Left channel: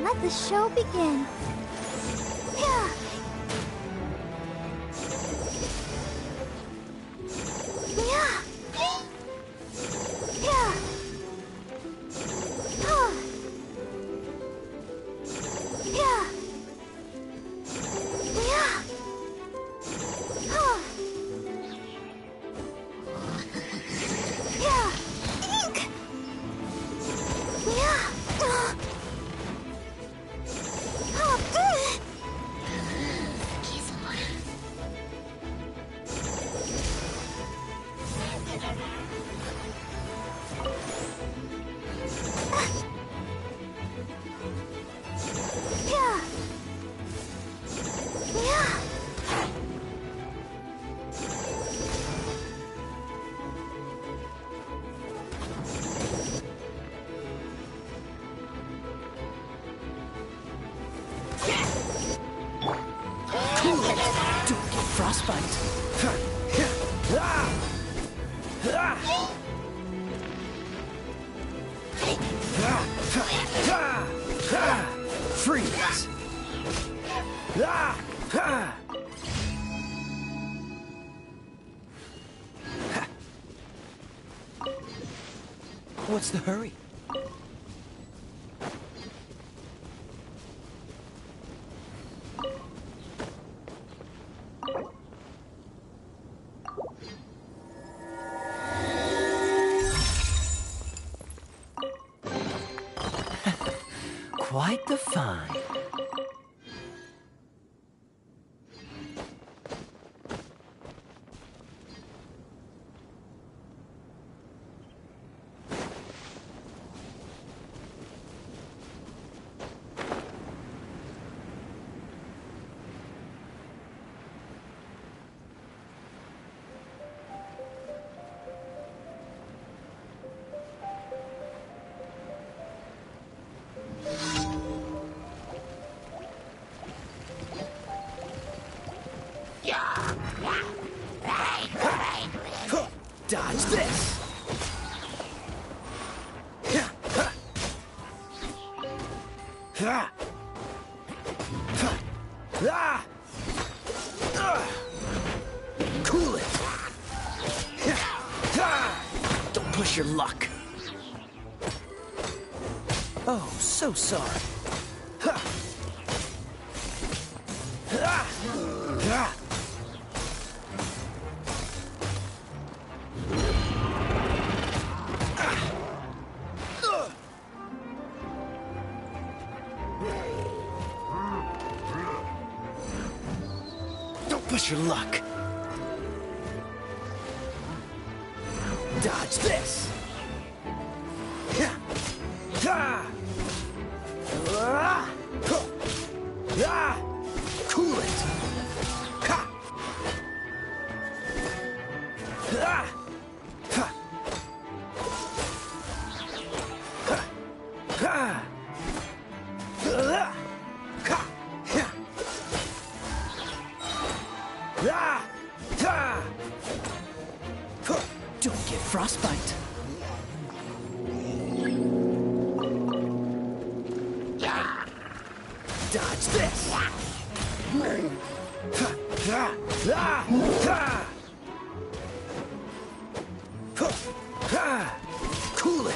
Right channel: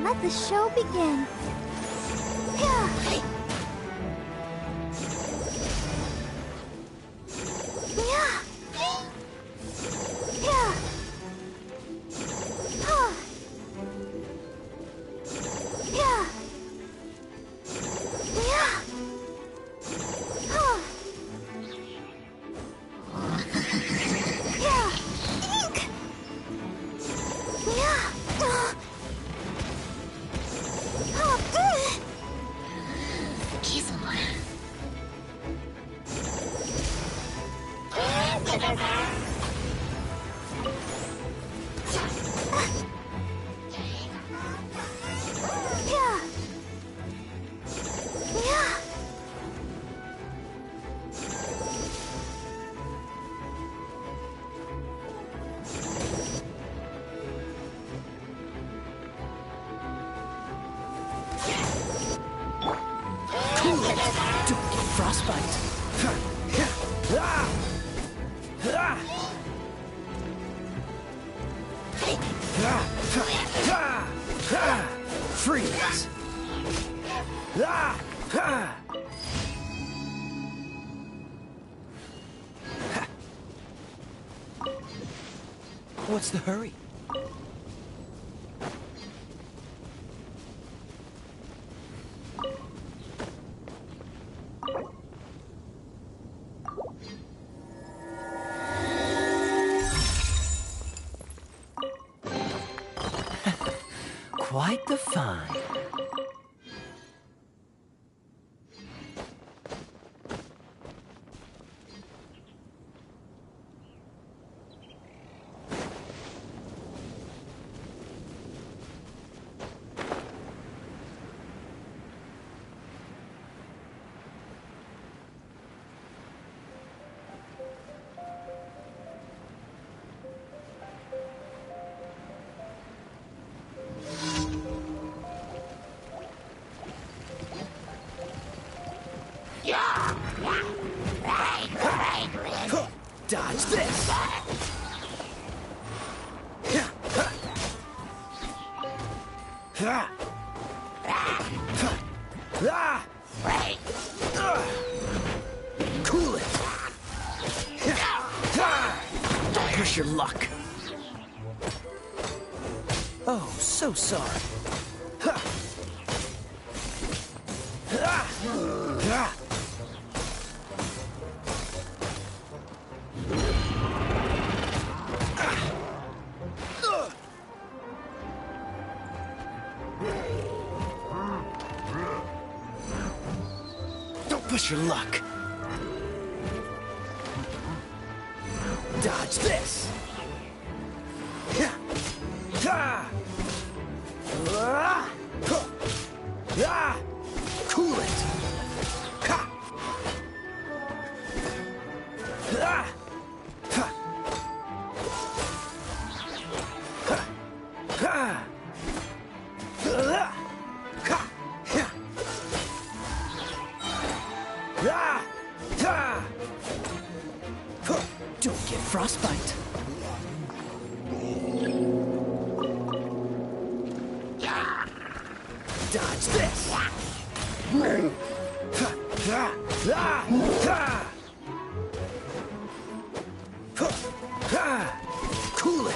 Let the show begin. Yeah. Yeah. Yeah. Huh. Yeah. Yeah. Huh. Yeah. Ink. Yeah. Don't get frostbite. Freeze. What's the hurry? Quite the find. Dodge this! Cool it. Don't push your luck. Oh, so sorry. Don't push your luck. Dodge this. Cool it. Don't get frostbite. Dodge this. Cool it.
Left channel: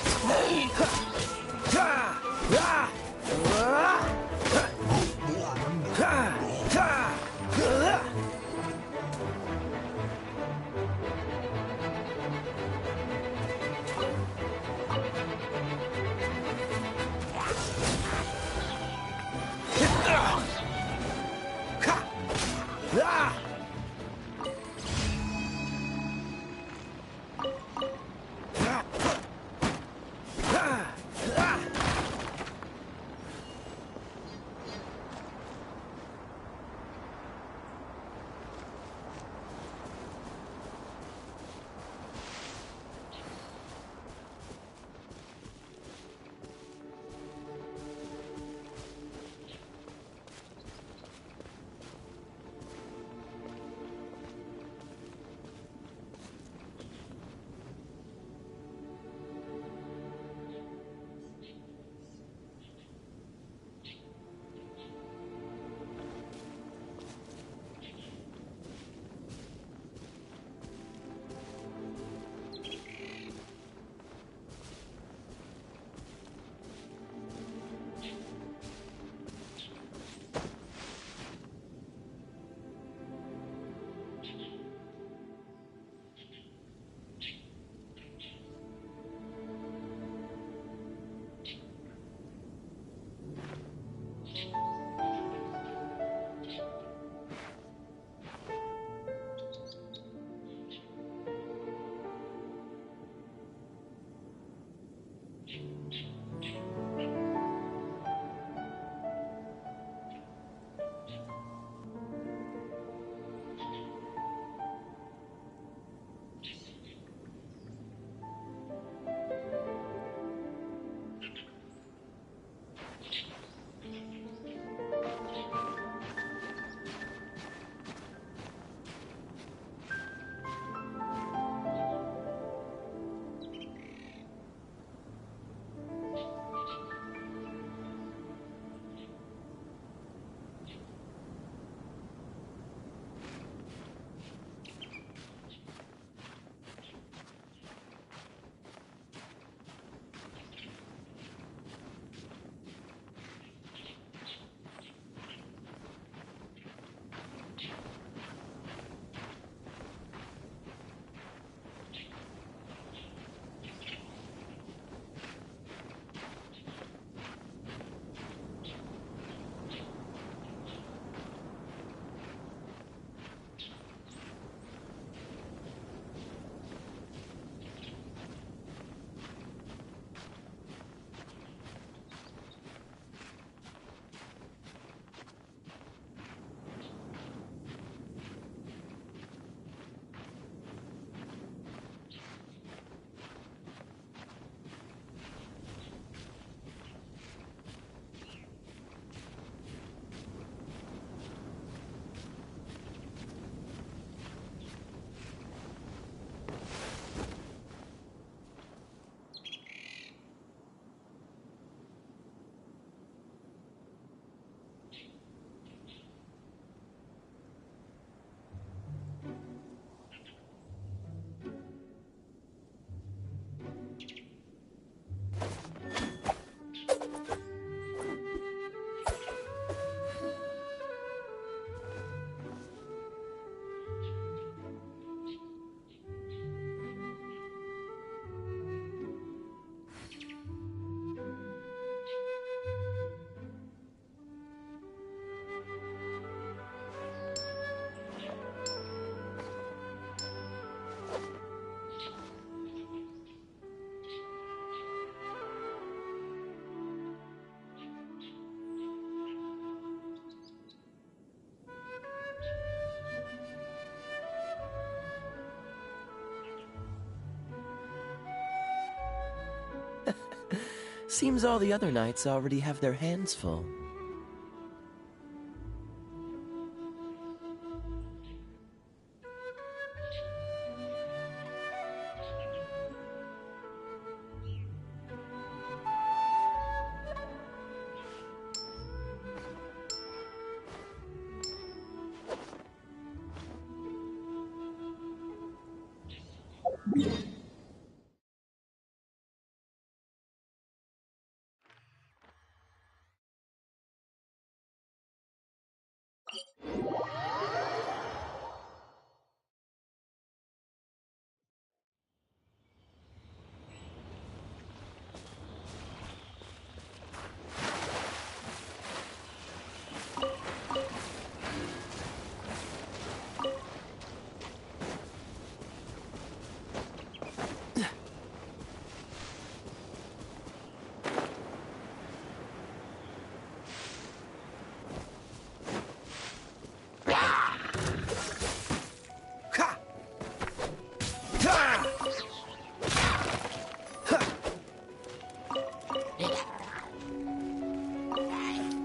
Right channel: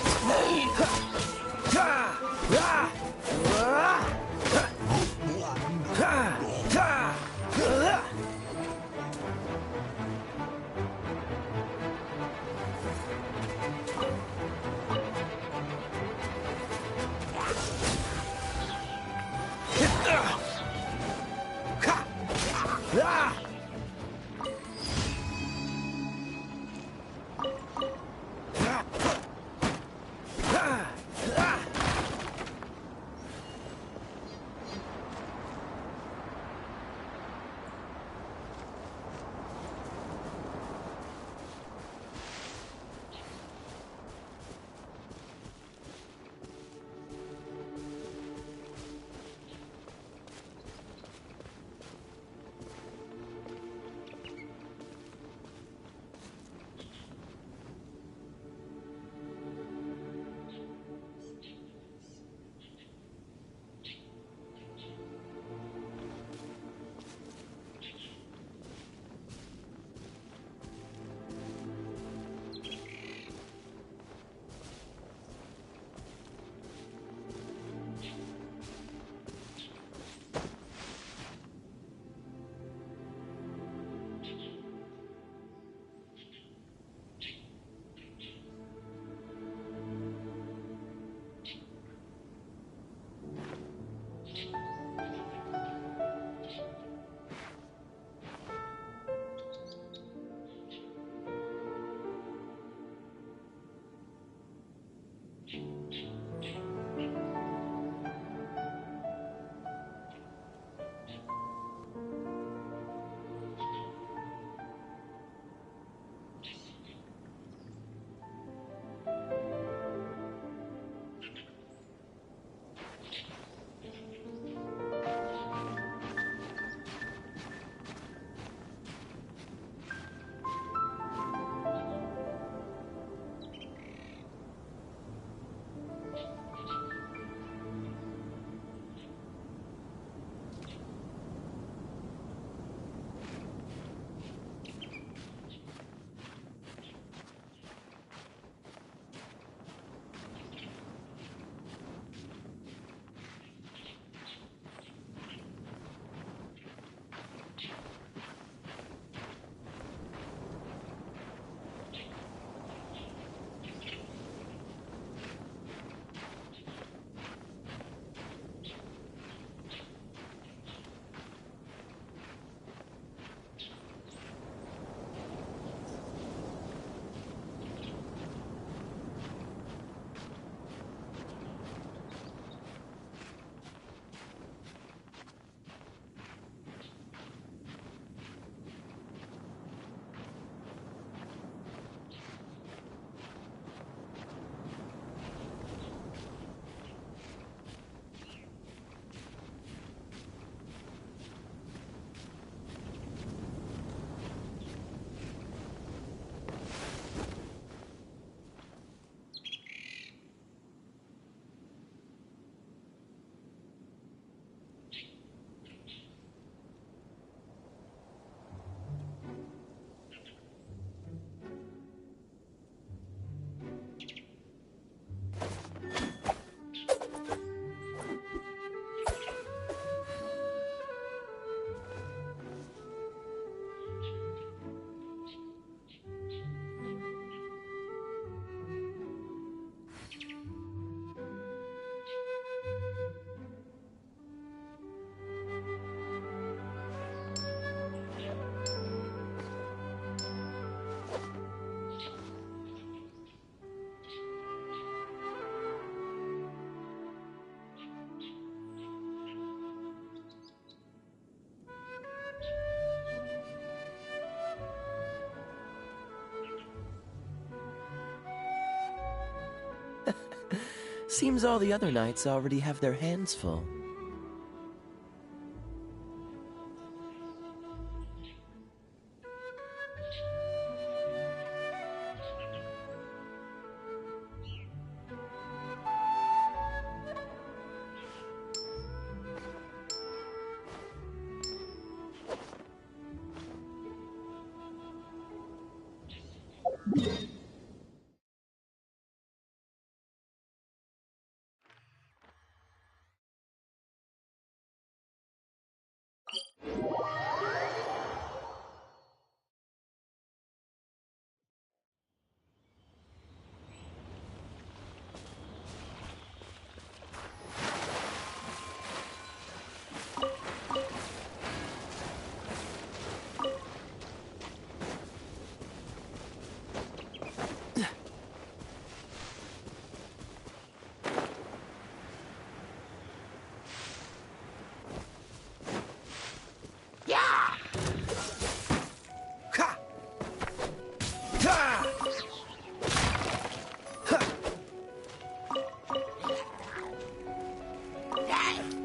Seems all the other knights already have their hands full.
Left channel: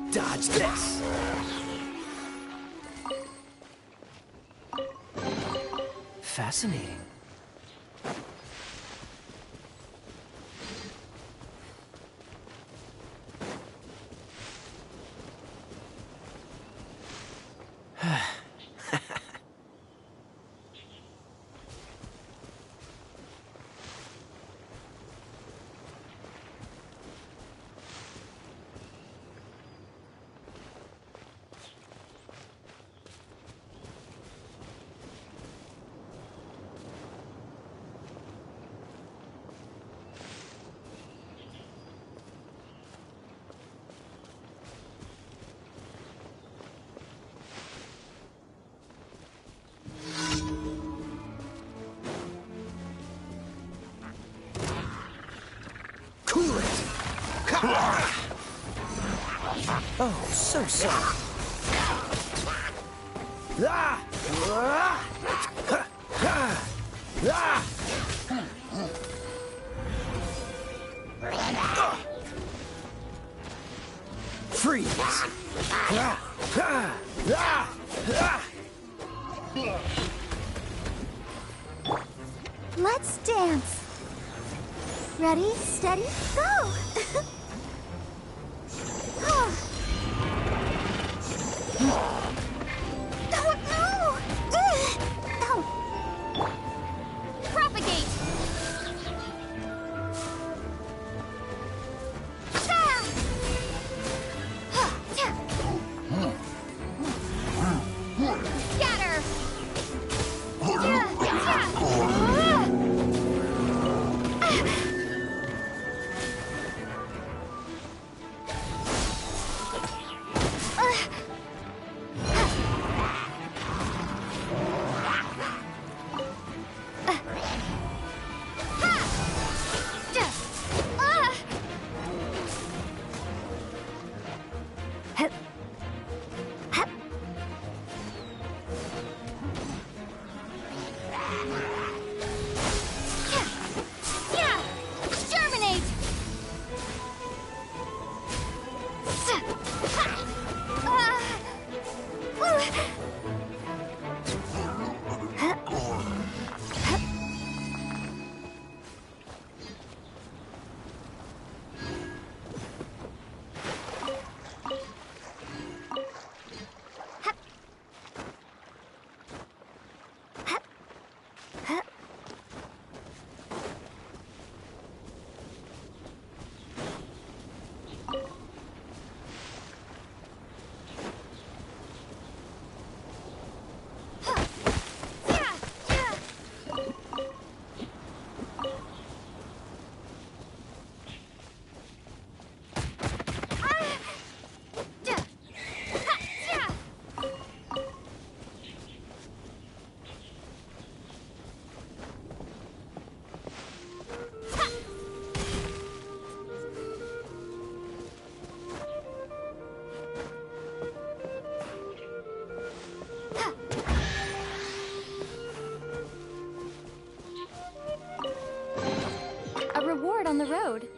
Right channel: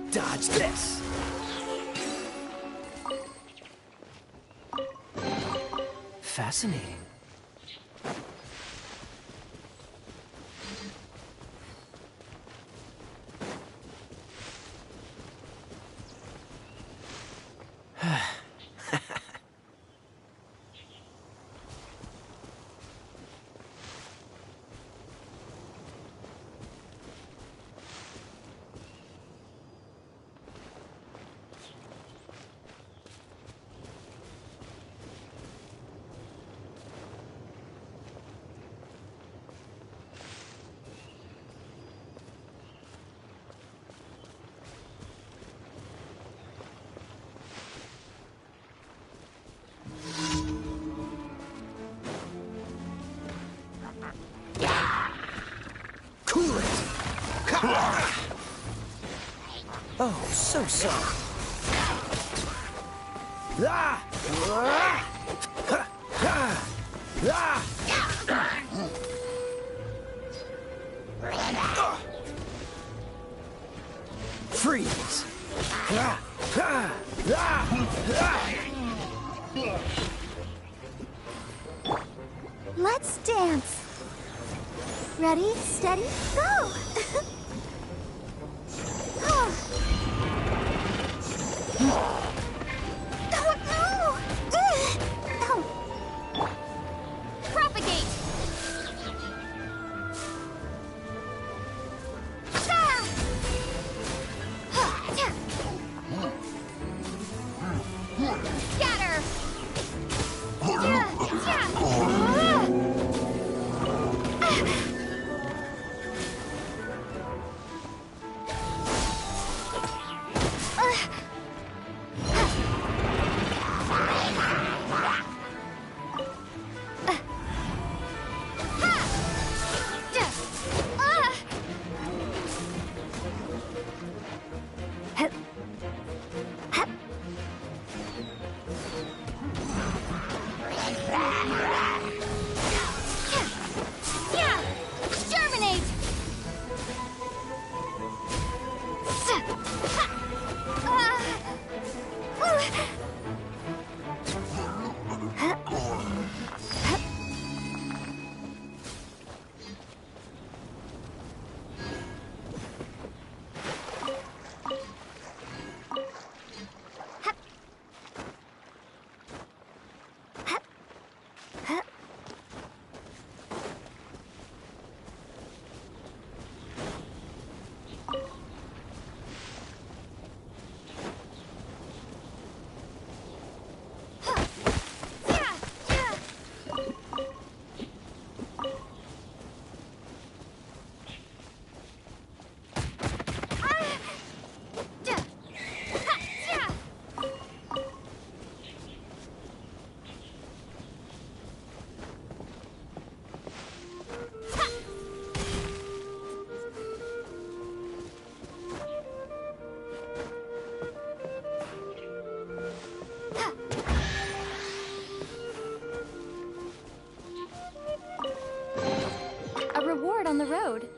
Dodge this! Fascinating. Cool it! Oh, so soft. Freeze! Let's dance. Ready, steady, go! Oh no! Oh. Propagate! Scatter! A reward on the road.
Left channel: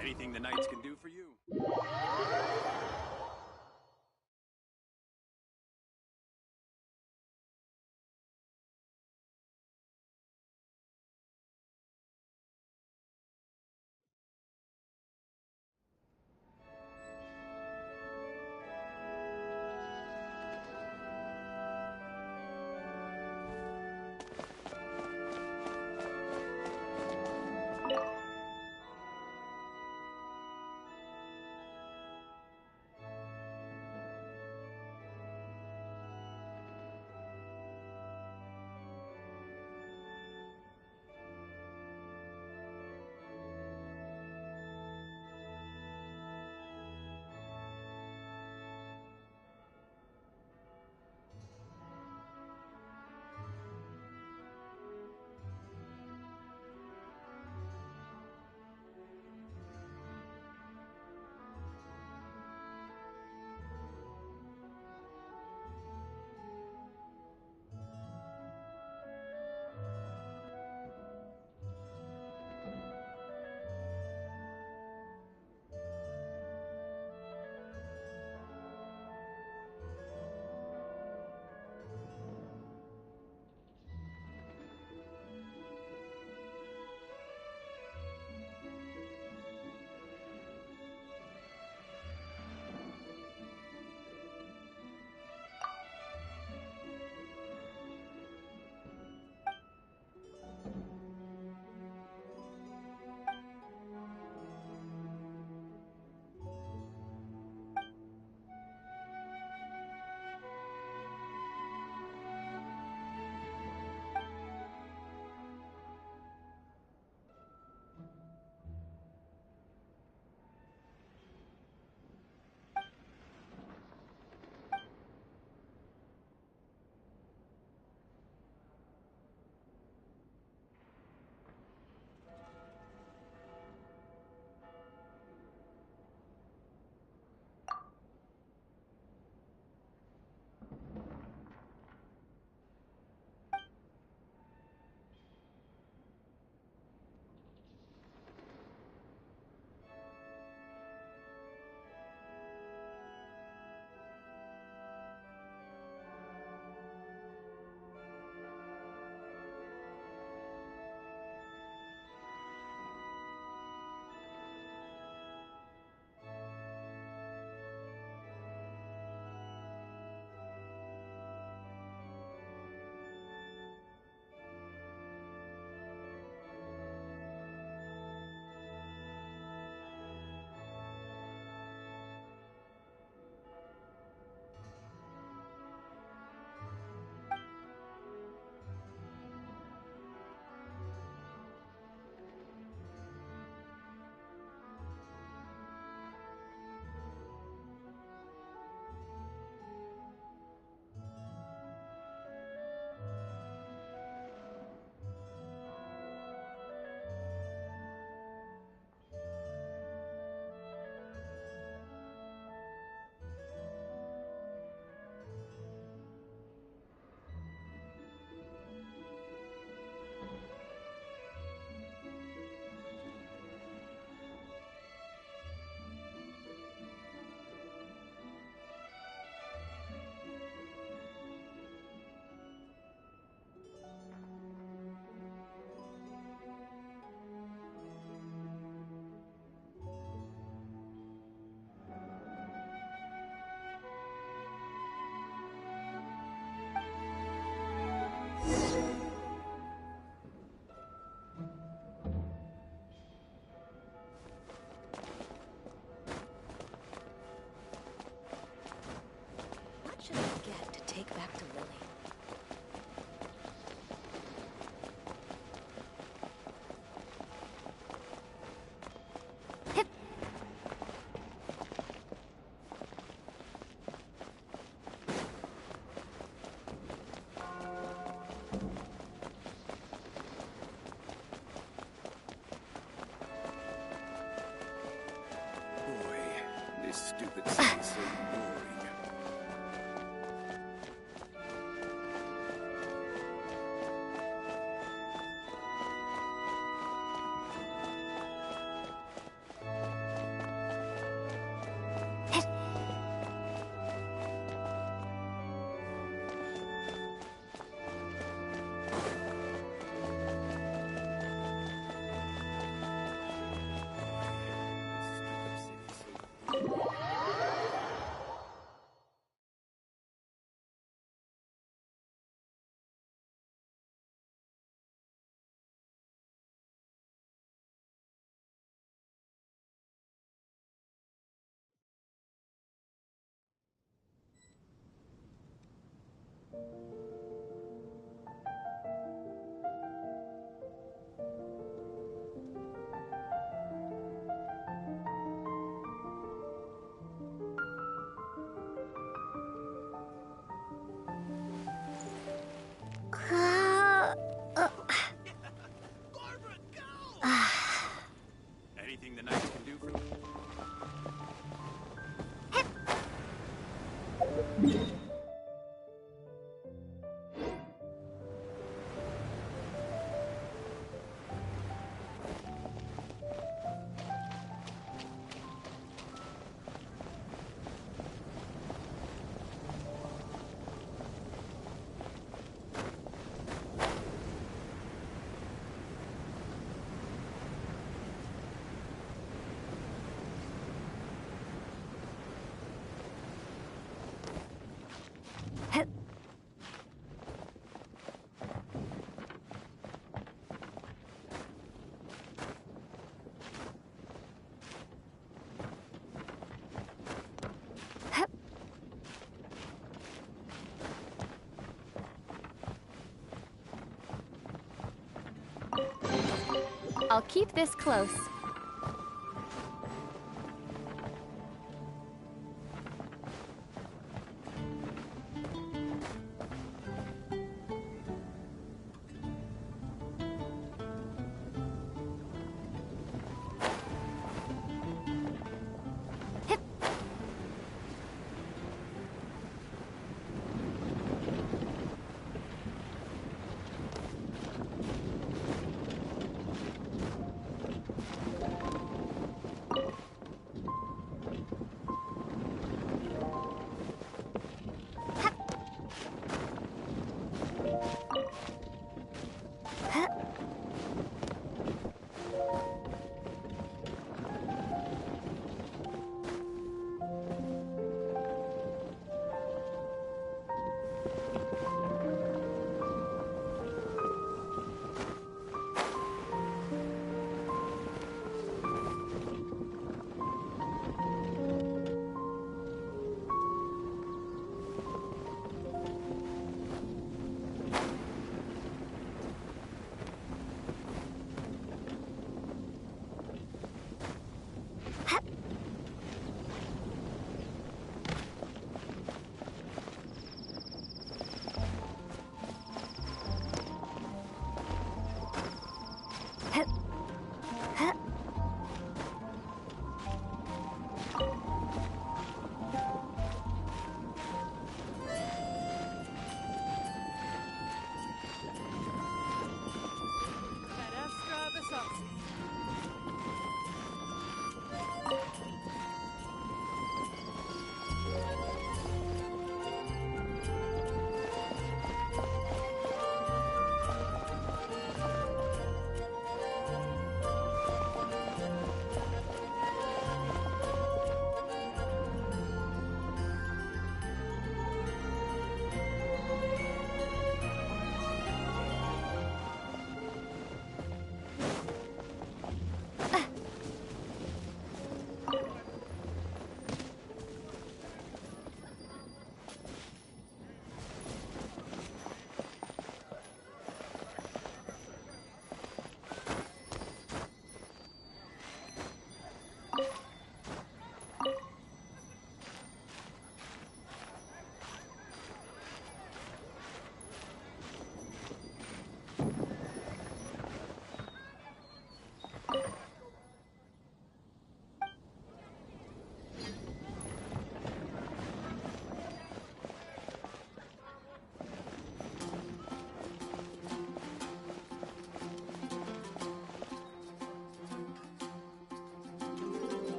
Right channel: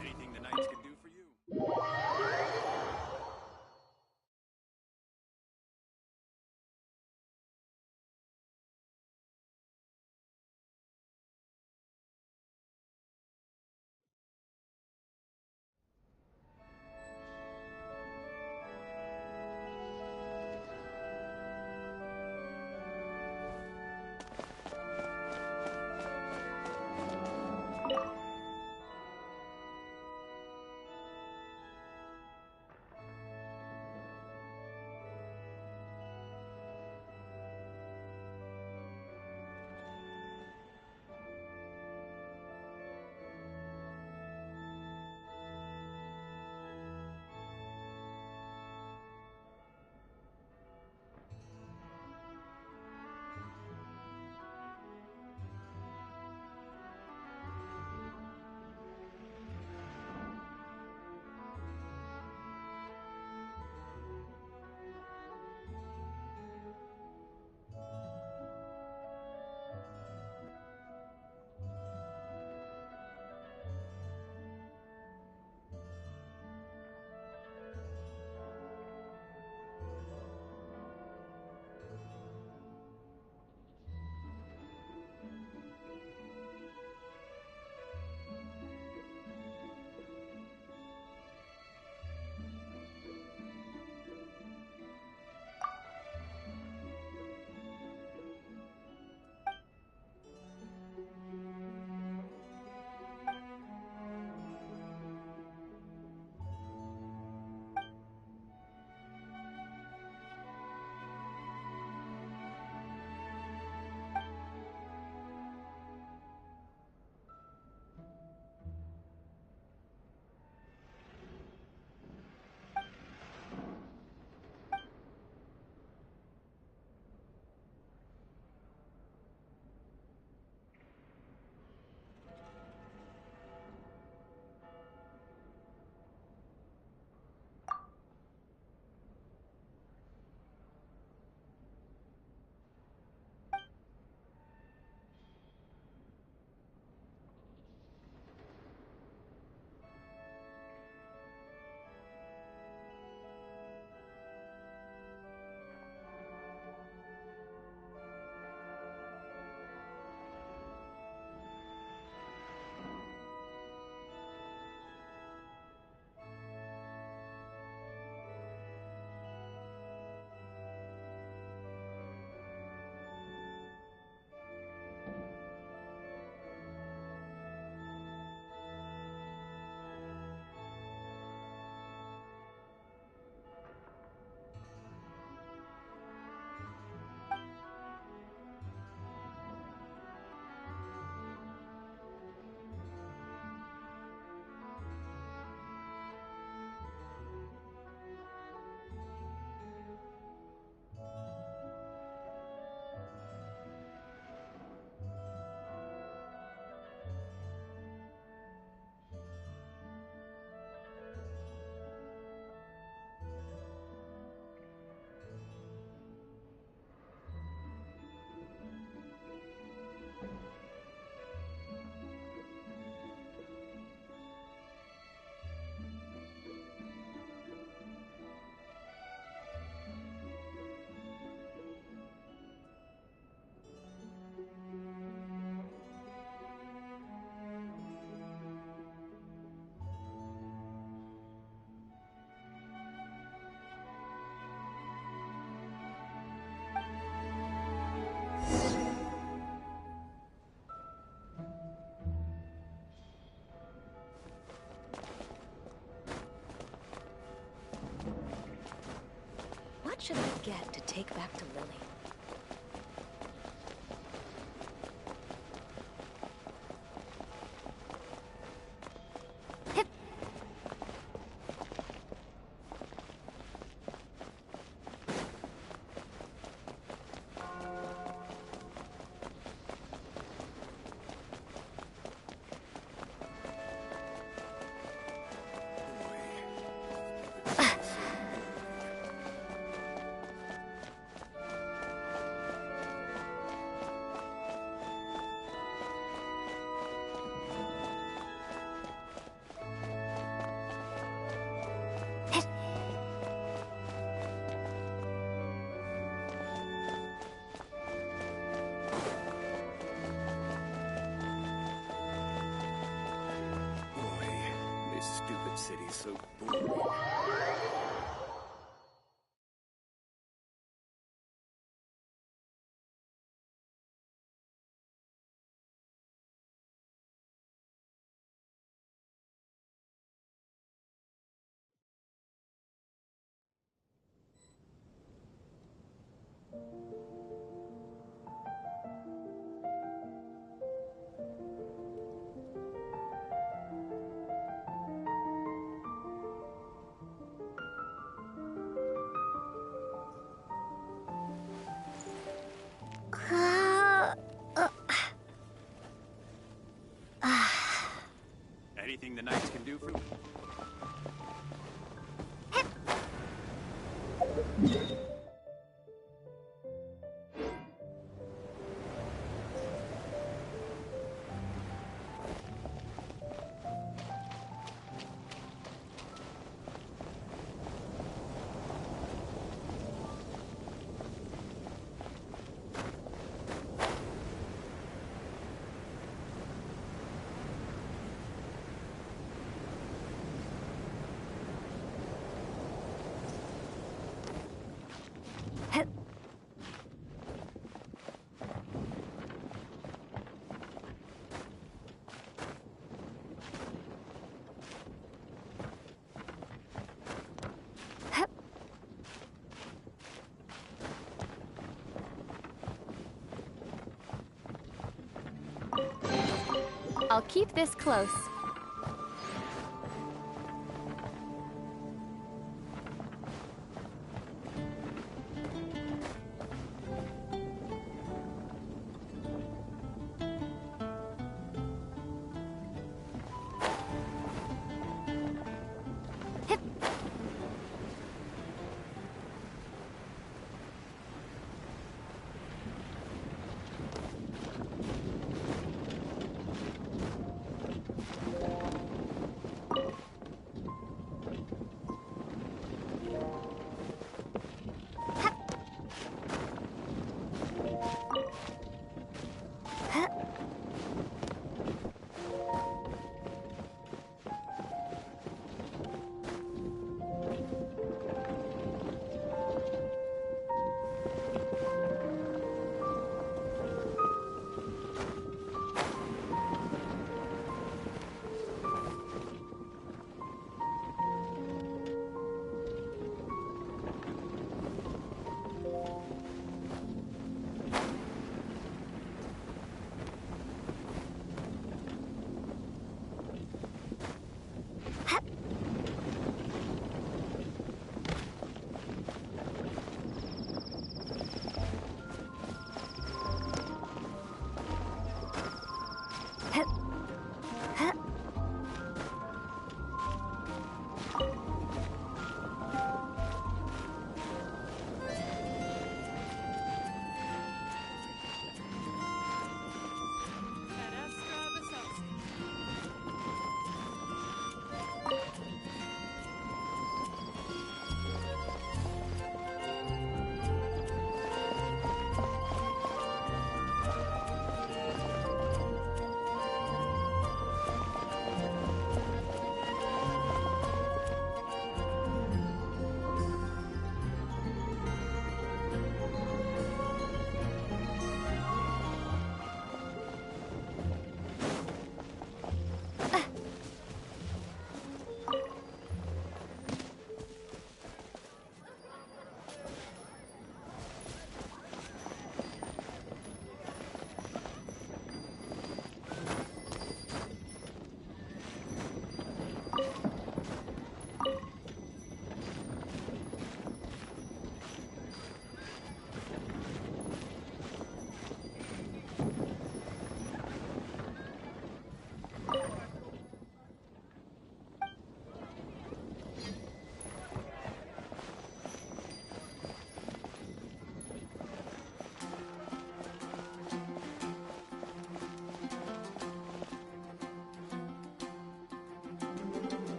Anything the knights can do for you? What should I get to take back to Lily? city's so boring. Anything the knights can do for you? I'll keep this close.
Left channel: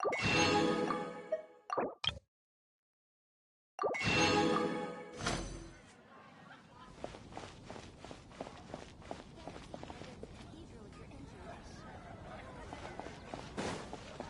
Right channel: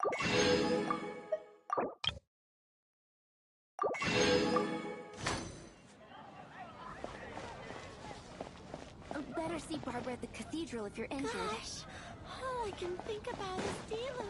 Better see Barbara at the cathedral if you're injured. Gosh, all I can think about is Steven.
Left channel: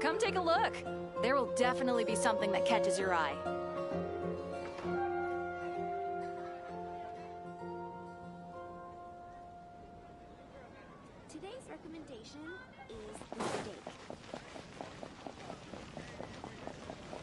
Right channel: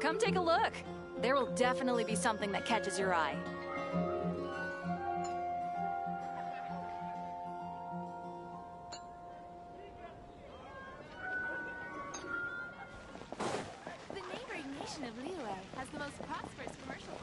Come take a look. There will definitely be something that catches your eye. The neighboring nation of Lila has the most prosperous commercial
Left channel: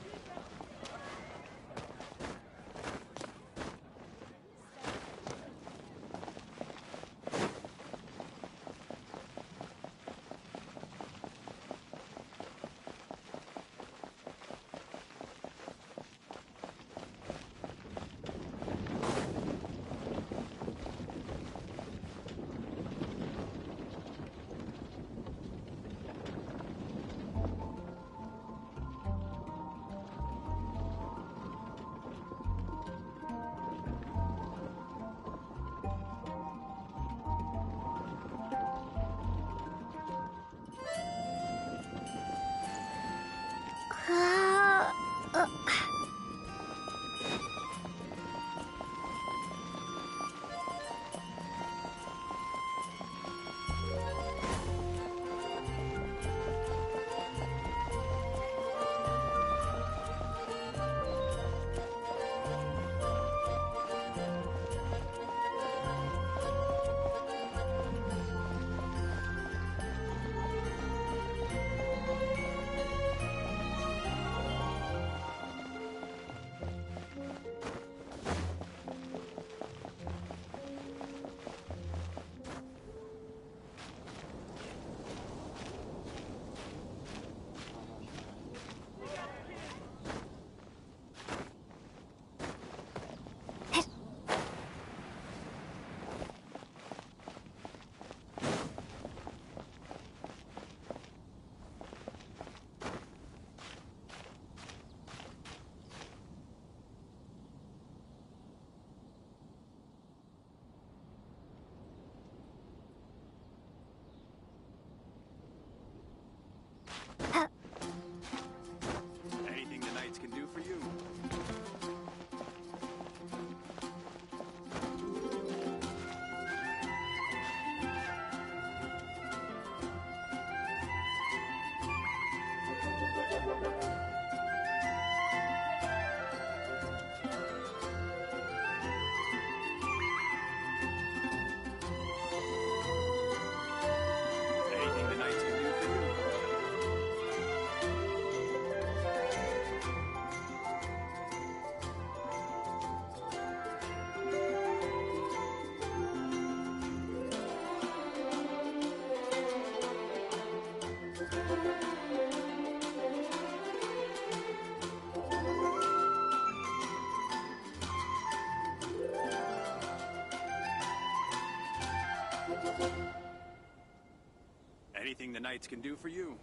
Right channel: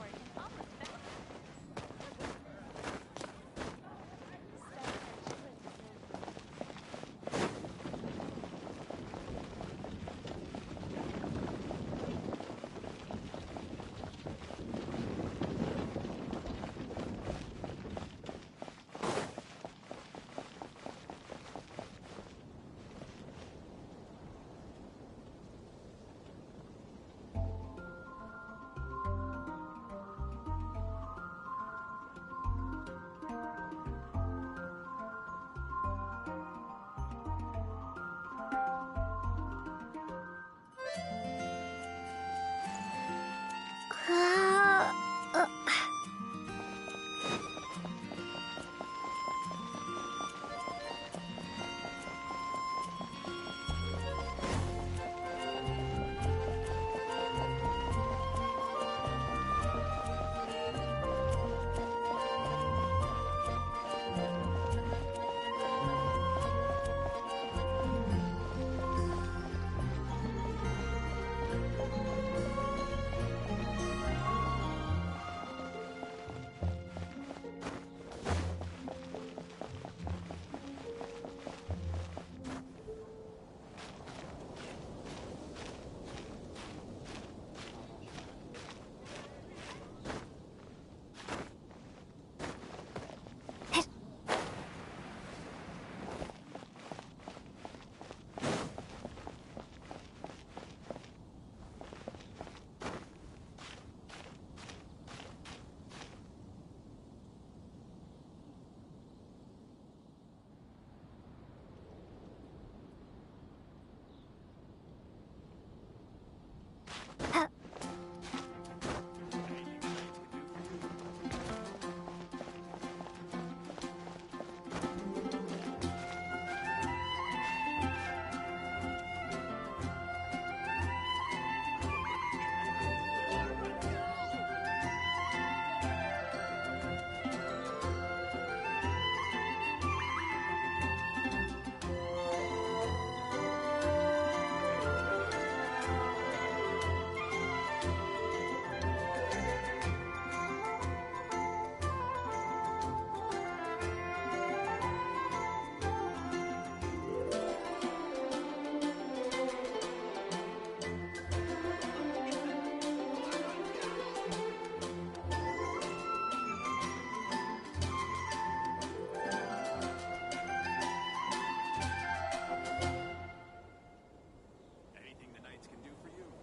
can do for you.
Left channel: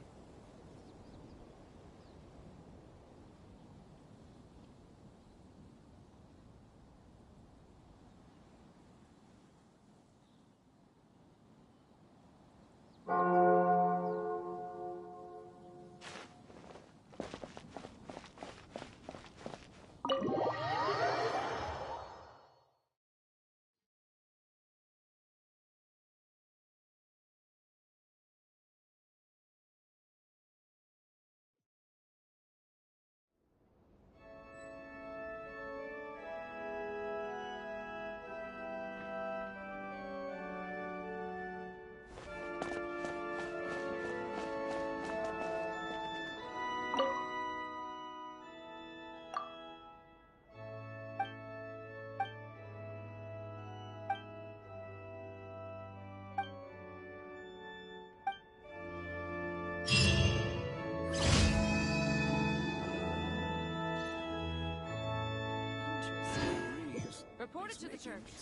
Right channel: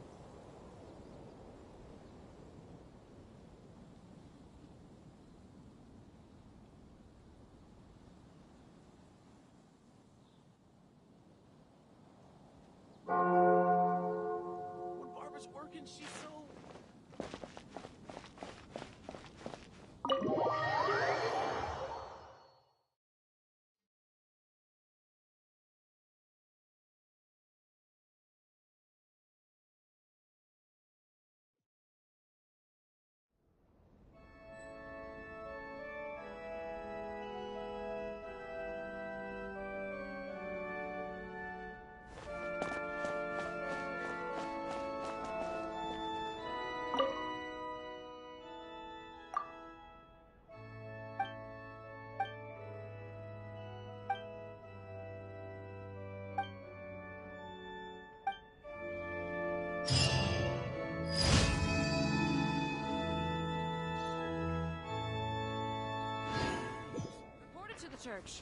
Barbara's working, she's so... Report it to the church.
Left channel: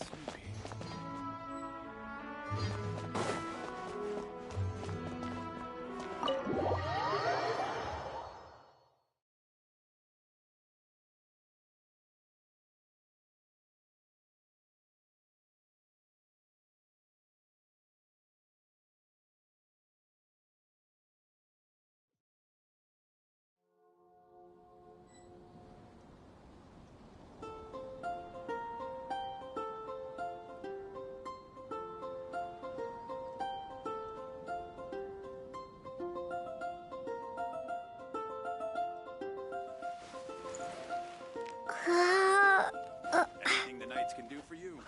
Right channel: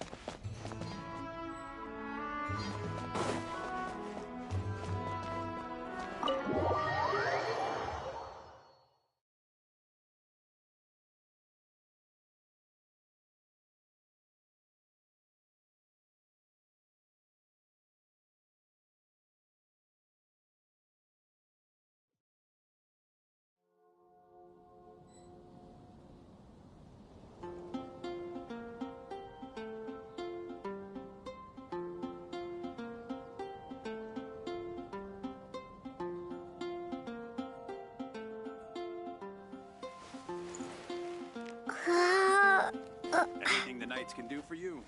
Anything the knights can do for you.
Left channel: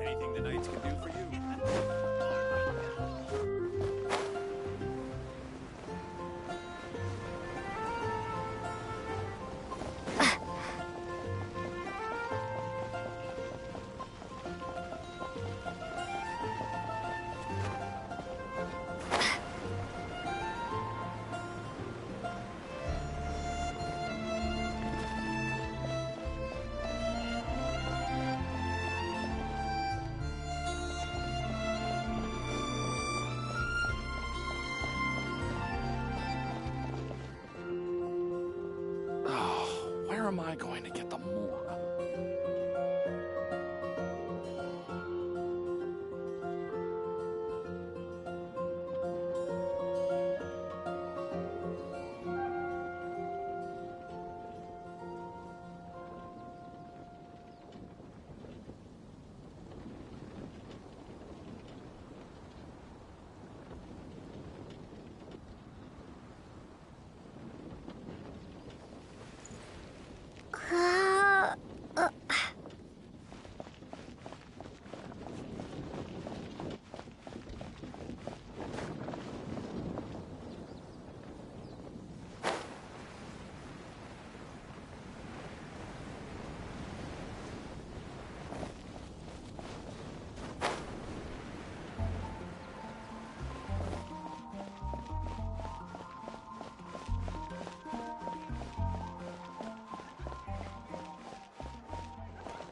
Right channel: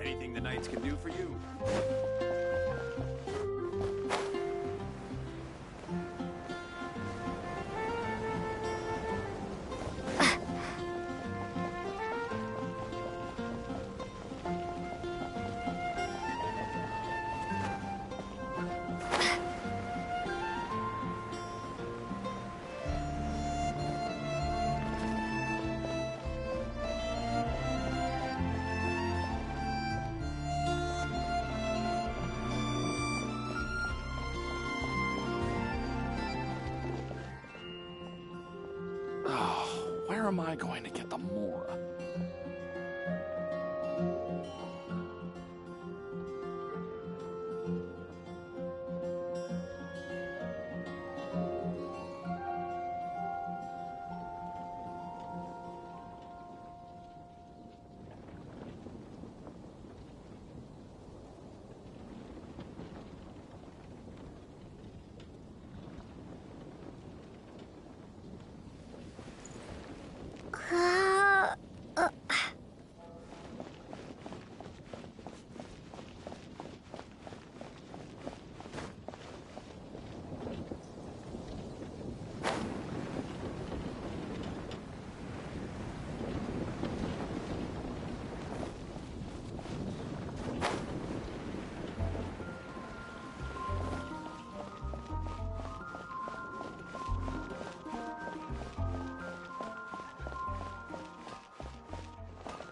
Anything the knights can do for you. Where am I going to get the more?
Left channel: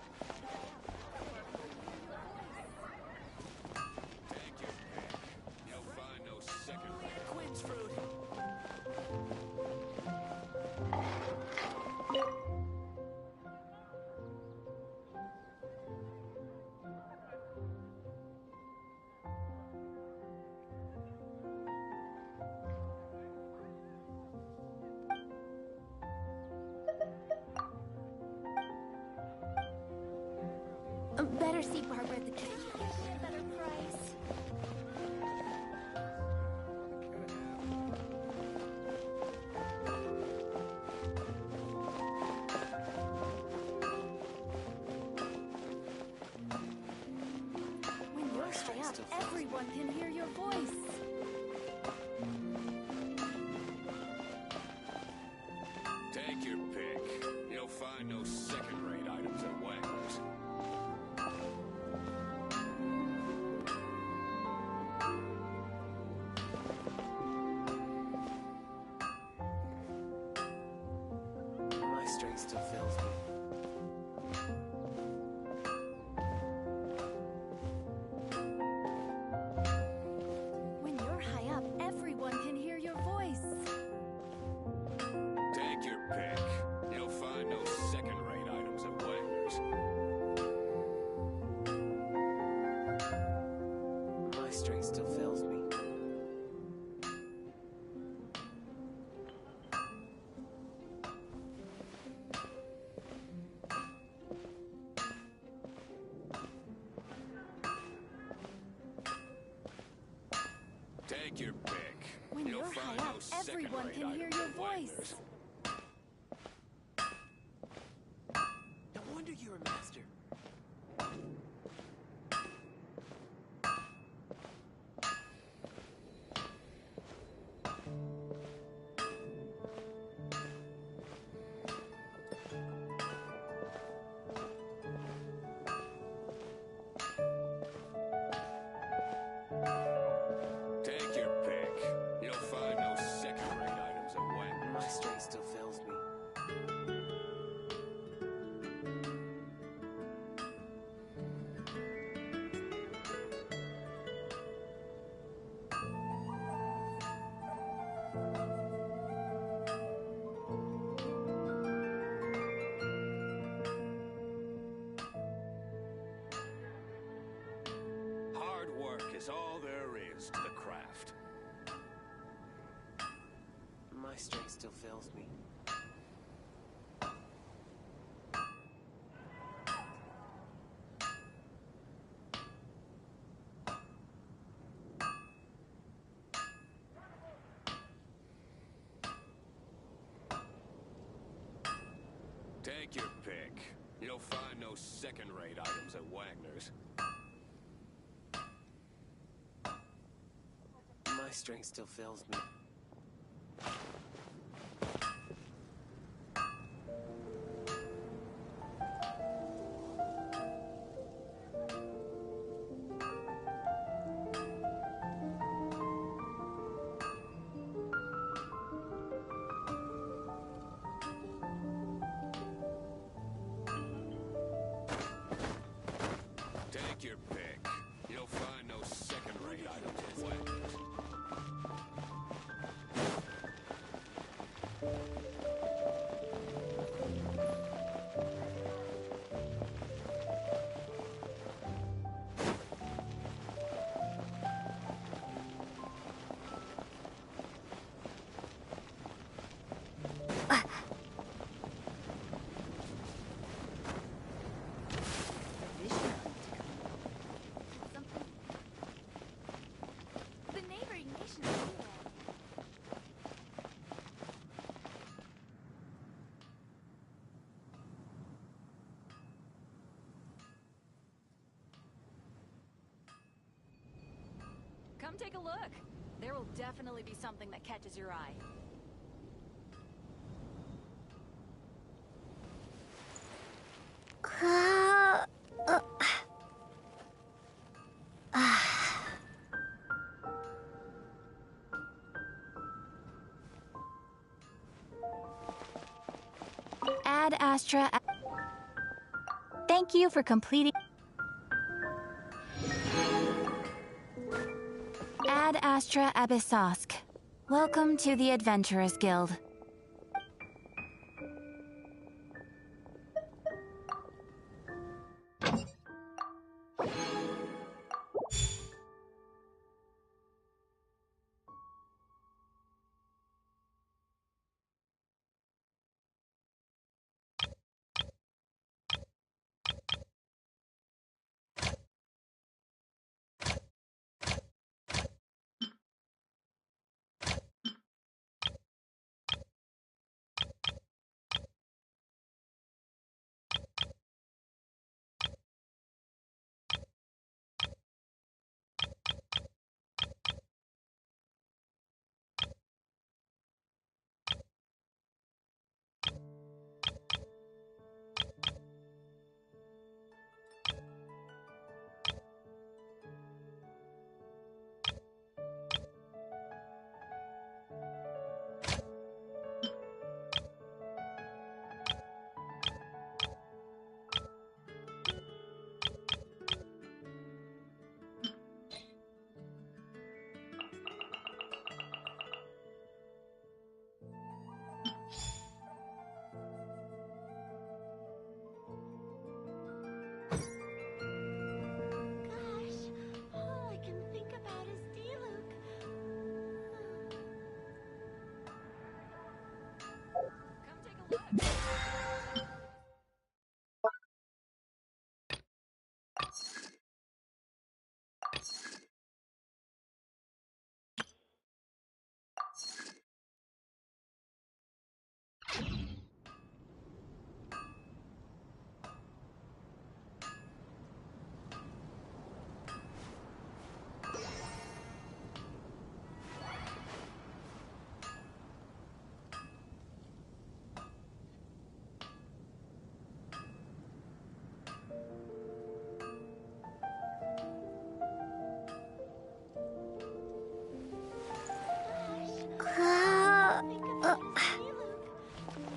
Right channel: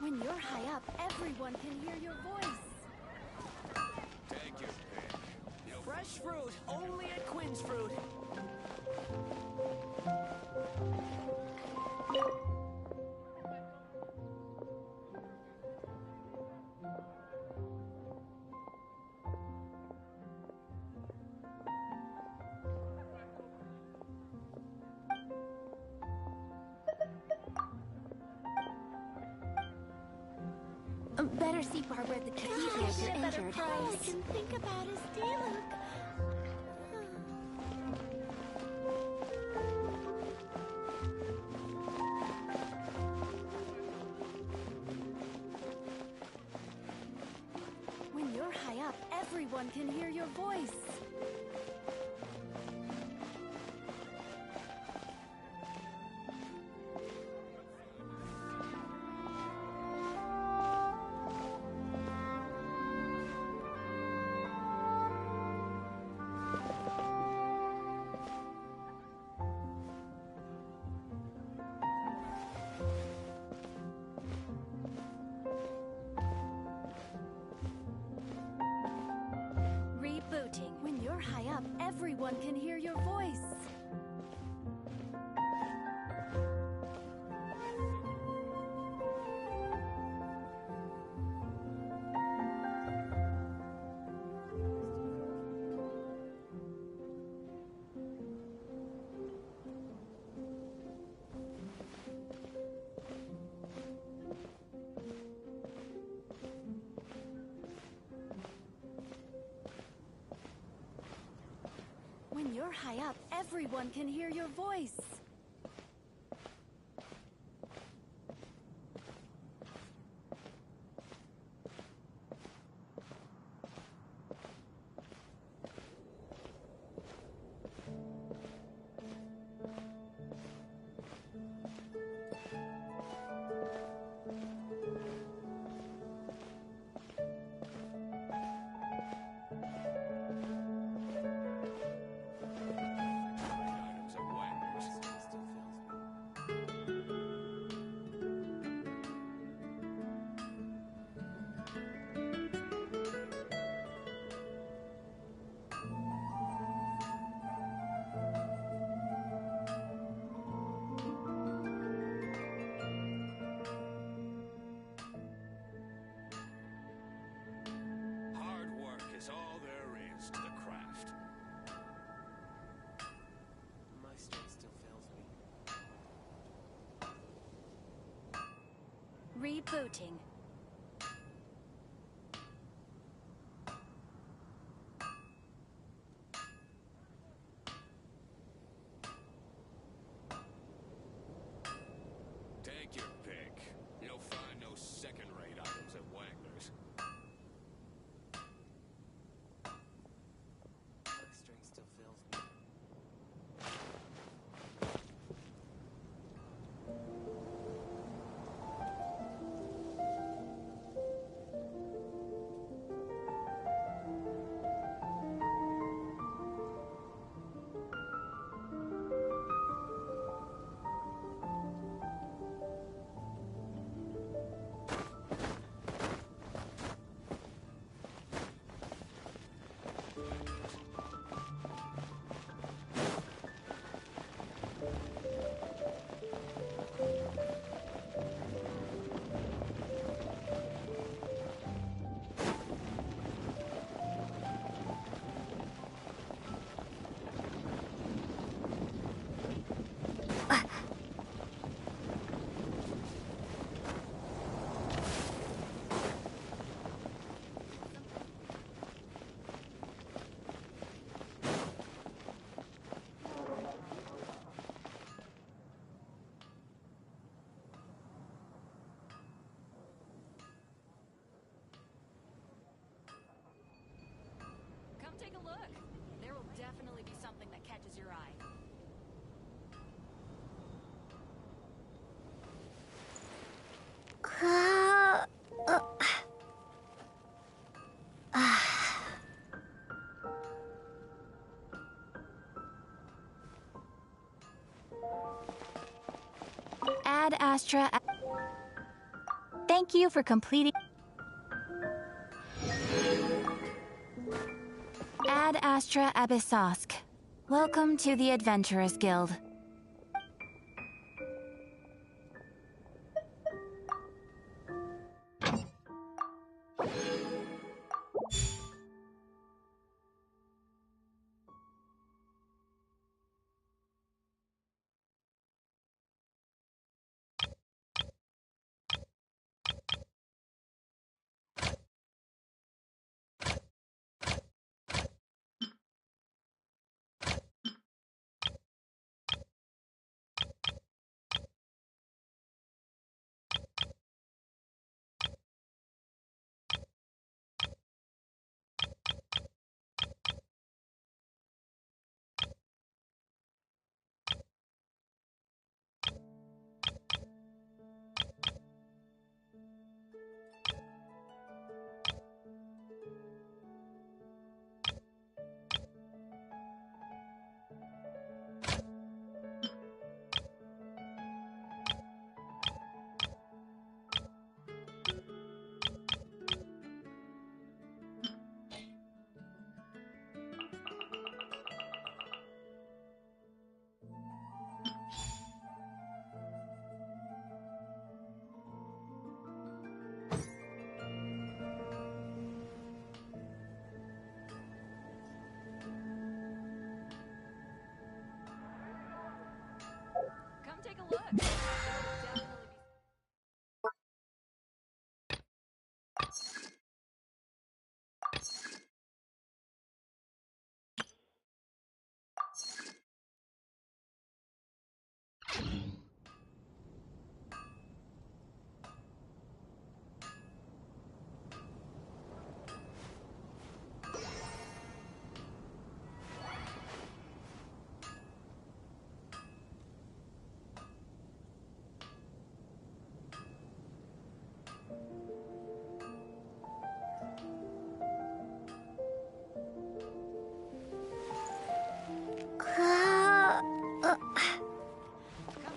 When you're high up, everyone can hear your voice. Take your pick. You'll Fresh find no fruit, second only at Quinn's Fruit. Better see Barbara at the cathedral if you're Get better injured. price. Think about his deal. When you're high up, everyone can hear your voice. everyone can hear your voice. Take your pick. You'll find no second-rate items at Wagner's. My strength still fails me. Take your pick. When You'll you're find high up, no everyone can second-rate hear your items at voice. Wagner's. No wonder you're a master. Take your pick. You'll find no second-rate items at My Wagner's. strength still fails me. Hard work is all there is to the craft. My strength still fails me. Rebooting. Take your pick. You'll find no second-rate items at Wagner's. My strength still fails me. Take your pick. You'll find no second-rate items at Wagner's. The neighboring nations. Come take a look. There will definitely be something that catches your eye. Ad Astra. Thank you for completing. Ad Astra Abyssosk. Welcome to the Adventurers Guild.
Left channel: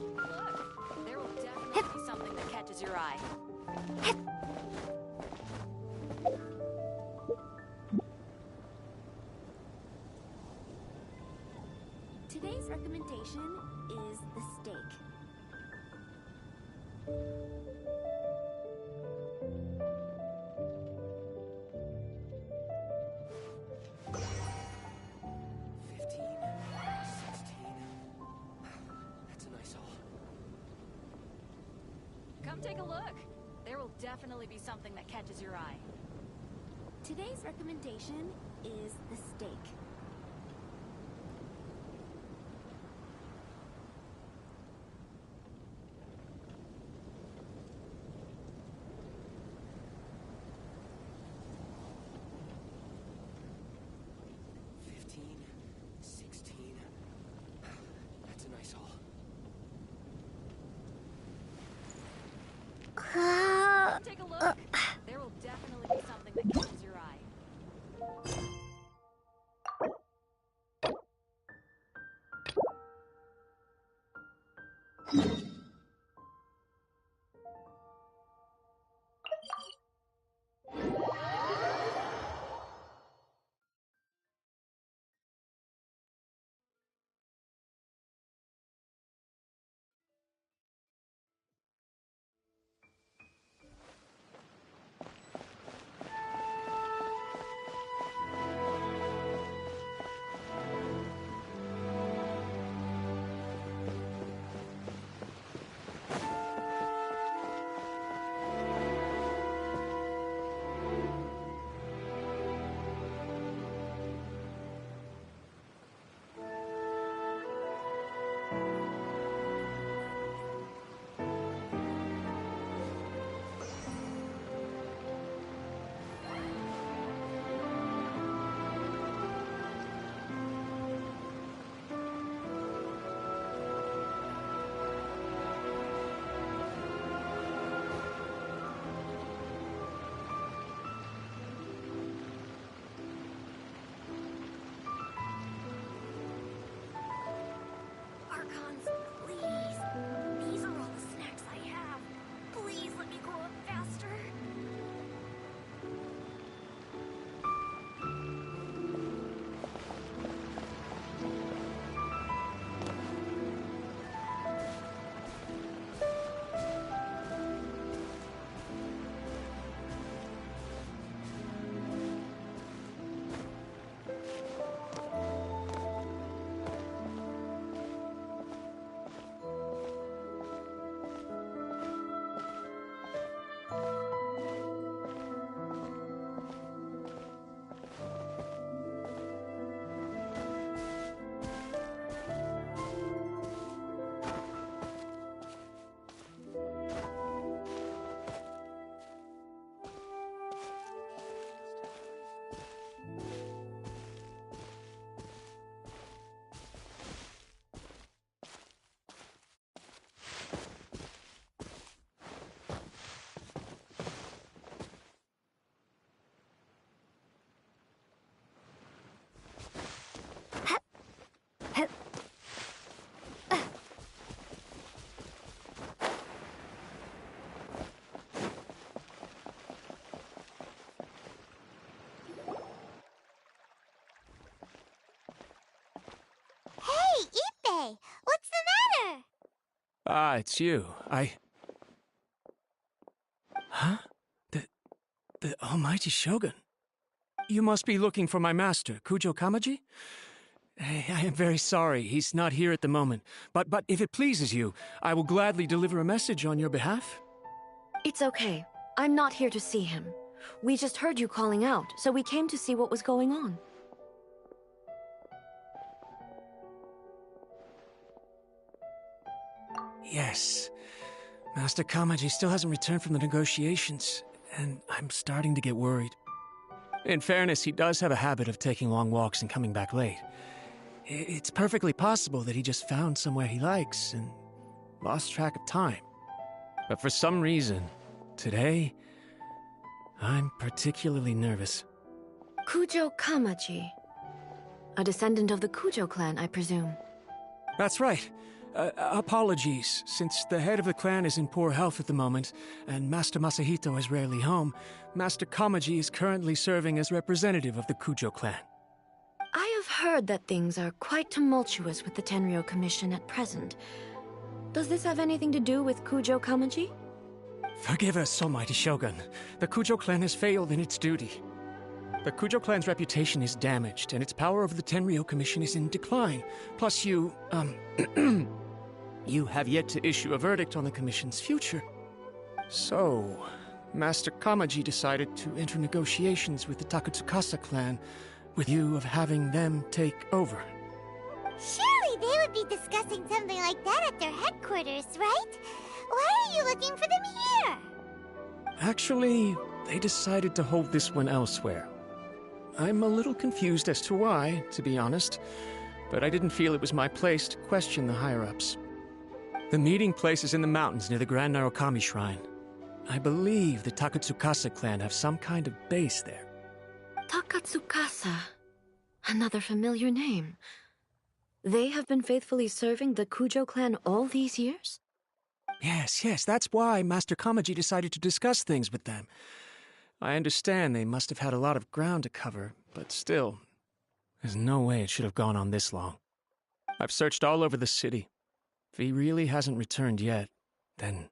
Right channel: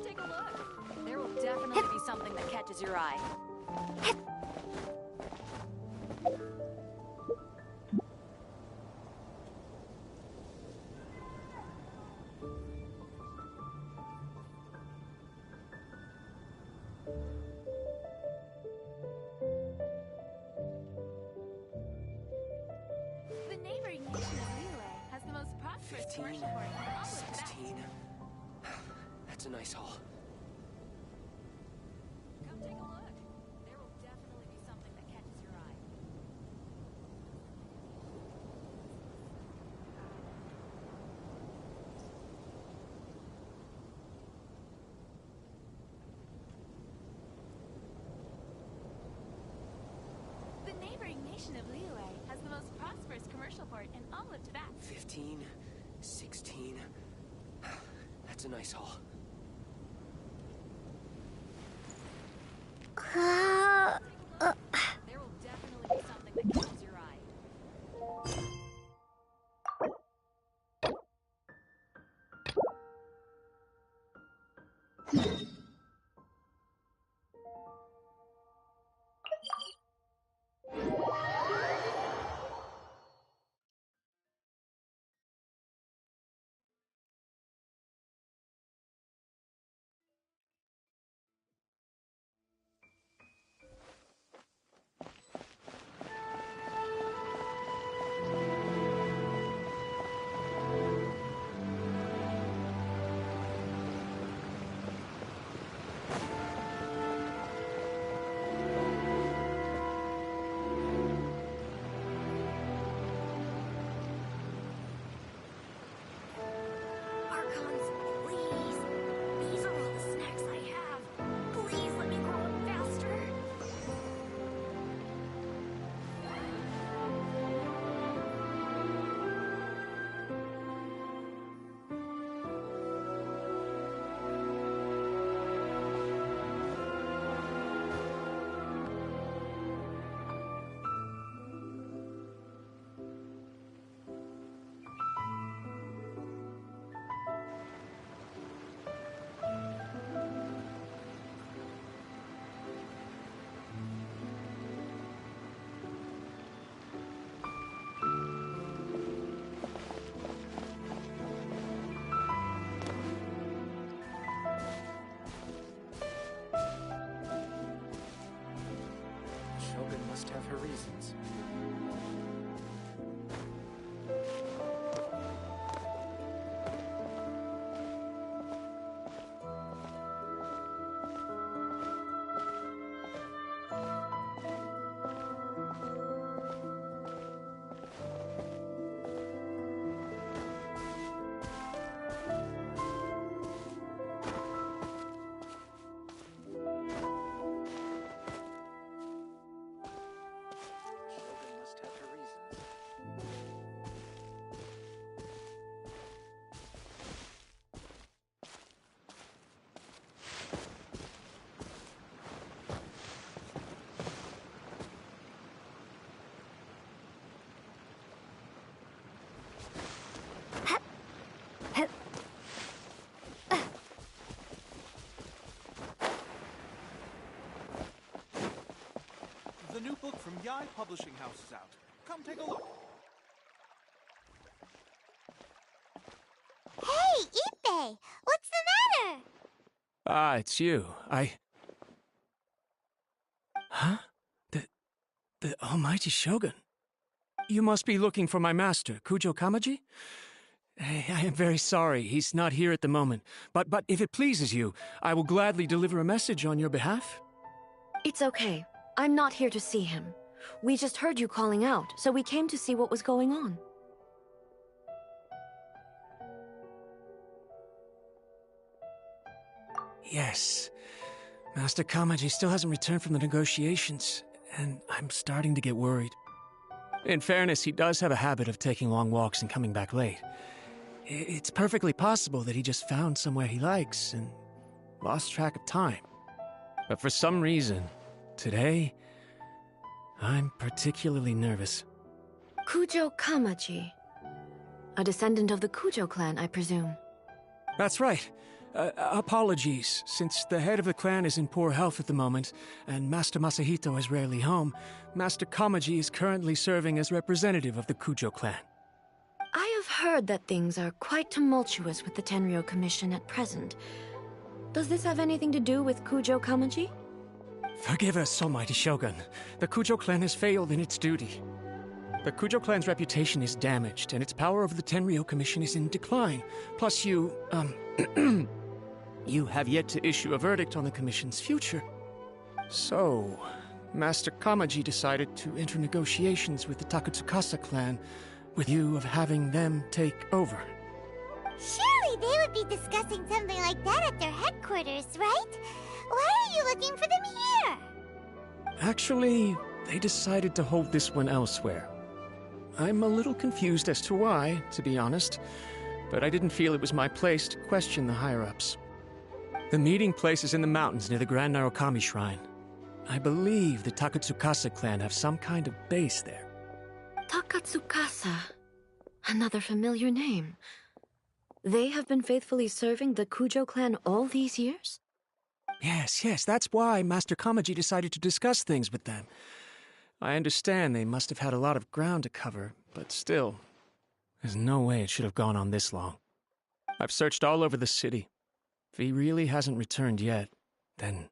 Take a look. There will definitely be something that catches your eye. Today's recommendation is the steak. The neighboring nation has the most prosperous 15, commercial 16. That's a nice haul. Come take a look. There will definitely be something that catches your eye. Today's recommendation is the steak. The neighboring nation of Liyue has the most prosperous commercial port in all of Tibet. 15, 16. That's a nice haul. Take a look. There will definitely be something that catches your eye. What's the matter? Ah, it's you. Huh? The almighty Shogun. You must be looking for my master, Kujo Kamaji? I am very sorry, he's not here at the moment. But if it pleases you, I will gladly deliver a message on your behalf. It's okay. I'm not here to see him. We just heard you calling out, so we came to see what was going on. Yes. Master Kamaji still hasn't returned from the negotiations, and I'm starting to get worried. In fairness, he does have a habit of taking long walks and coming back late. It's perfectly possible that he just found somewhere he likes and lost track of time. But for some reason, today, I'm particularly nervous. Kujo Kamaji. A descendant of the Kujo clan, I presume. That's right. Apologies, since the head of the clan is in poor health at the moment, and Master Masahito is rarely home, Master Kamaji is currently serving as representative of the Kujo clan. I have heard that things are quite tumultuous with the Tenryo Commission at present. Does this have anything to do with Kujo Kamaji? Forgive us, Almighty Shogun. The Kujo clan has failed in its duty. The Kujo clan's reputation is damaged, and its power over the Tenryo Commission is in decline. Plus you, you have yet to issue a verdict on the Commission's future. So, Master Kamaji decided to enter negotiations with the Takatsukasa clan, with view of having them take over. Surely they would be discussing something like that at their headquarters, right? Why are you looking for them here? Actually, they decided to hold this one elsewhere. I'm a little confused as to why, to be honest, but I didn't feel it was my place to question the higher-ups. The meeting place is in the mountains near the Grand Narukami Shrine. I believe the Takatsukasa clan have some kind of base there. Takatsukasa. Another familiar name. They have been faithfully serving the Kujo clan all these years? Yes, that's why Master Kamaji decided to discuss things with them. I understand they must have had a lot of ground to cover, but still, there's no way it should have gone on this long. I've searched all over the city. If he really hasn't returned yet, then...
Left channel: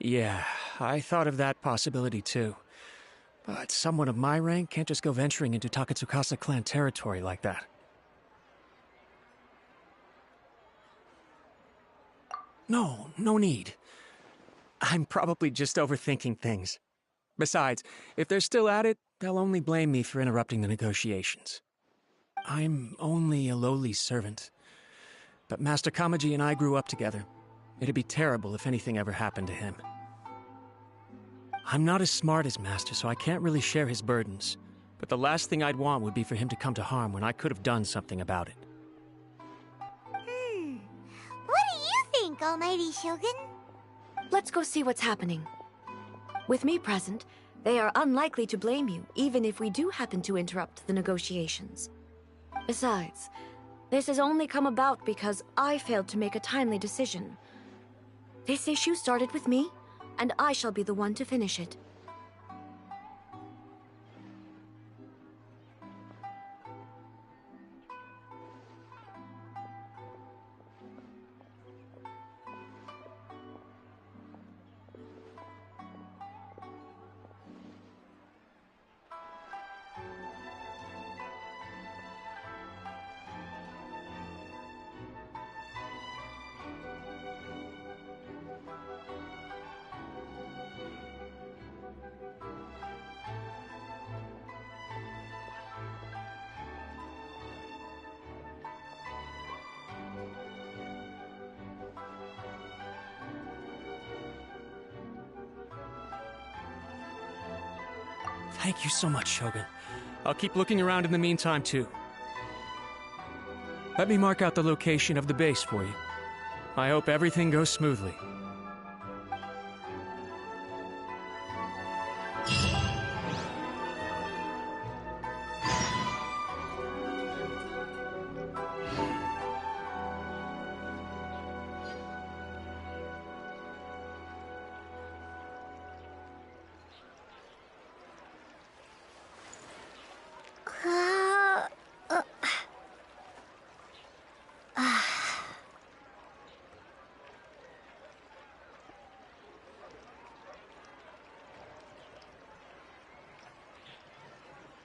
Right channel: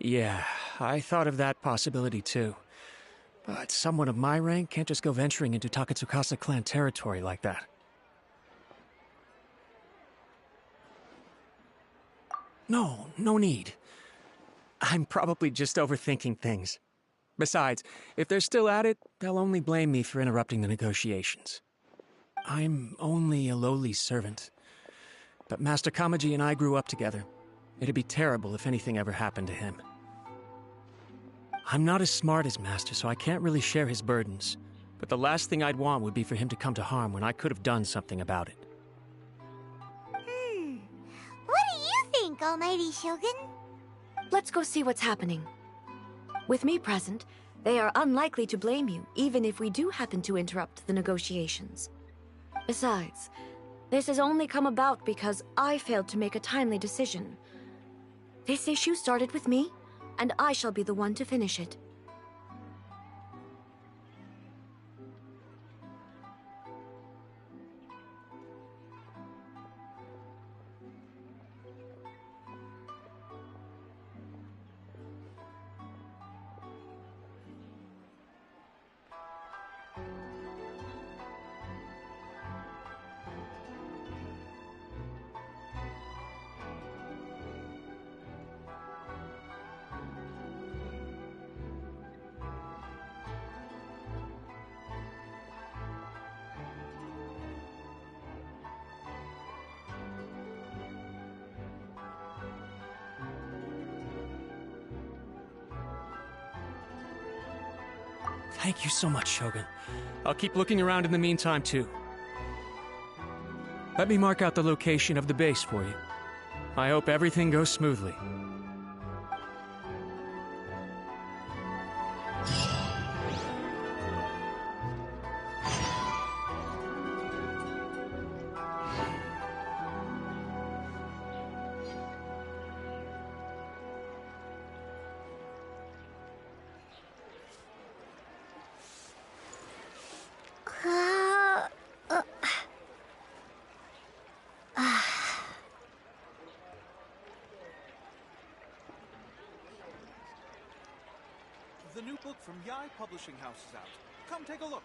Yeah, I thought of that possibility too. But someone of my rank can't just go venturing into Takatsukasa clan territory like that. No need. I'm probably just overthinking things. Besides, if they're still at it, they'll only blame me for interrupting the negotiations. I'm only a lowly servant. But Master Kamaji and I grew up together. It'd be terrible if anything ever happened to him. I'm not as smart as Master, so I can't really share his burdens. But the last thing I'd want would be for him to come to harm when I could have done something about it. What do you think, Almighty Shogun? Let's go see what's happening. With me present, they are unlikely to blame you, even if we do happen to interrupt the negotiations. Besides, this has only come about because I failed to make a timely decision. This issue started with me, and I shall be the one to finish it. Thank you so much, Shogun. I'll keep looking around in the meantime, too. Let me mark out the location of the base for you. I hope everything goes smoothly. The new book from Yai Publishing House is out. Come take a look.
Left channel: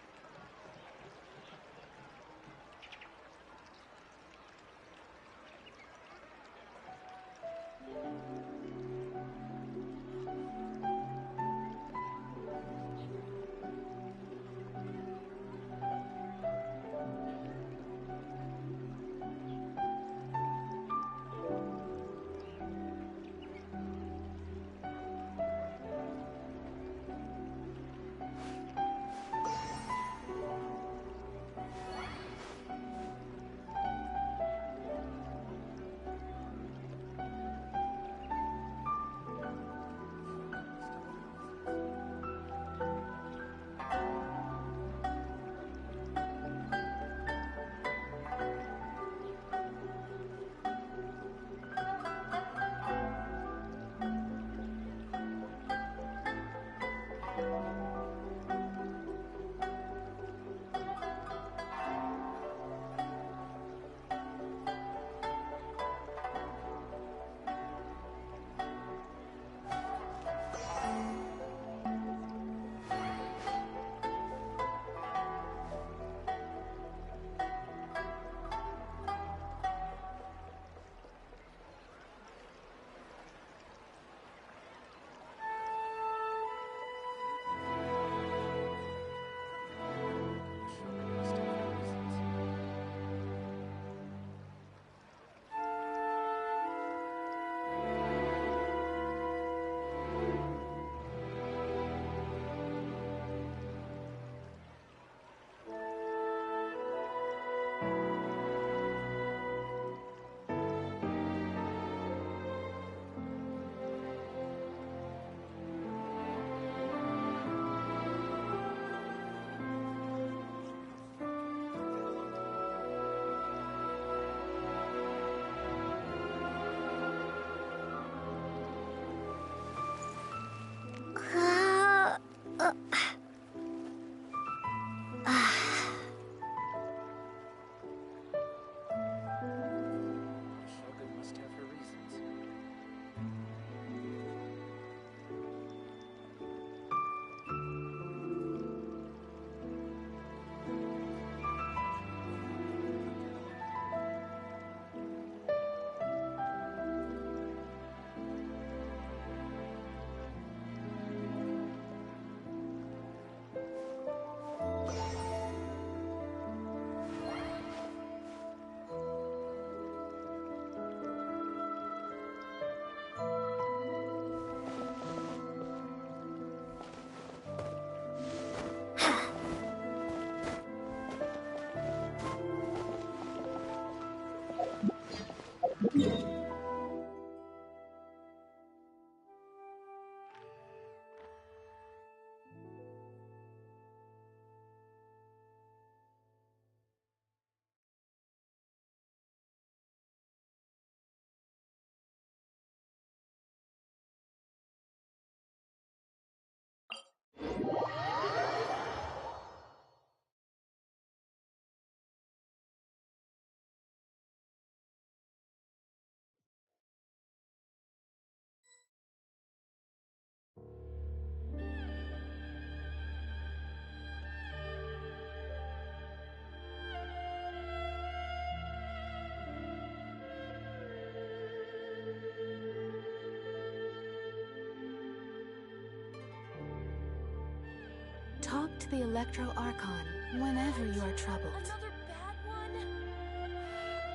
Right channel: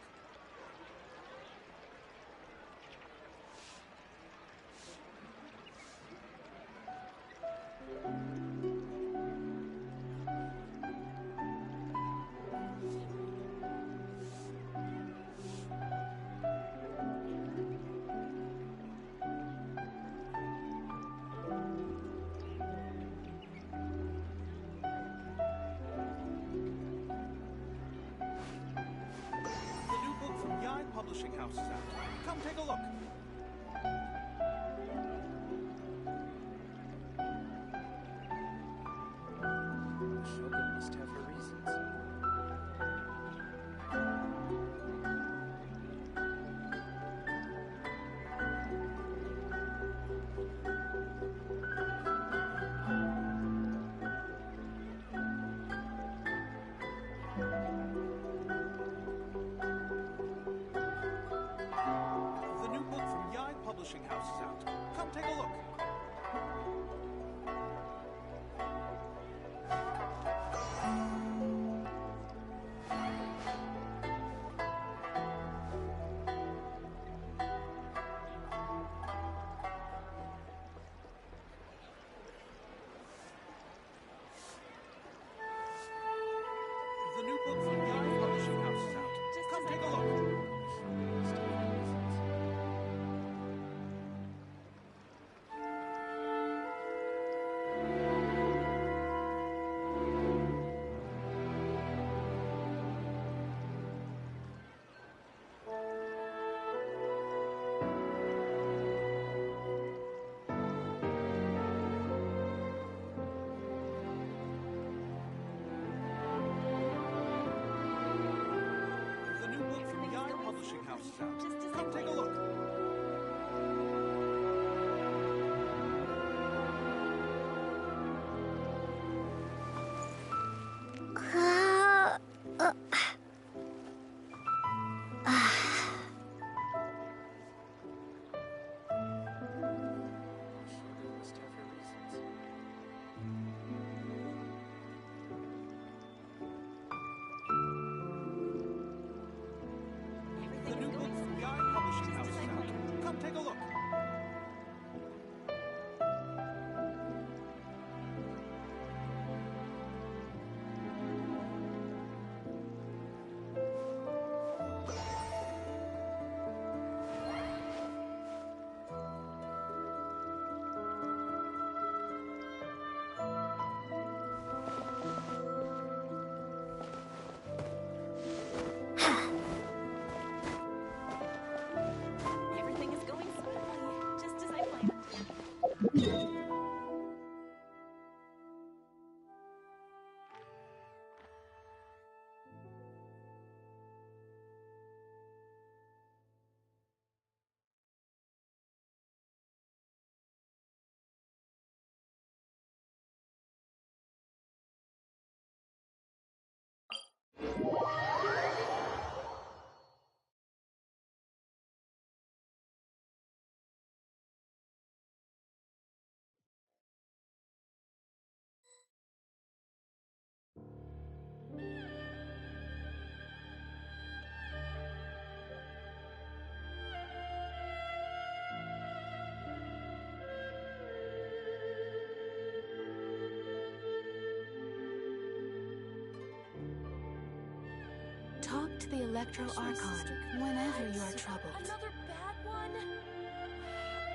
to the Electro Archon whenever you are troubled. Another bad one?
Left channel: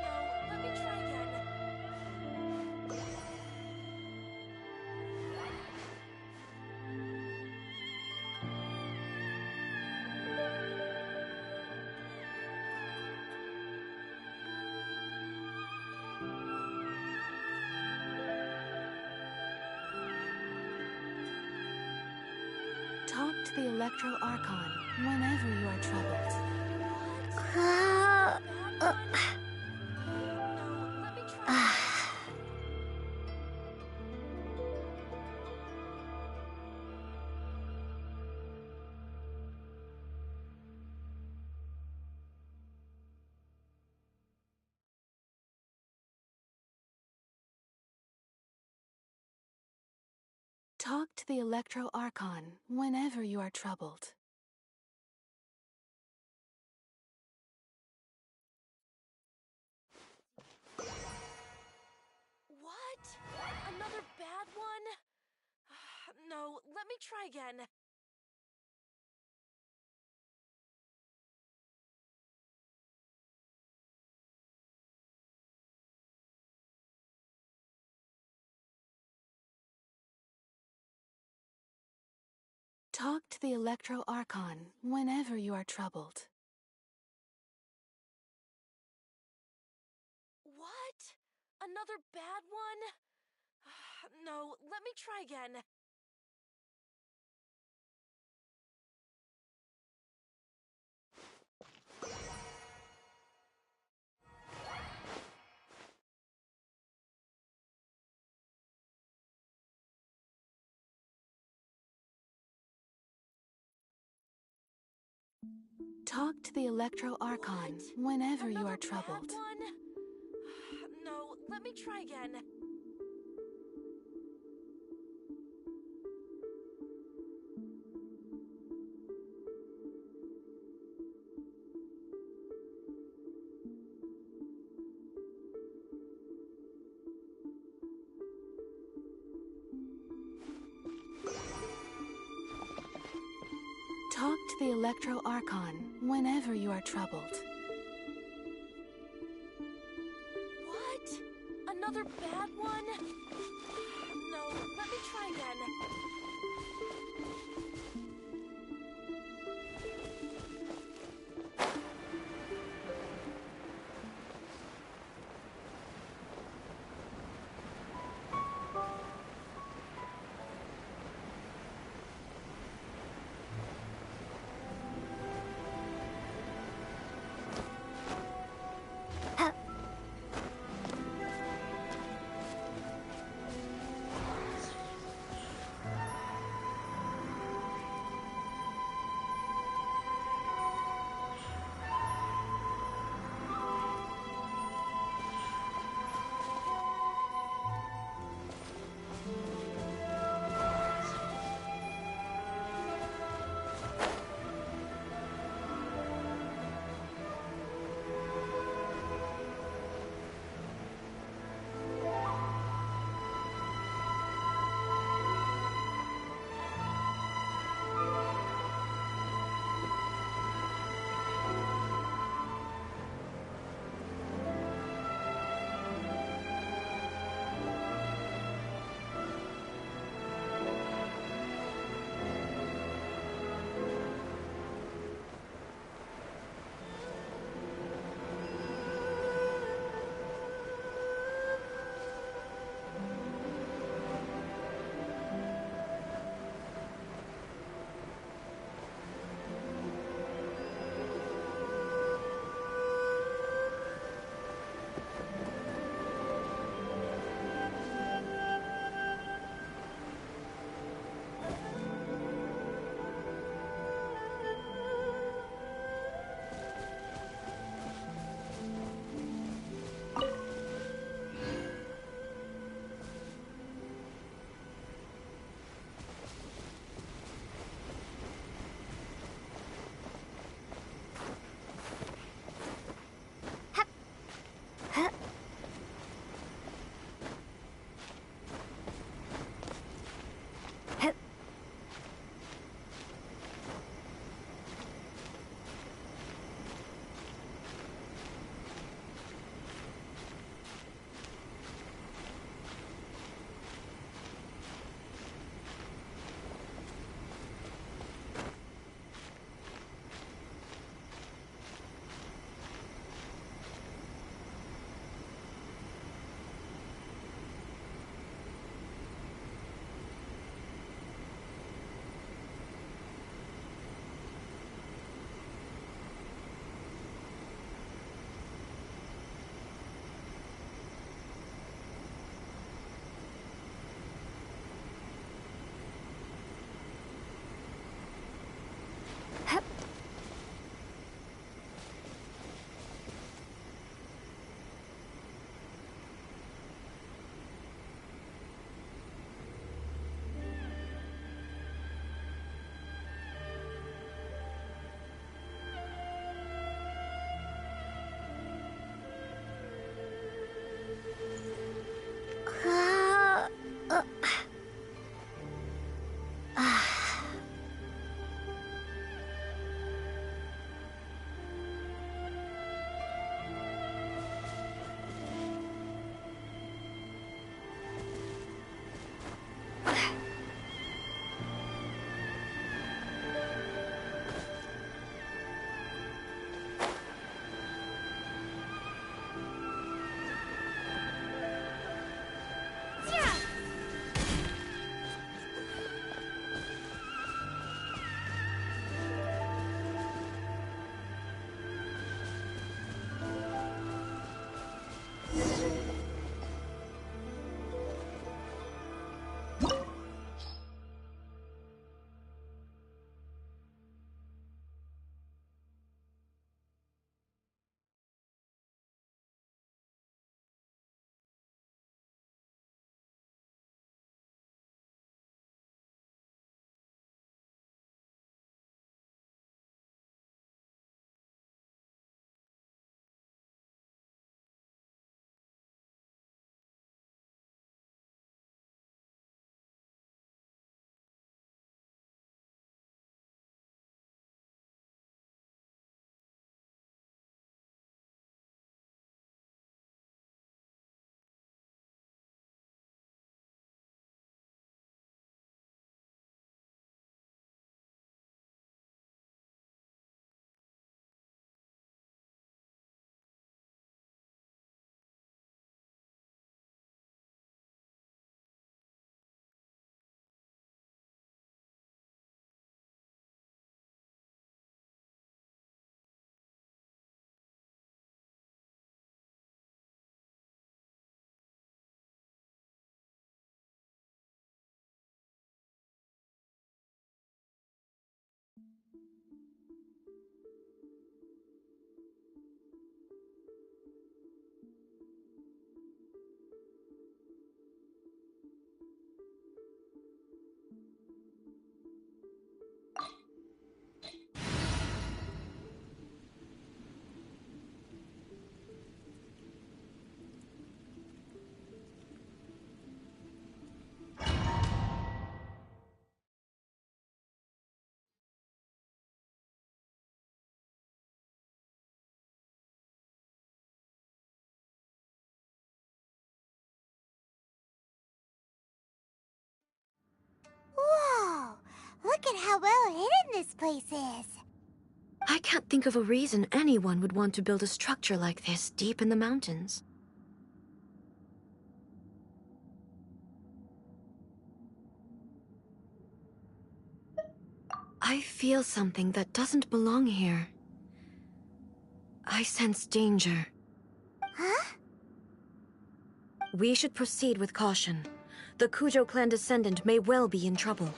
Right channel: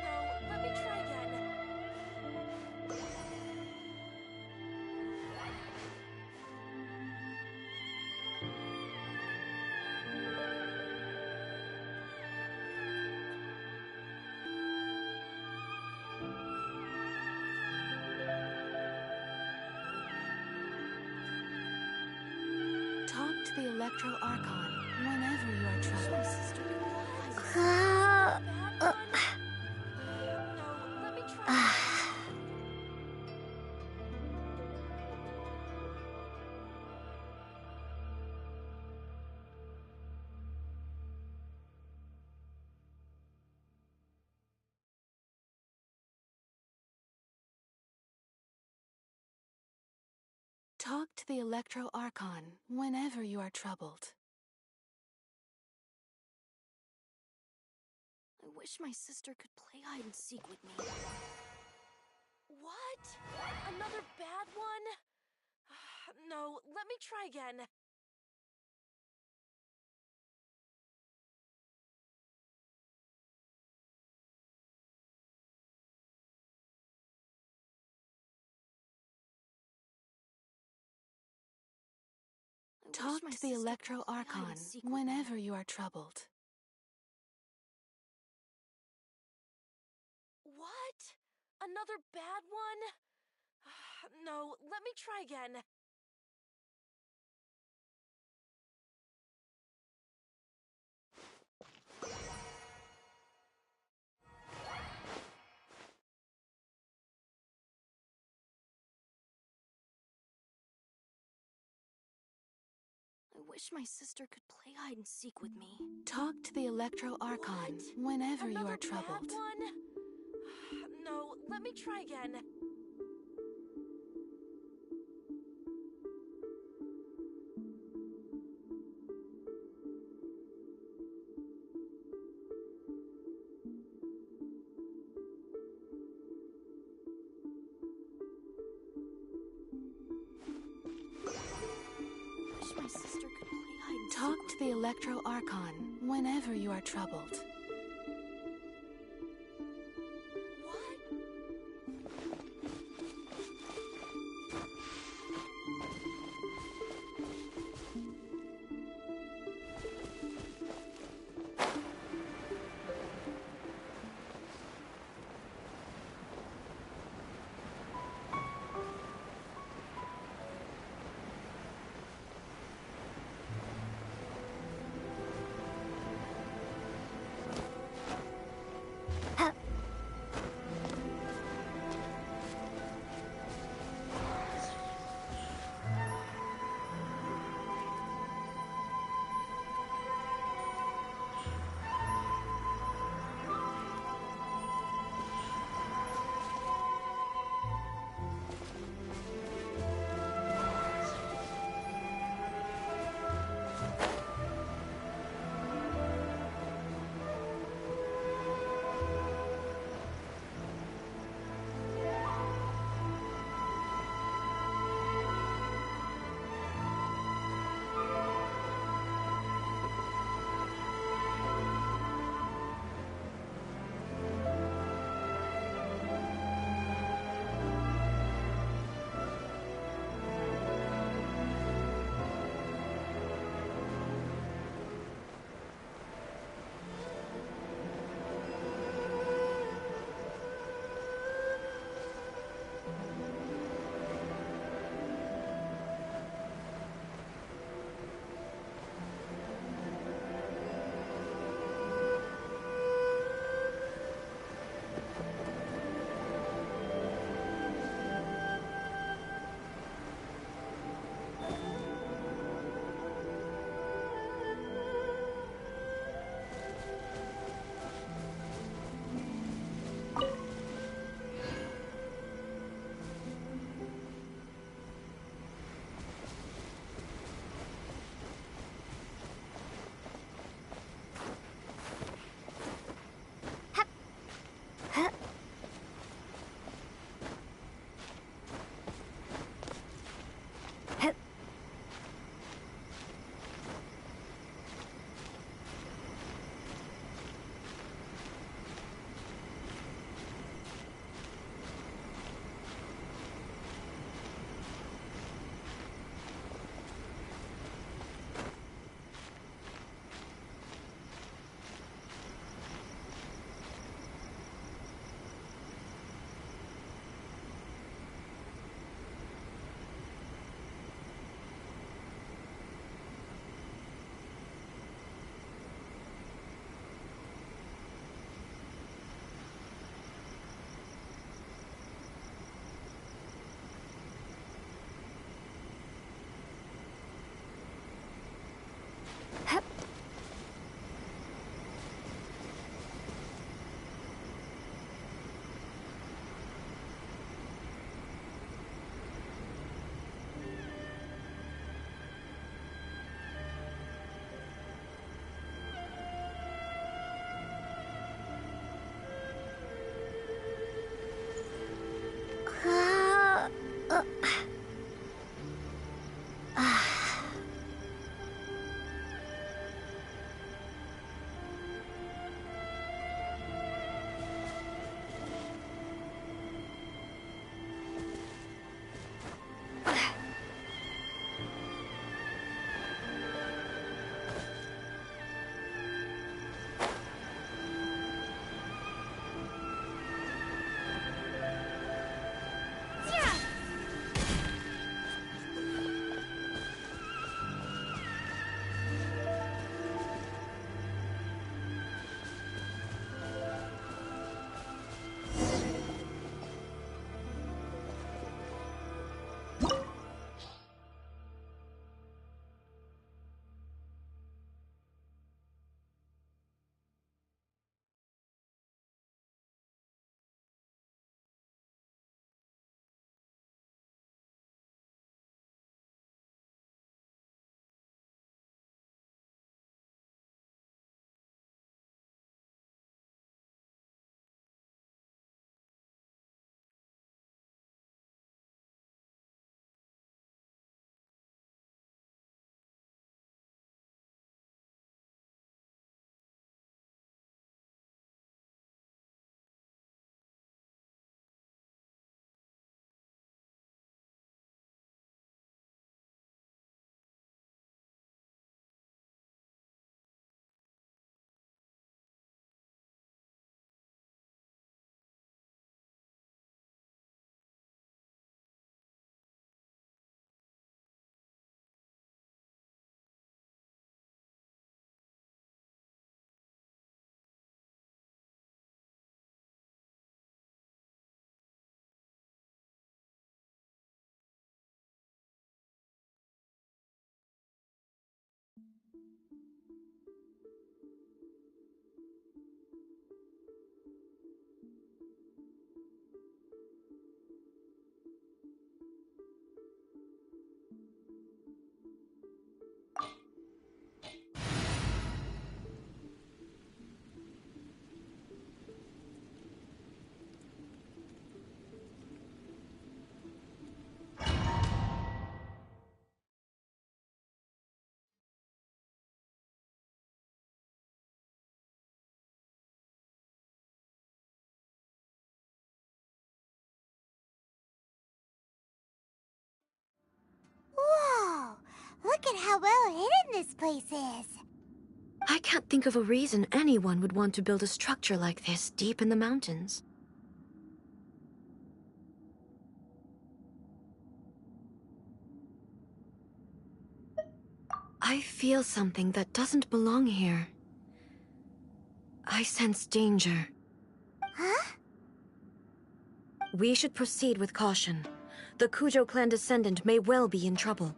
No, let me try again. Talk to the Electro Archon whenever you are troubled. Bad one? No, let me try again. Talk to the Electro Archon whenever you are troubled. I wish my sister could play hide and seek with me. What? Another bad one? No, let me try again. Talk to the Electro Archon whenever you are troubled. What? Another bad one? No, let me try again. I wish my sister could play hide and seek with me. Talk to the Electro Archon whenever you Another are troubled. bad one? No, let me try again. Talk to the Electro Archon whenever you are troubled. What? Another bad one? No, let me try again. place is. I can't think of a reason anyone would want to build a structure like this deep in the mountains. I feel something that doesn't belong here. I sense danger. Huh? We should proceed with caution. The Kujo clan descendant may well be in trouble.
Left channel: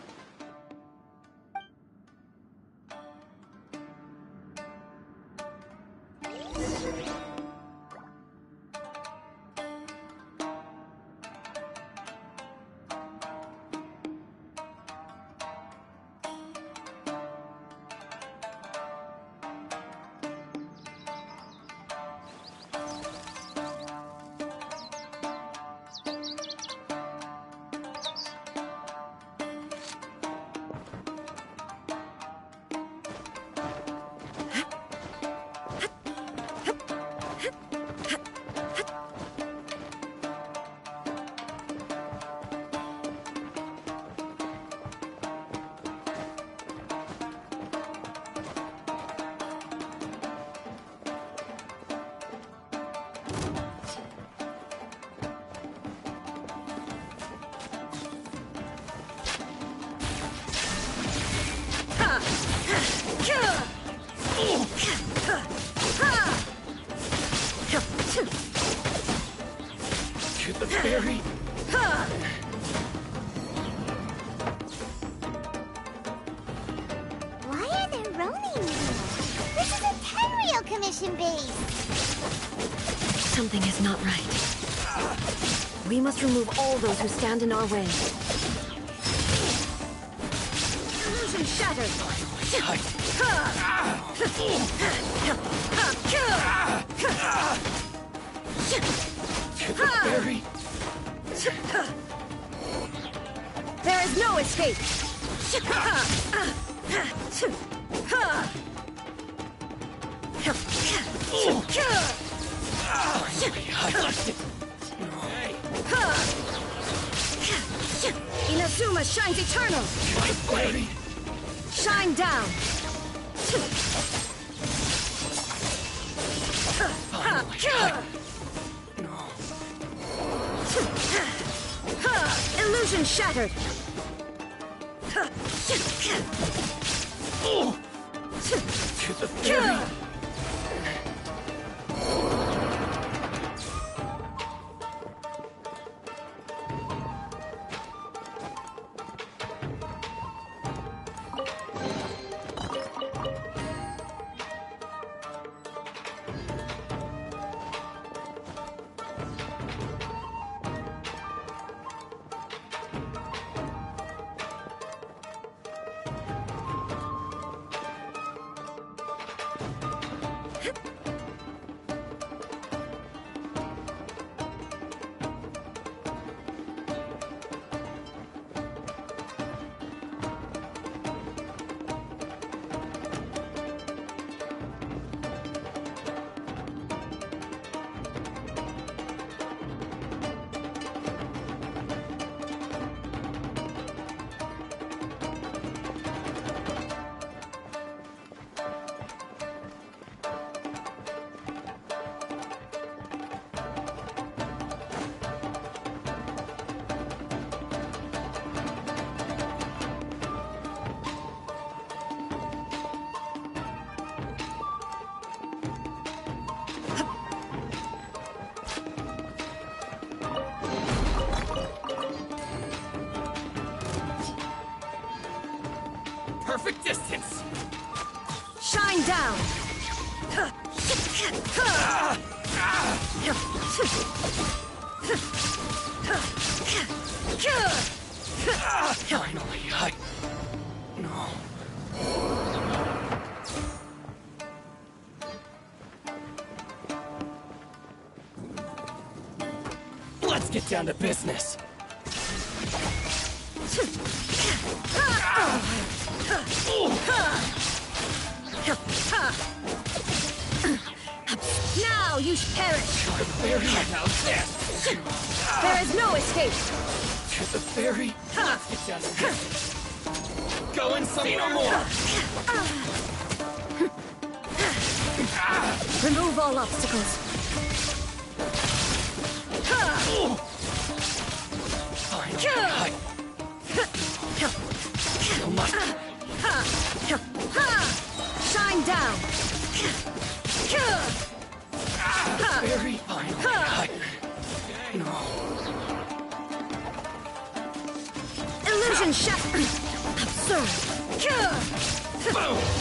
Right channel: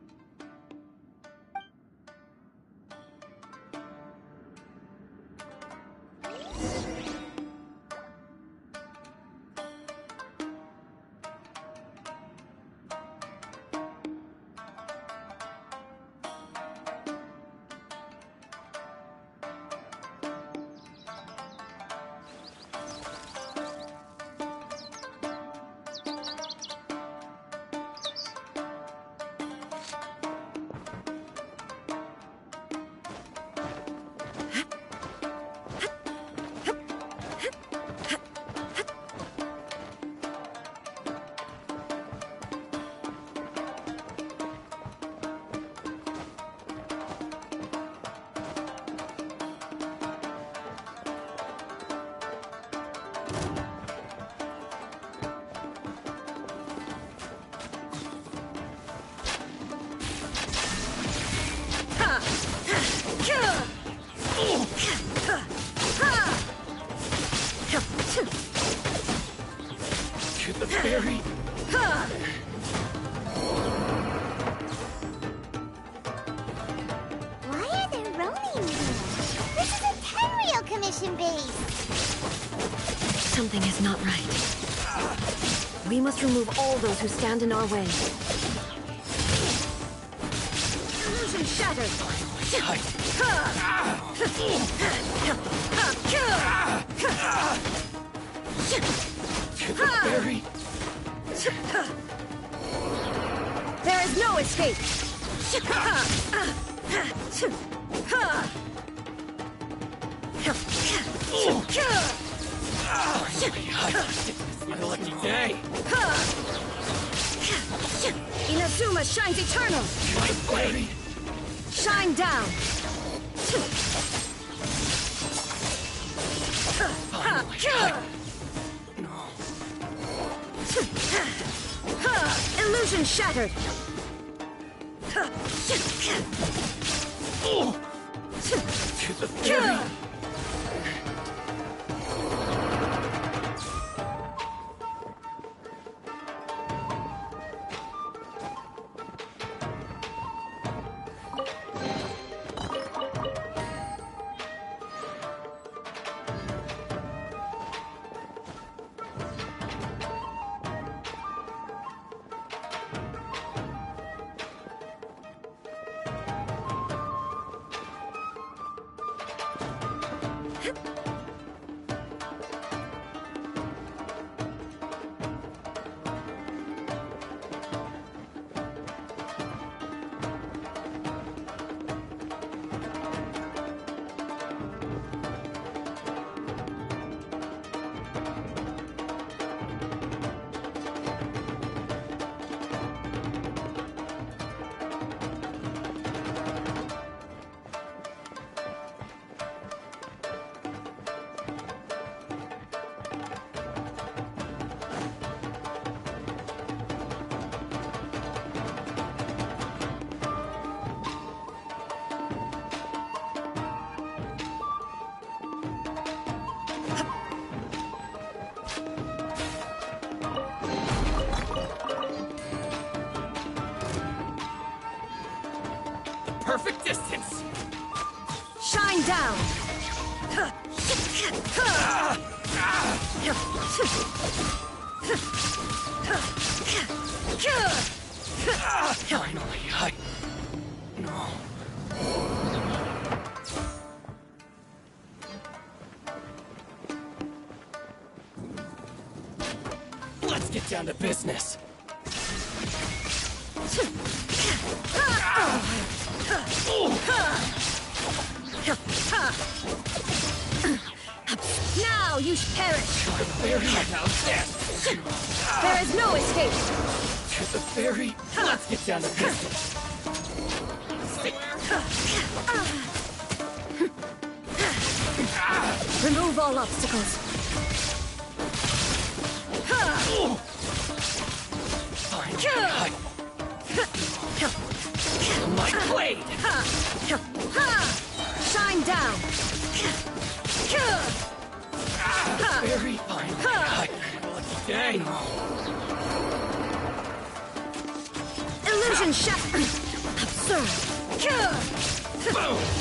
To the ferry. Why are there Ronin here? This is a Tenryou Commission base! Something is not right. We must remove all those who stand in our way. Illusion shattered! To the ferry. There is no escape! Hey. Inazuma shines eternal! My ferry. Shine down! Illusion shattered! To the ferry. Perfect distance. Shine down! Finally, No. Let's get down to business. Now you perish! Ferry now, yes! There is no escape! To the ferry. Let's get down to business. Going somewhere. Remove all obstacles. Fine. My blade. Shine down. Very fine. Dang. Illusion shattered. Absurd.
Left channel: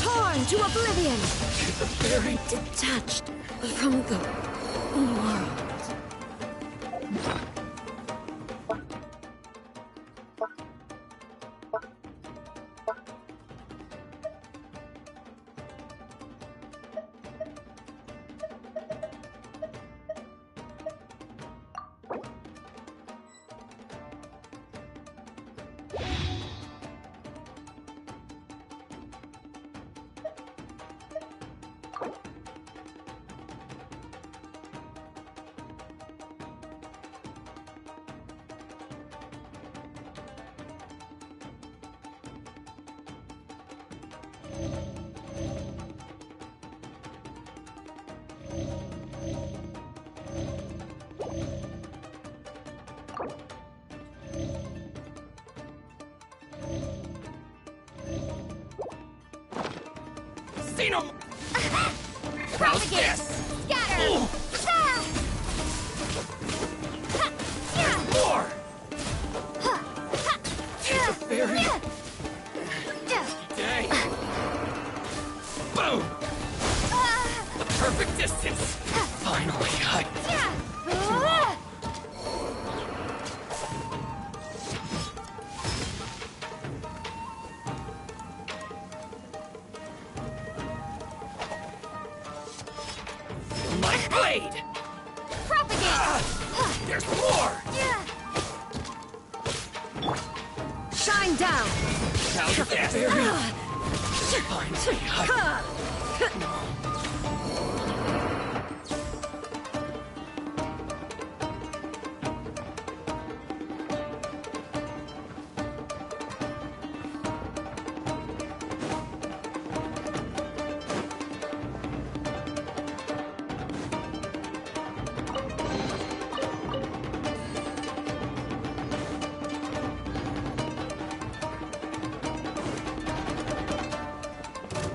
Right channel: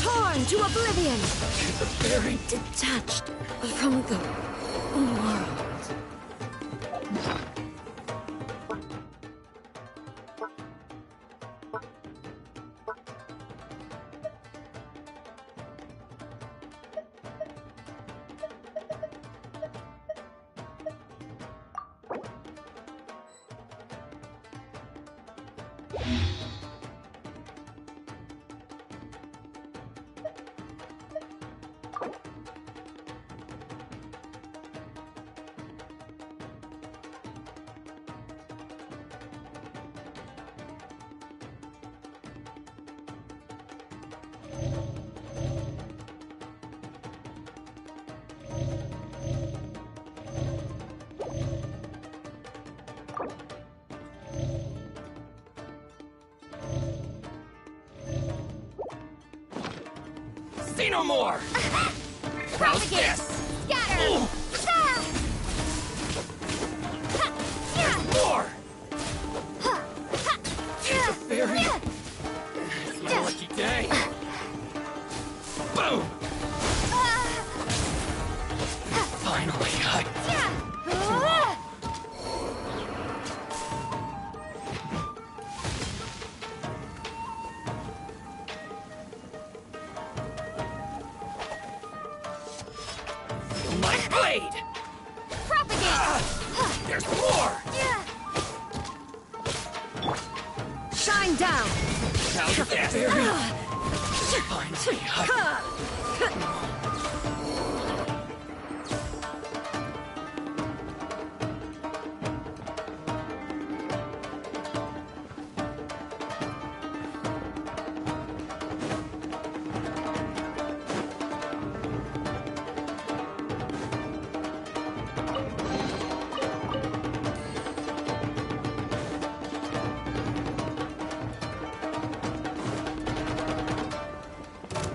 Torn to oblivion. Very Detached from the world. See no more! Propagate! Scatter! More! It's a fairy! Lucky day! Boom! Perfect distance! Finally, my blade! Propagate! There's more! Shine down. How's this? Finally,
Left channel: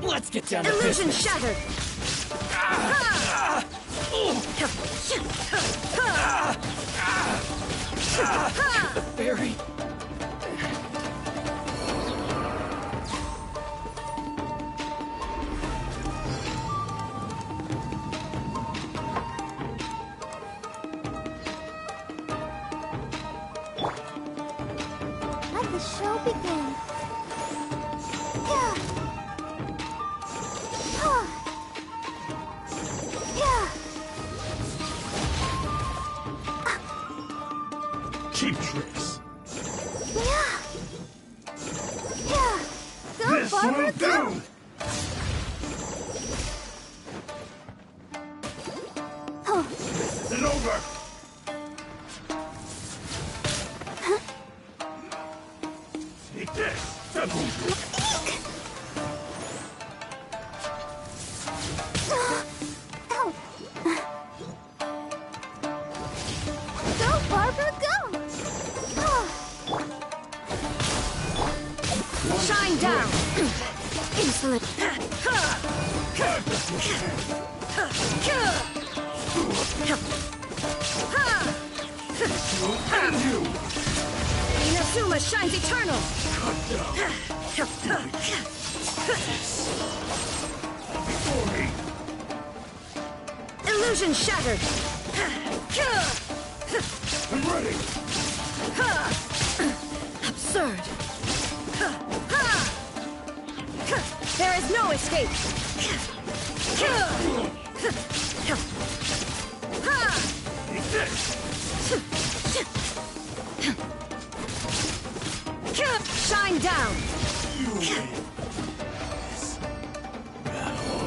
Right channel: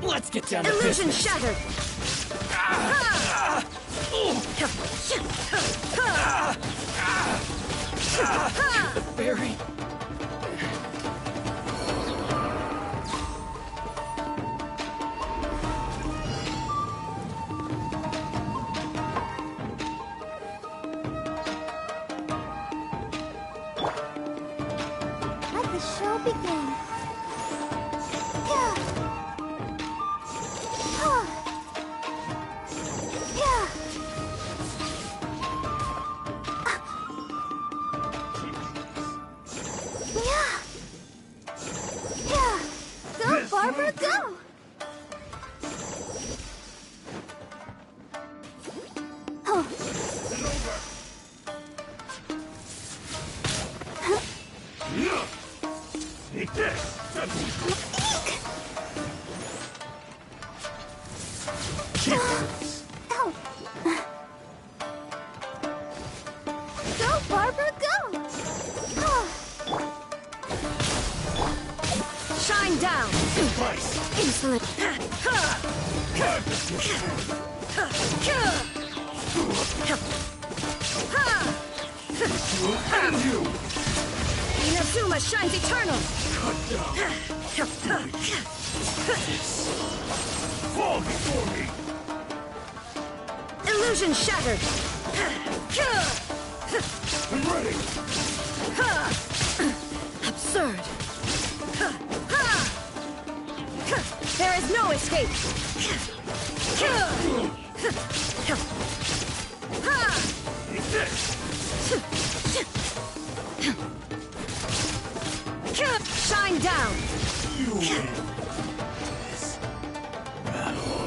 let's get down to Illusion business. shattered. The fairy. Let the show begin. Yeah. Keep this. Go, Barbara, go! It's over. Take this. Go, Barbara, go! Shine down. Insolent. And you. Inazuma shines eternal. Fall before me. Illusion shattered. I'm ready. Absurd. There is no escape. Take this. Shine down. You win. This battle.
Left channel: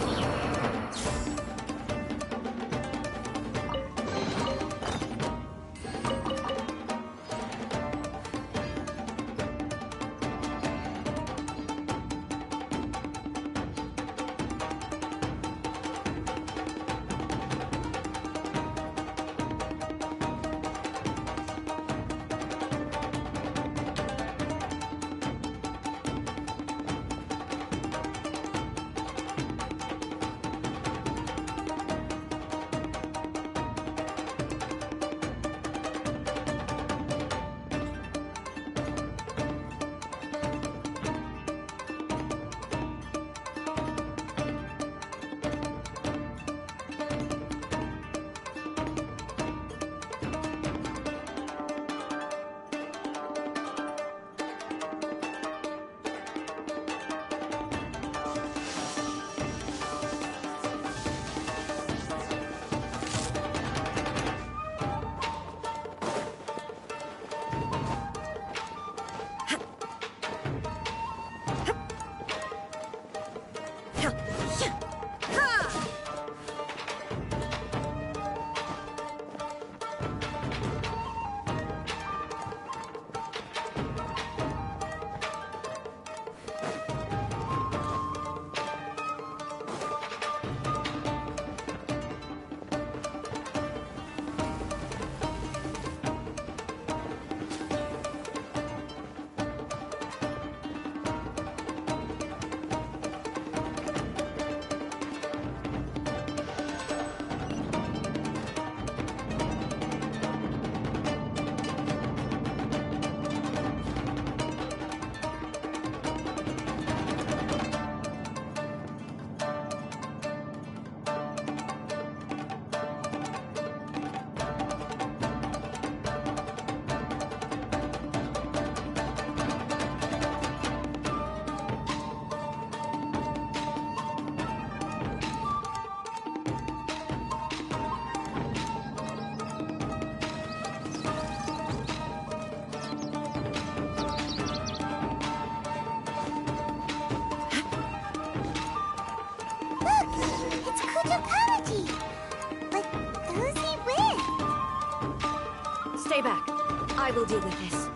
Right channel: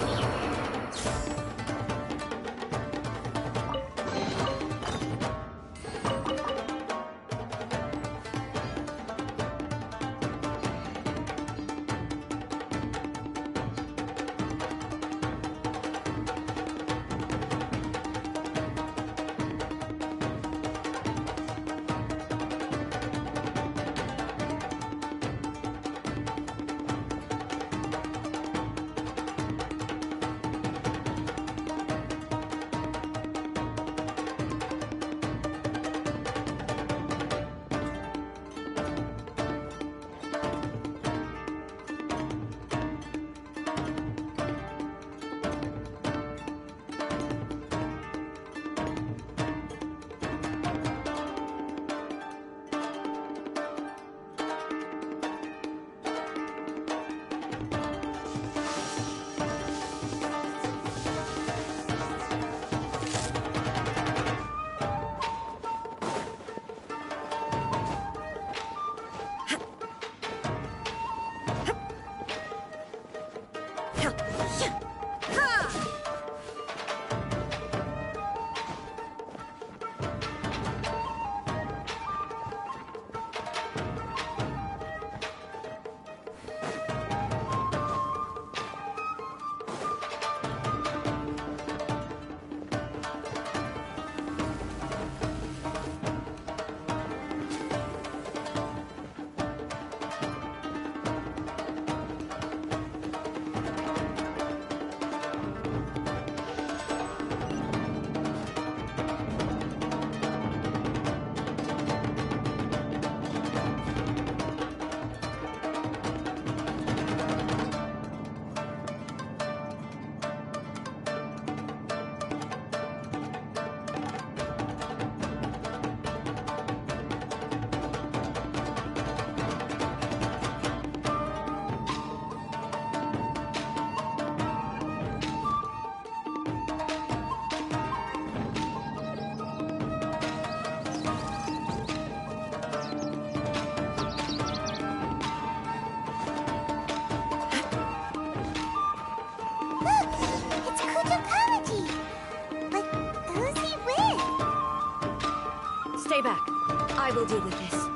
back. I will deal with this.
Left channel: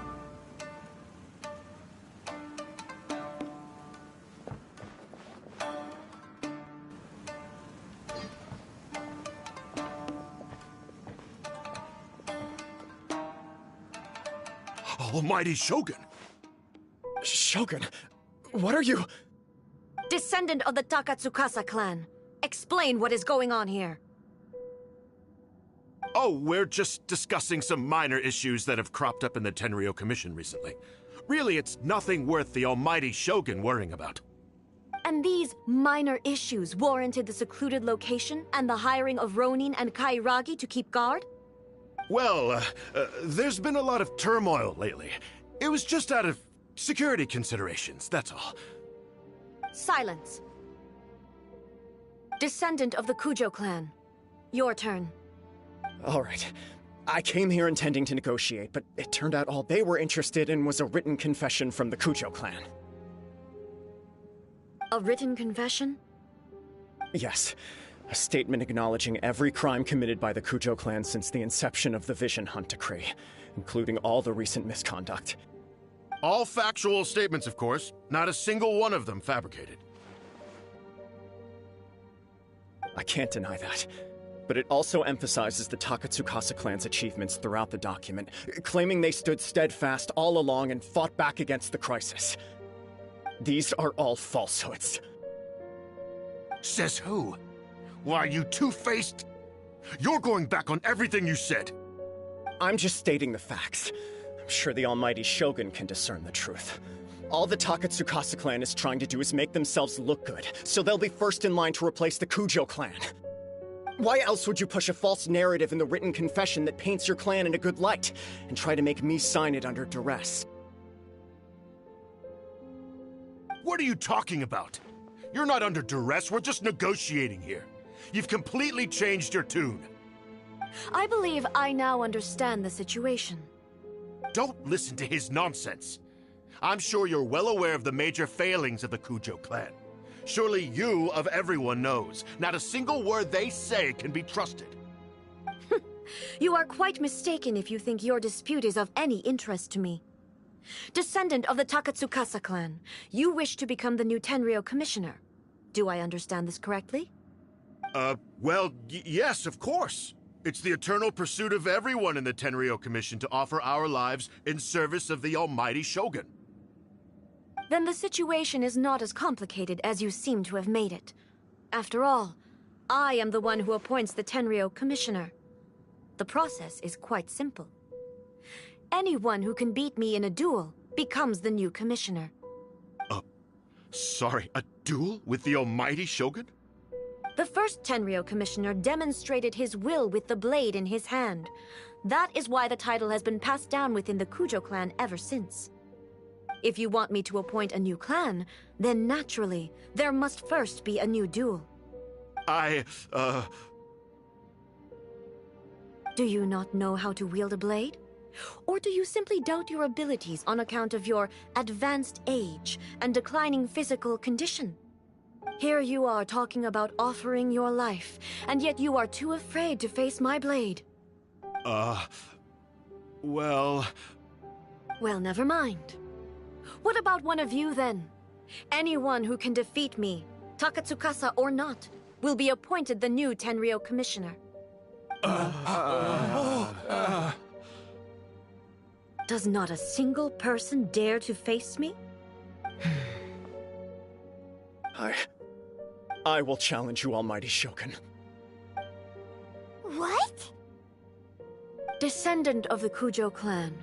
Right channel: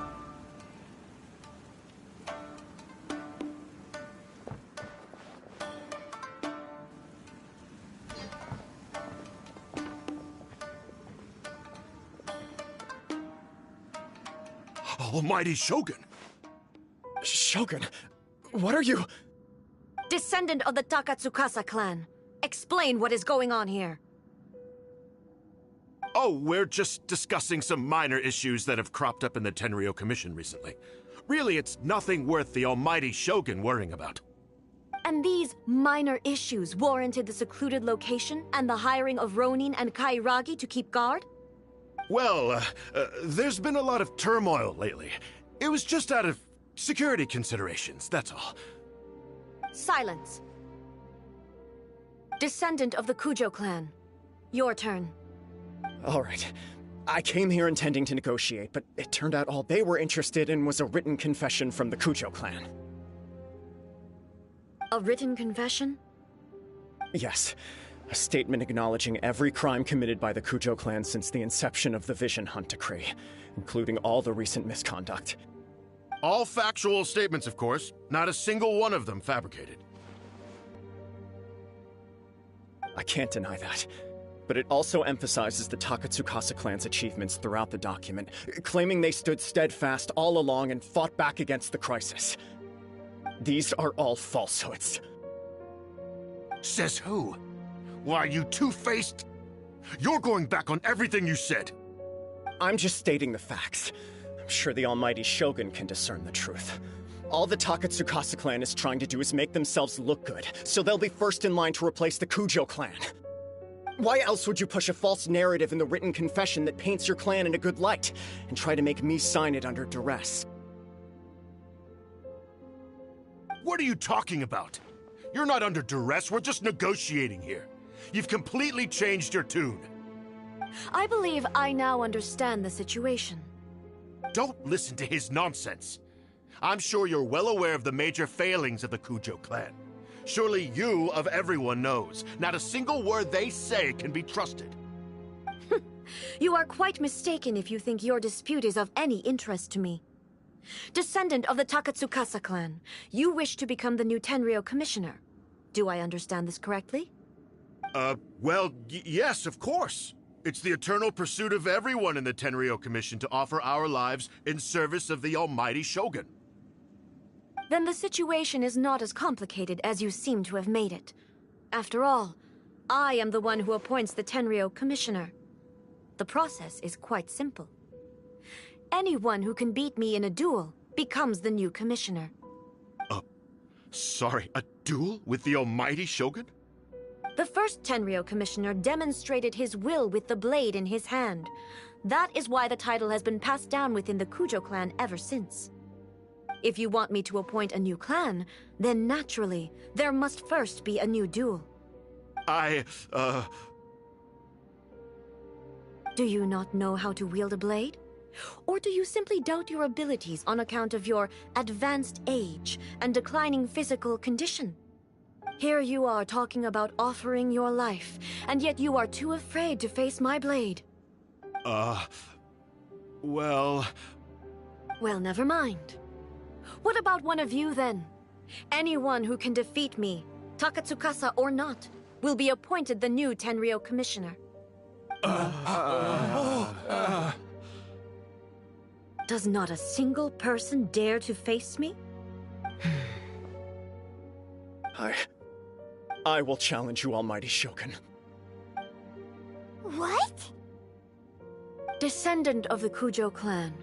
Almighty Shogun! Shogun, what are you? Descendant of the Takatsukasa clan. Explain what is going on here. Oh, we're just discussing some minor issues that have cropped up in the Tenryo Commission recently. Really, it's nothing worth the Almighty Shogun worrying about. And these minor issues warranted the secluded location and the hiring of Ronin and Kairagi to keep guard? Well, there's been a lot of turmoil lately. It was just out of security considerations, that's all. Silence. Descendant of the Kujo clan. Your turn. All right. I came here intending to negotiate, but it turned out all they were interested in was a written confession from the Kujo clan. A written confession? Yes. A statement acknowledging every crime committed by the Kujo clan since the inception of the Vision Hunt Decree, including all the recent misconduct. All factual statements, of course. Not a single one of them fabricated. I can't deny that. But it also emphasizes the Takatsukasa clan's achievements throughout the document, claiming they stood steadfast all along and fought back against the crisis. These are all falsehoods. Says who? Why, you two-faced... You're going back on everything you said. I'm just stating the facts. I'm sure the Almighty Shogun can discern the truth. All the Takatsukasa clan is trying to do is make themselves look good, so they'll be first in line to replace the Kujo clan. Why else would you push a false narrative in the written confession that paints your clan in a good light, and try to make me sign it under duress? What are you talking about? You're not under duress, we're just negotiating here. You've completely changed your tune. I believe I now understand the situation. Don't listen to his nonsense. I'm sure you're well aware of the major failings of the Kujo clan. Surely you, of everyone, knows. Not a single word they say can be trusted. You are quite mistaken if you think your dispute is of any interest to me. Descendant of the Takatsukasa clan, you wish to become the new Tenryo commissioner. Do I understand this correctly? Well, yes, of course. It's the eternal pursuit of everyone in the Tenryo Commission to offer our lives in service of the Almighty Shogun. Then the situation is not as complicated as you seem to have made it. After all, I am the one who appoints the Tenryo commissioner. The process is quite simple. Anyone who can beat me in a duel becomes the new commissioner. Sorry, a duel with the Almighty Shogun? The first Tenryo commissioner demonstrated his will with the blade in his hand. That is why the title has been passed down within the Kujo clan ever since. If you want me to appoint a new clan, then naturally, there must first be a new duel. Do you not know how to wield a blade? Or do you simply doubt your abilities on account of your advanced age and declining physical condition? Here you are talking about offering your life, and yet you are too afraid to face my blade. Well... Well, never mind. What about one of you, then? Anyone who can defeat me, Takatsukasa or not, will be appointed the new Tenryo commissioner. Does not a single person dare to face me? I will challenge you, Almighty Shogun. What? Descendant of the Kujo clan.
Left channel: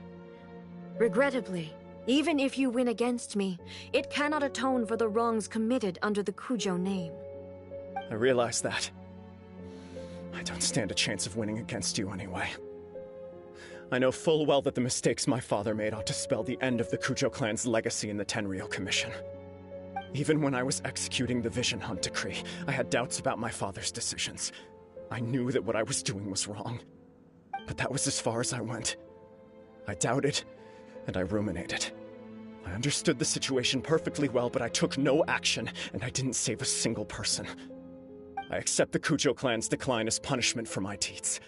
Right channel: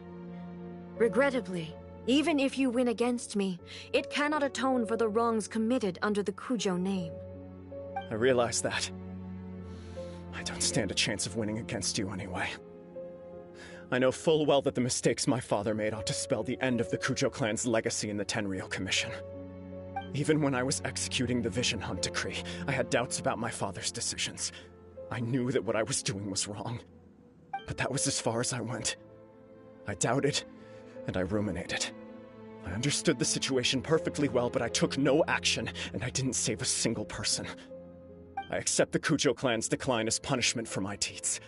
Regrettably, even if you win against me, it cannot atone for the wrongs committed under the Kujo name. I realize that. I don't stand a chance of winning against you anyway. I know full well that the mistakes my father made ought to spell the end of the Kujo clan's legacy in the Tenryo Commission. Even when I was executing the Vision Hunt Decree, I had doubts about my father's decisions. I knew that what I was doing was wrong. But that was as far as I went. I doubted, and I ruminated. I understood the situation perfectly well, but I took no action, and I didn't save a single person. I accept the Kujo clan's decline as punishment for my deeds.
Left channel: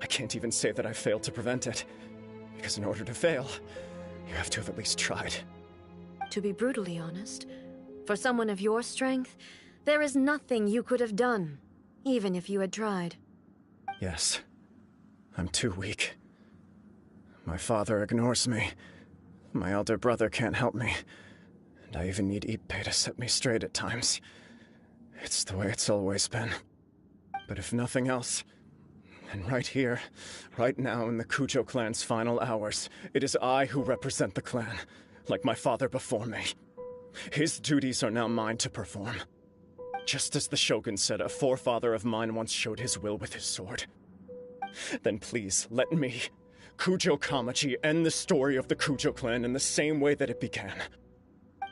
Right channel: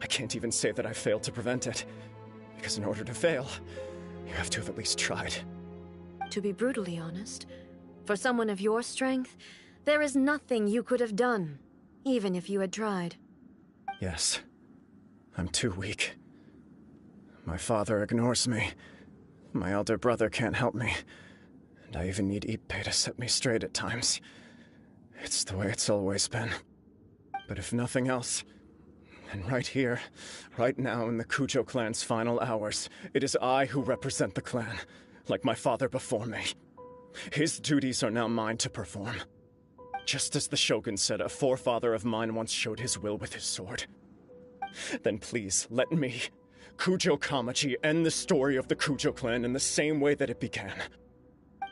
I can't even say that I failed to prevent it. Because in order to fail, you have to have at least tried. To be brutally honest, for someone of your strength, there is nothing you could have done, even if you had tried. Yes. I'm too weak. My father ignores me. My elder brother can't help me. And I even need Ippei to set me straight at times. It's the way it's always been. But if nothing else, and right here, right now in the Kujo clan's final hours, it is I who represent the clan, like my father before me. His duties are now mine to perform. Just as the Shogun said a forefather of mine once showed his will with his sword. Then please, let me, Kujo Kamaji, end the story of the Kujo clan in the same way that it began.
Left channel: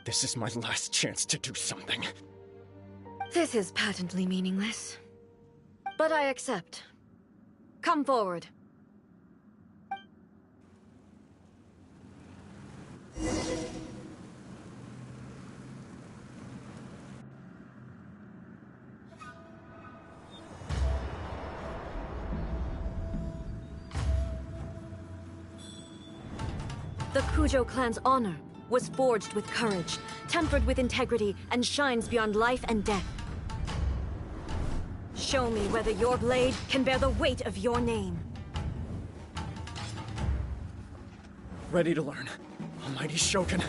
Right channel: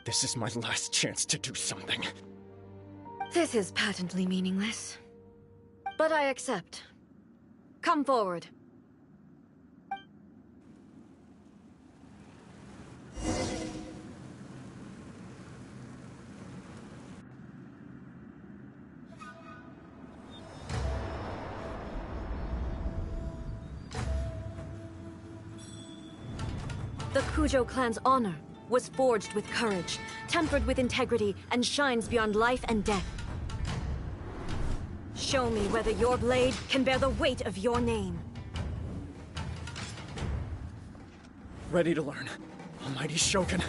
This is my last chance to do something. This is patently meaningless. But I accept. Come forward. The Kujo clan's honor was forged with courage, tempered with integrity, and shines beyond life and death. Show me whether your blade can bear the weight of your name. Ready to learn, Almighty Shogun.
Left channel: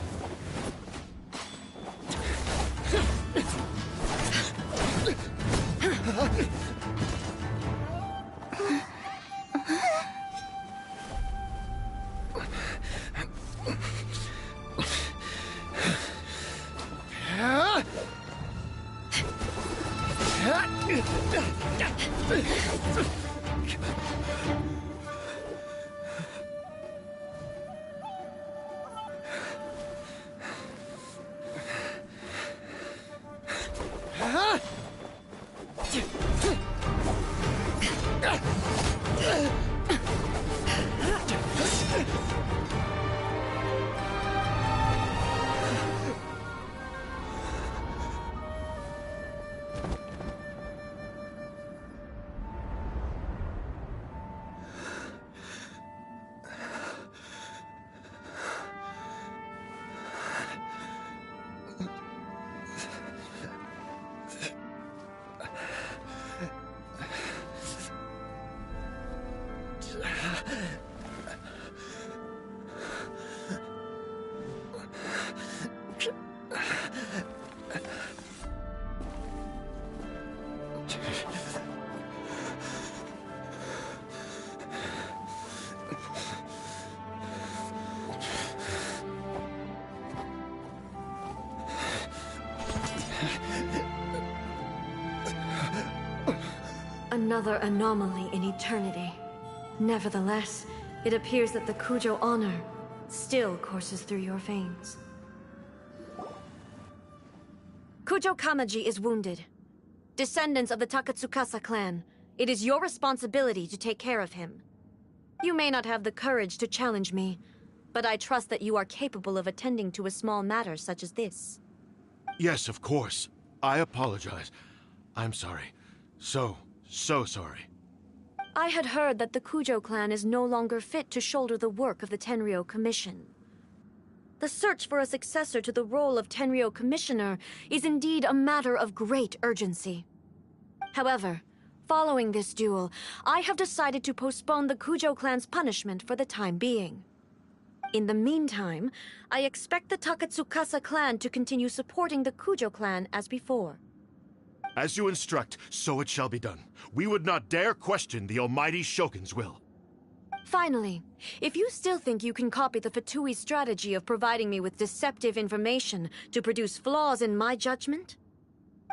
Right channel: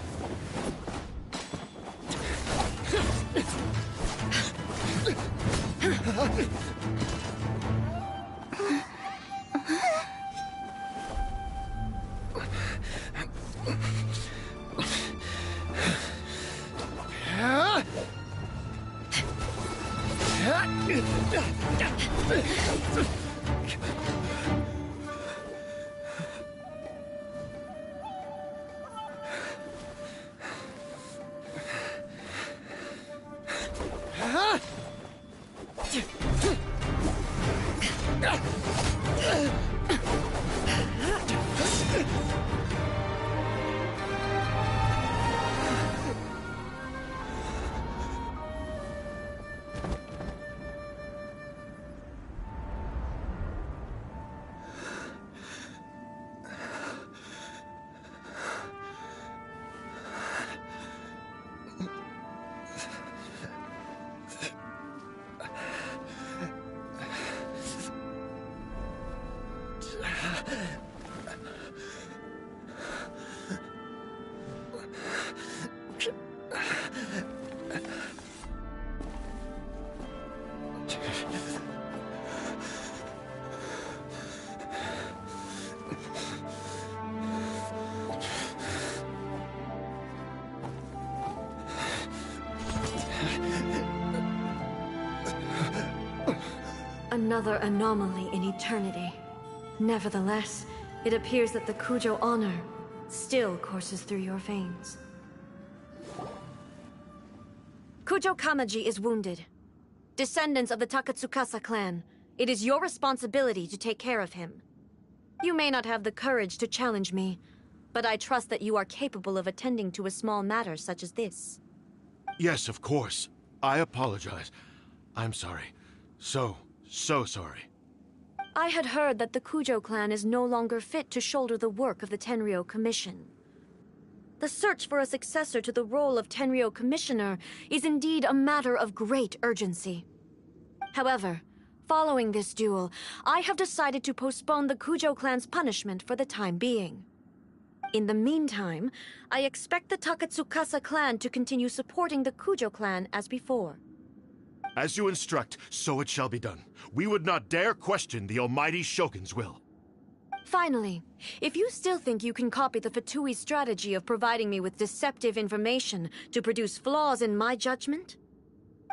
Another anomaly in eternity. Nevertheless, it appears that the Kujo honor still courses through your veins. Kujo Kamaji is wounded. Descendants of the Takatsukasa clan, it is your responsibility to take care of him. You may not have the courage to challenge me, but I trust that you are capable of attending to a small matter such as this. Yes, of course. I apologize. I'm sorry. So sorry. I had heard that the Kujo clan is no longer fit to shoulder the work of the Tenryou Commission. The search for a successor to the role of Tenryou Commissioner is indeed a matter of great urgency. However, following this duel, I have decided to postpone the Kujo clan's punishment for the time being. In the meantime, I expect the Takatsukasa clan to continue supporting the Kujo clan as before. As you instruct, so it shall be done. We would not dare question the Almighty Shogun's will. Finally, if you still think you can copy the Fatui strategy of providing me with deceptive information to produce flaws in my judgment,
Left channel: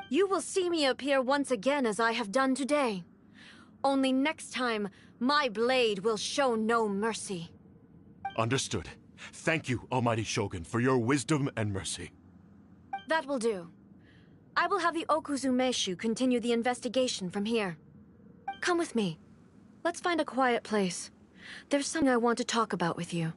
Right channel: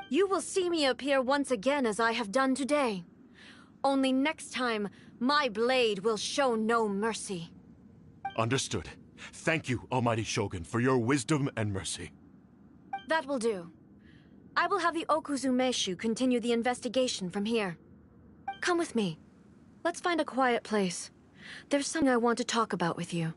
you will see me appear once again as I have done today. Only next time, my blade will show no mercy. Understood. Thank you, Almighty Shogun, for your wisdom and mercy. That will do. I will have the Okuzumeshu continue the investigation from here. Come with me. Let's find a quiet place. There's something I want to talk about with you.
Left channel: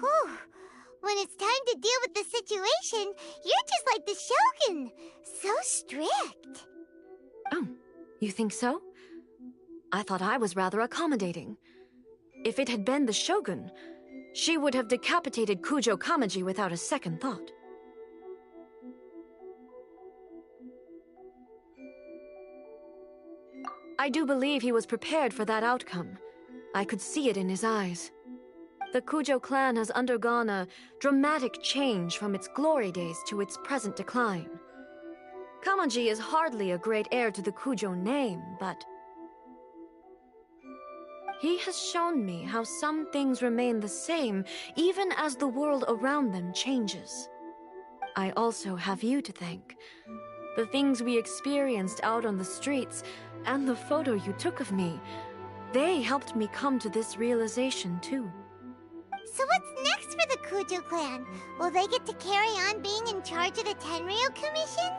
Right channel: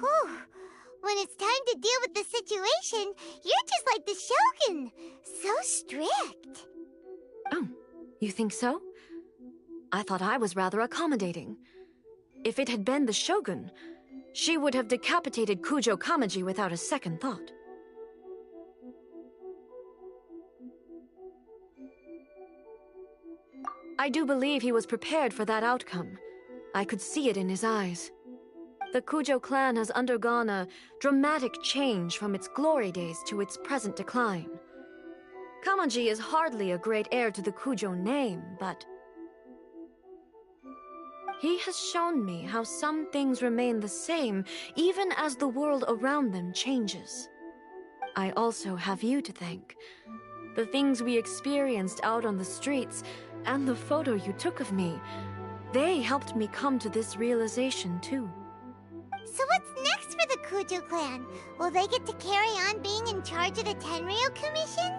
Whew. When it's time to deal with the situation, you're just like the Shogun. So strict. Oh, you think so? I thought I was rather accommodating. If it had been the Shogun, she would have decapitated Kujo Kamaji without a second thought. I do believe he was prepared for that outcome. I could see it in his eyes. The Kujo clan has undergone a dramatic change from its glory days to its present decline. Kamaji is hardly a great heir to the Kujo name, but he has shown me how some things remain the same even as the world around them changes. I also have you to thank. The things we experienced out on the streets and the photo you took of me, they helped me come to this realization too. So what's next for the Kujo clan? Will they get to carry on being in charge of the Tenryu Commission?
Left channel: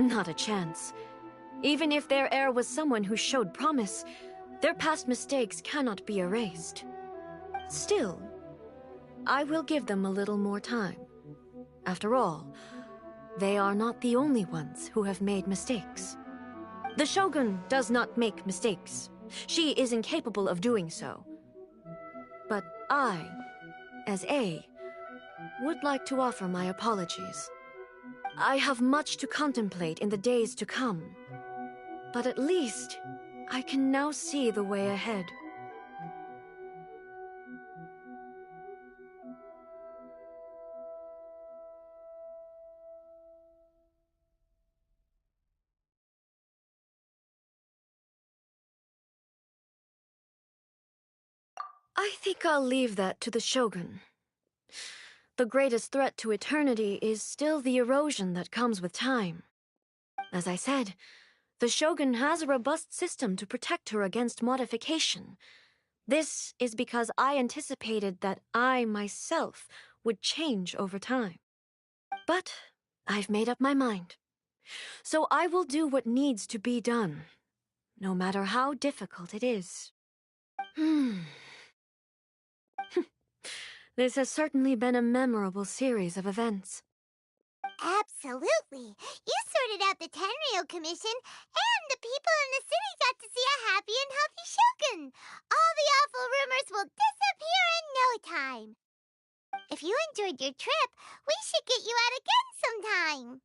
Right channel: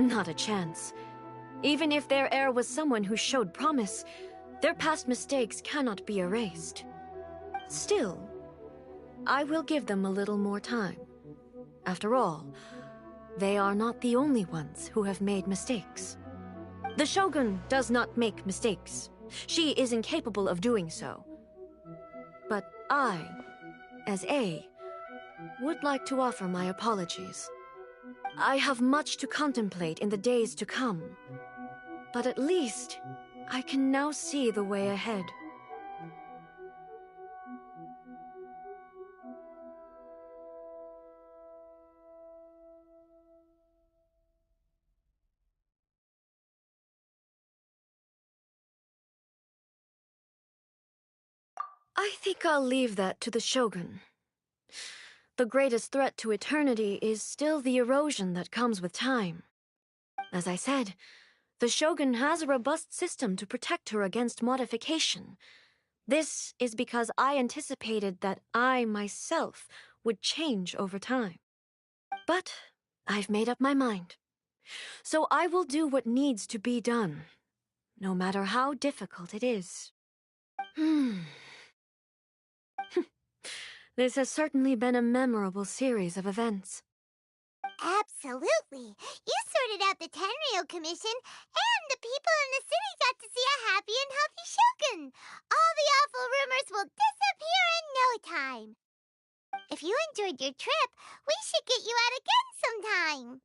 Not a chance. Even if their heir was someone who showed promise, their past mistakes cannot be erased. Still, I will give them a little more time. After all, they are not the only ones who have made mistakes. The Shogun does not make mistakes. She is incapable of doing so. But I, as A, would like to offer my apologies. I have much to contemplate in the days to come, but at least I can now see the way ahead. I think I'll leave that to the Shogun. The greatest threat to eternity is still the erosion that comes with time. As I said, the Shogun has a robust system to protect her against modification. This is because I anticipated that I myself would change over time. But I've made up my mind. So I will do what needs to be done, no matter how difficult it is. This has certainly been a memorable series of events. Absolutely. You sorted out the Tenryu Commission, and the people in the city got to see a happy and healthy Shogun. All the awful rumors will disappear in no time. If you enjoyed your trip, we should get you out again sometime.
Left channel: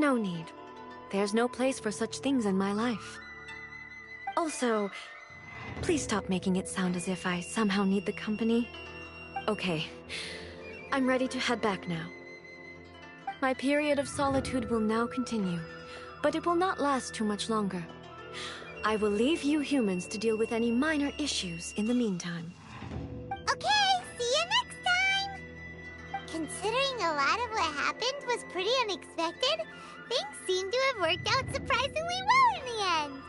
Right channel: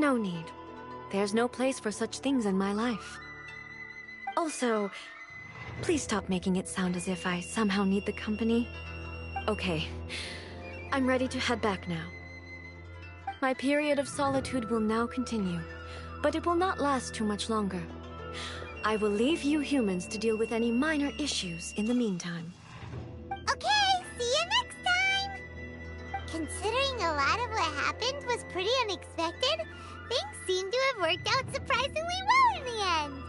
No need. There's no place for such things in my life. Also, please stop making it sound as if I somehow need the company. Okay, I'm ready to head back now. My period of solitude will now continue, but it will not last too much longer. I will leave you humans to deal with any minor issues in the meantime. Okay, see you next time! Considering a lot of what happened was pretty unexpected, things seem to have worked out surprisingly well in the end.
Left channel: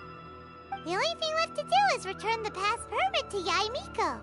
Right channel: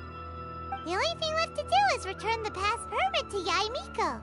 The only thing left to do is return the past permit to Yaimiko.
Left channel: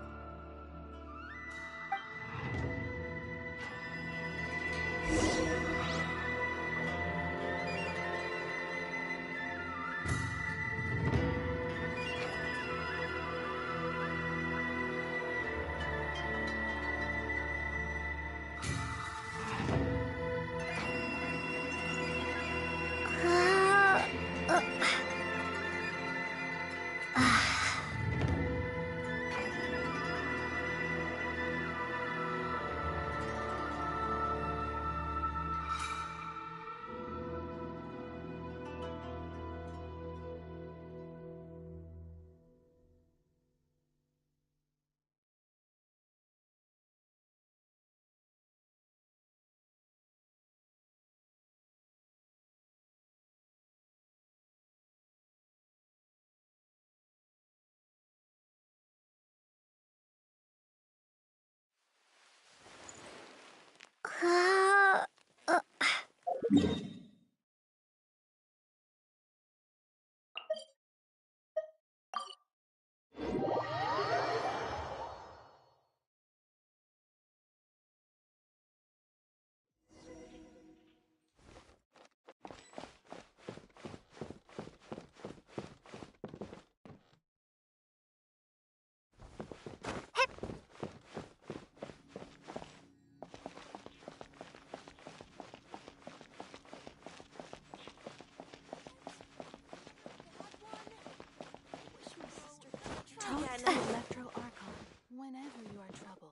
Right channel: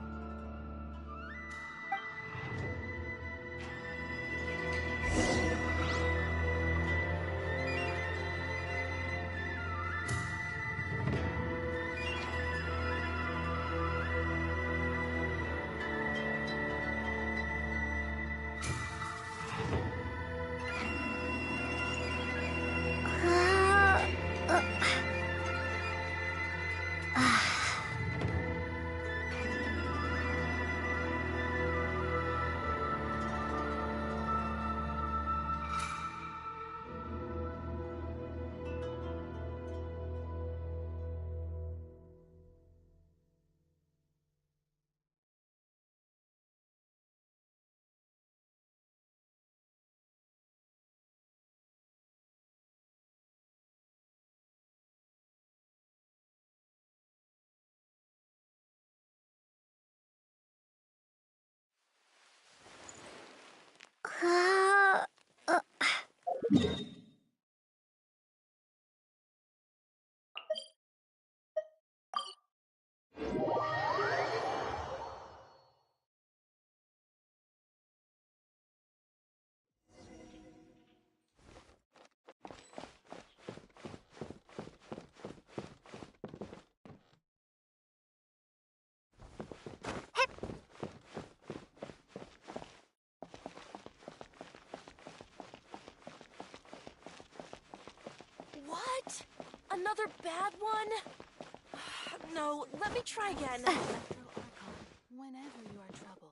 What? Another bad one? No, let me try again. The Electro Archon whenever you are troubled.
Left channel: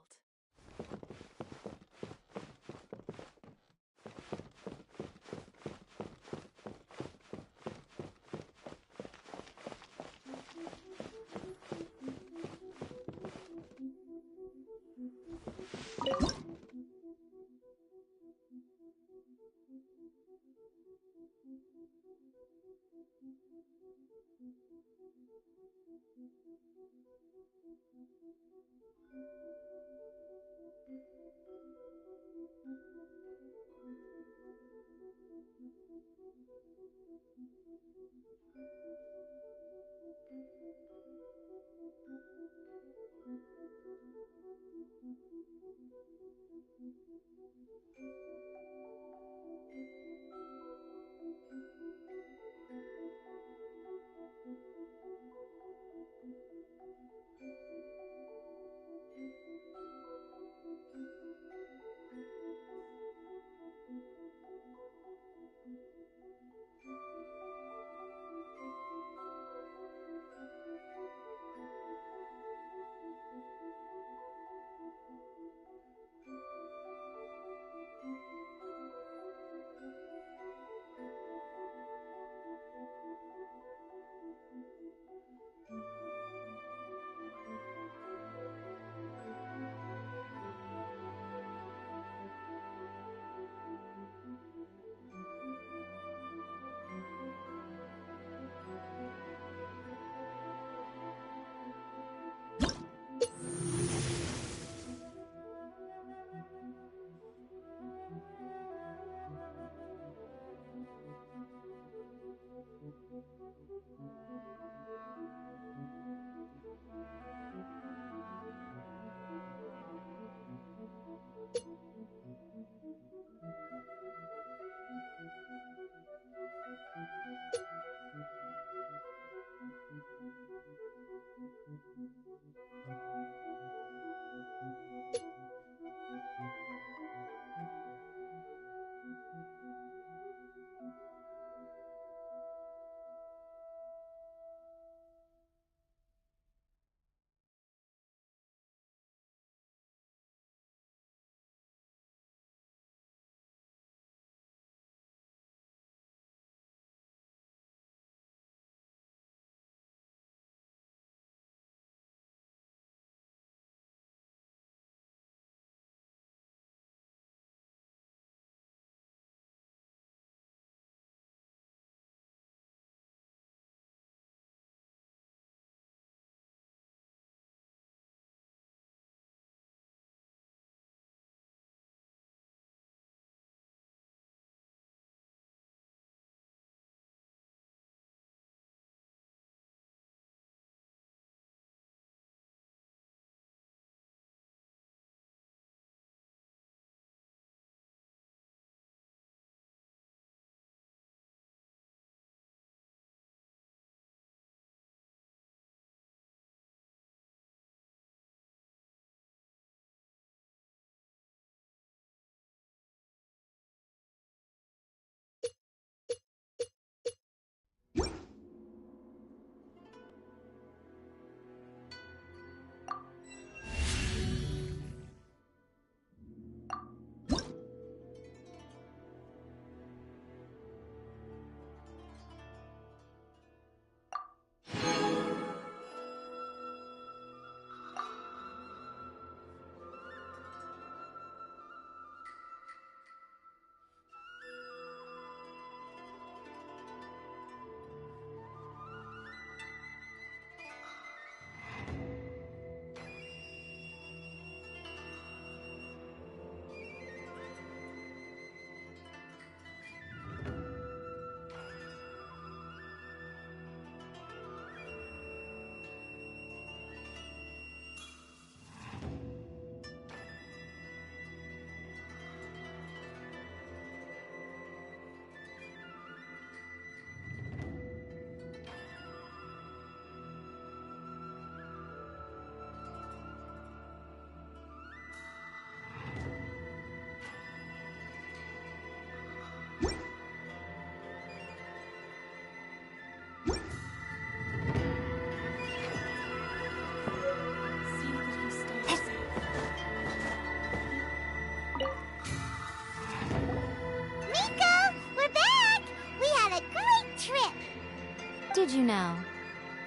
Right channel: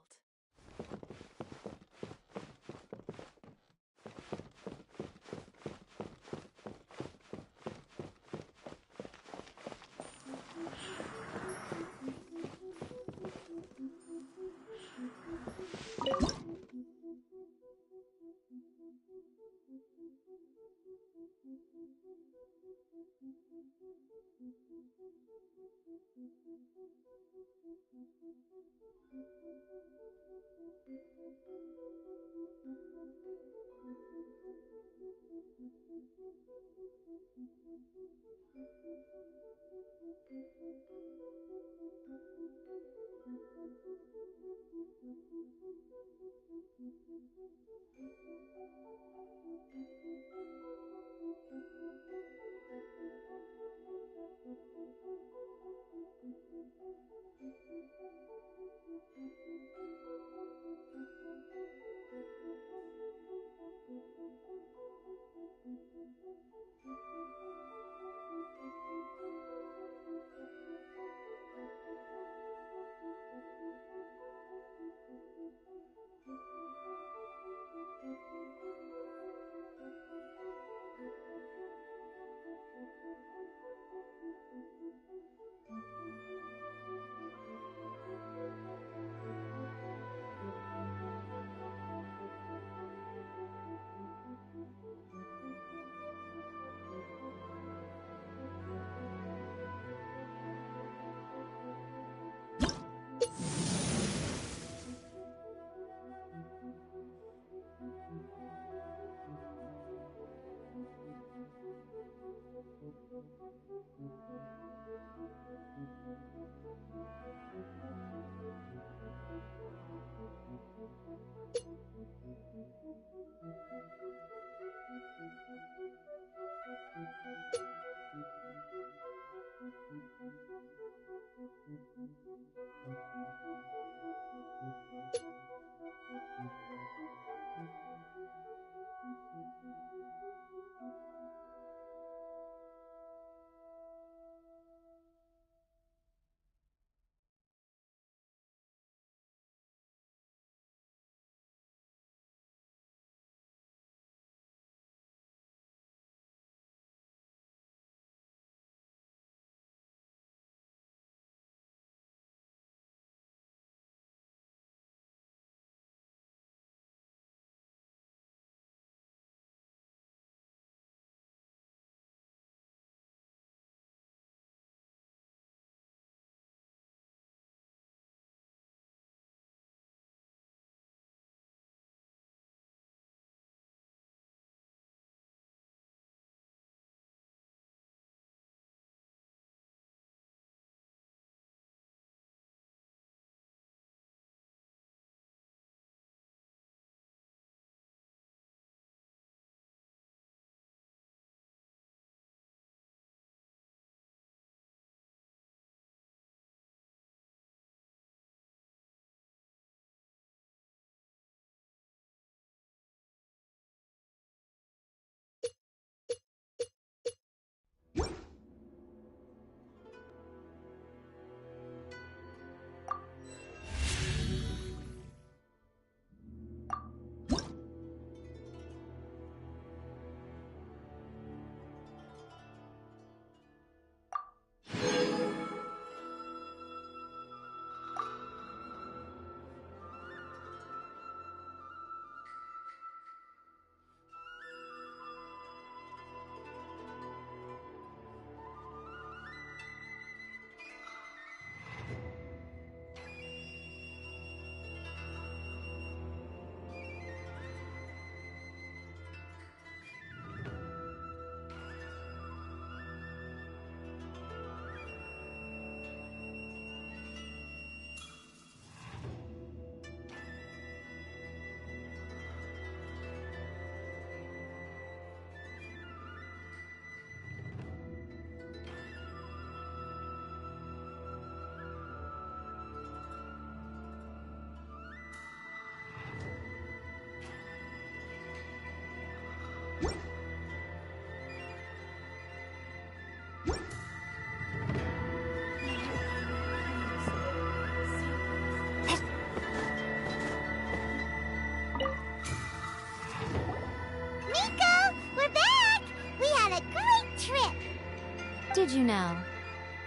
Did you now?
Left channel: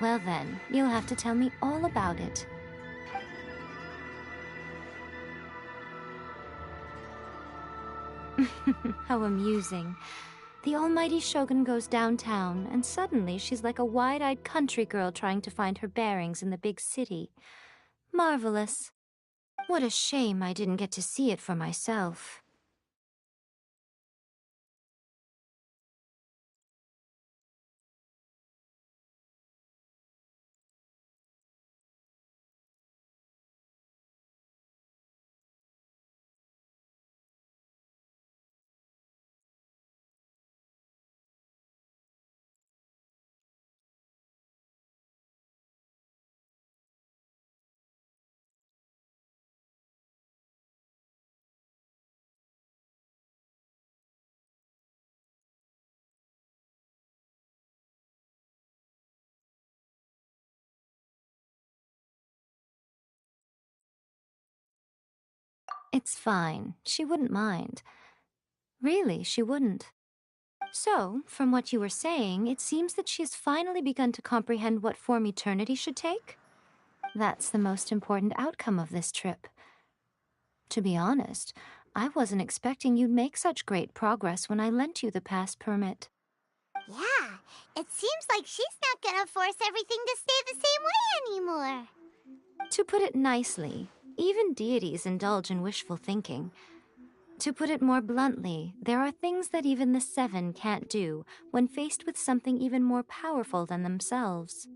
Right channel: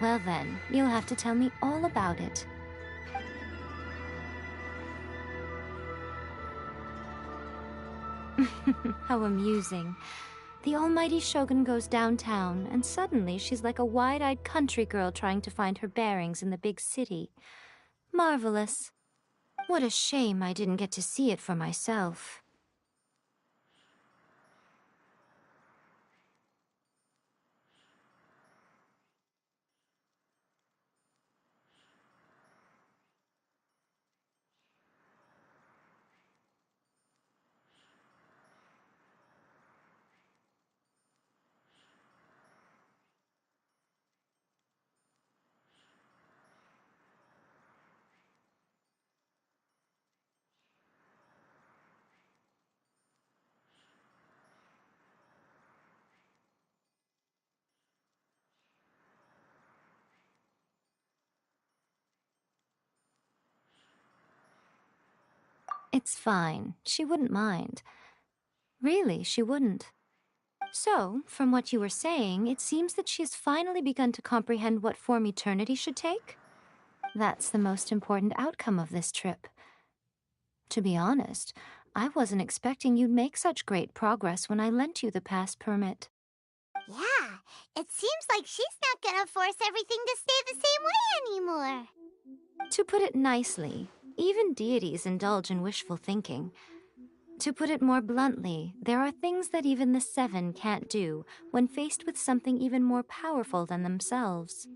Well then, you'll have to tell me all about it. How amusing. The almighty Shogun goes downtown, and suddenly she's like a wide-eyed country girl trying to find her bearings in the big city. Marvelous. What a shame I didn't get to see it for myself. It's fine. She wouldn't mind. Really, she wouldn't. So, from what you were saying, it seems that she has finally begun to comprehend what form eternity should take? That's the most important outcome of this trip. To be honest, I wasn't expecting you'd make such great progress when I lent you the pass permit. Yeah, it seems like she's not gonna force everything to stay the same way anymore. To put it nicely, even deities indulge in wishful thinking. To put it more bluntly, there are things that even the Seven can't do when faced with something even more powerful than themselves.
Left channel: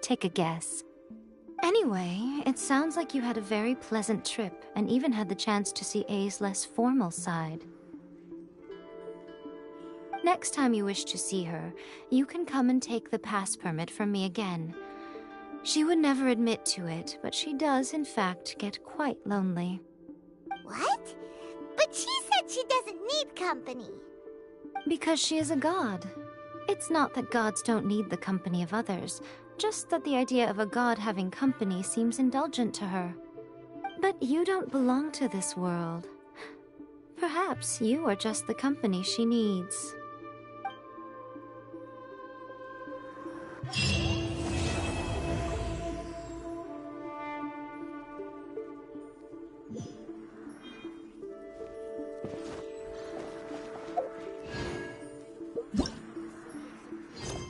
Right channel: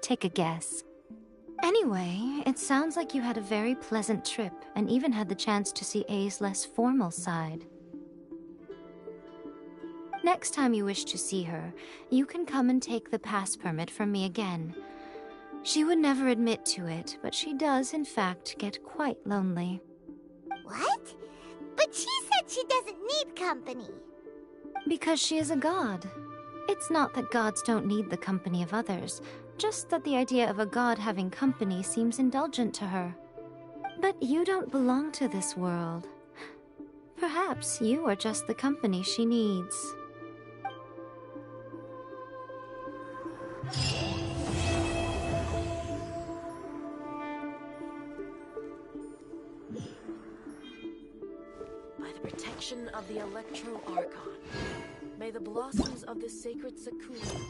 Take a guess. Anyway, it sounds like you had a very pleasant trip and even had the chance to see A's less formal side. Next time you wish to see her, you can come and take the pass permit from me again. She would never admit to it, but she does, in fact, get quite lonely. What? But she said she doesn't need company. Because she is a god. It's not that gods don't need the company of others, just that the idea of a god having company seems indulgent to her. But you don't belong to this world. Perhaps you are just the company she needs. By the protection of the Electro Archon, may the blossoms of the sacred Sakura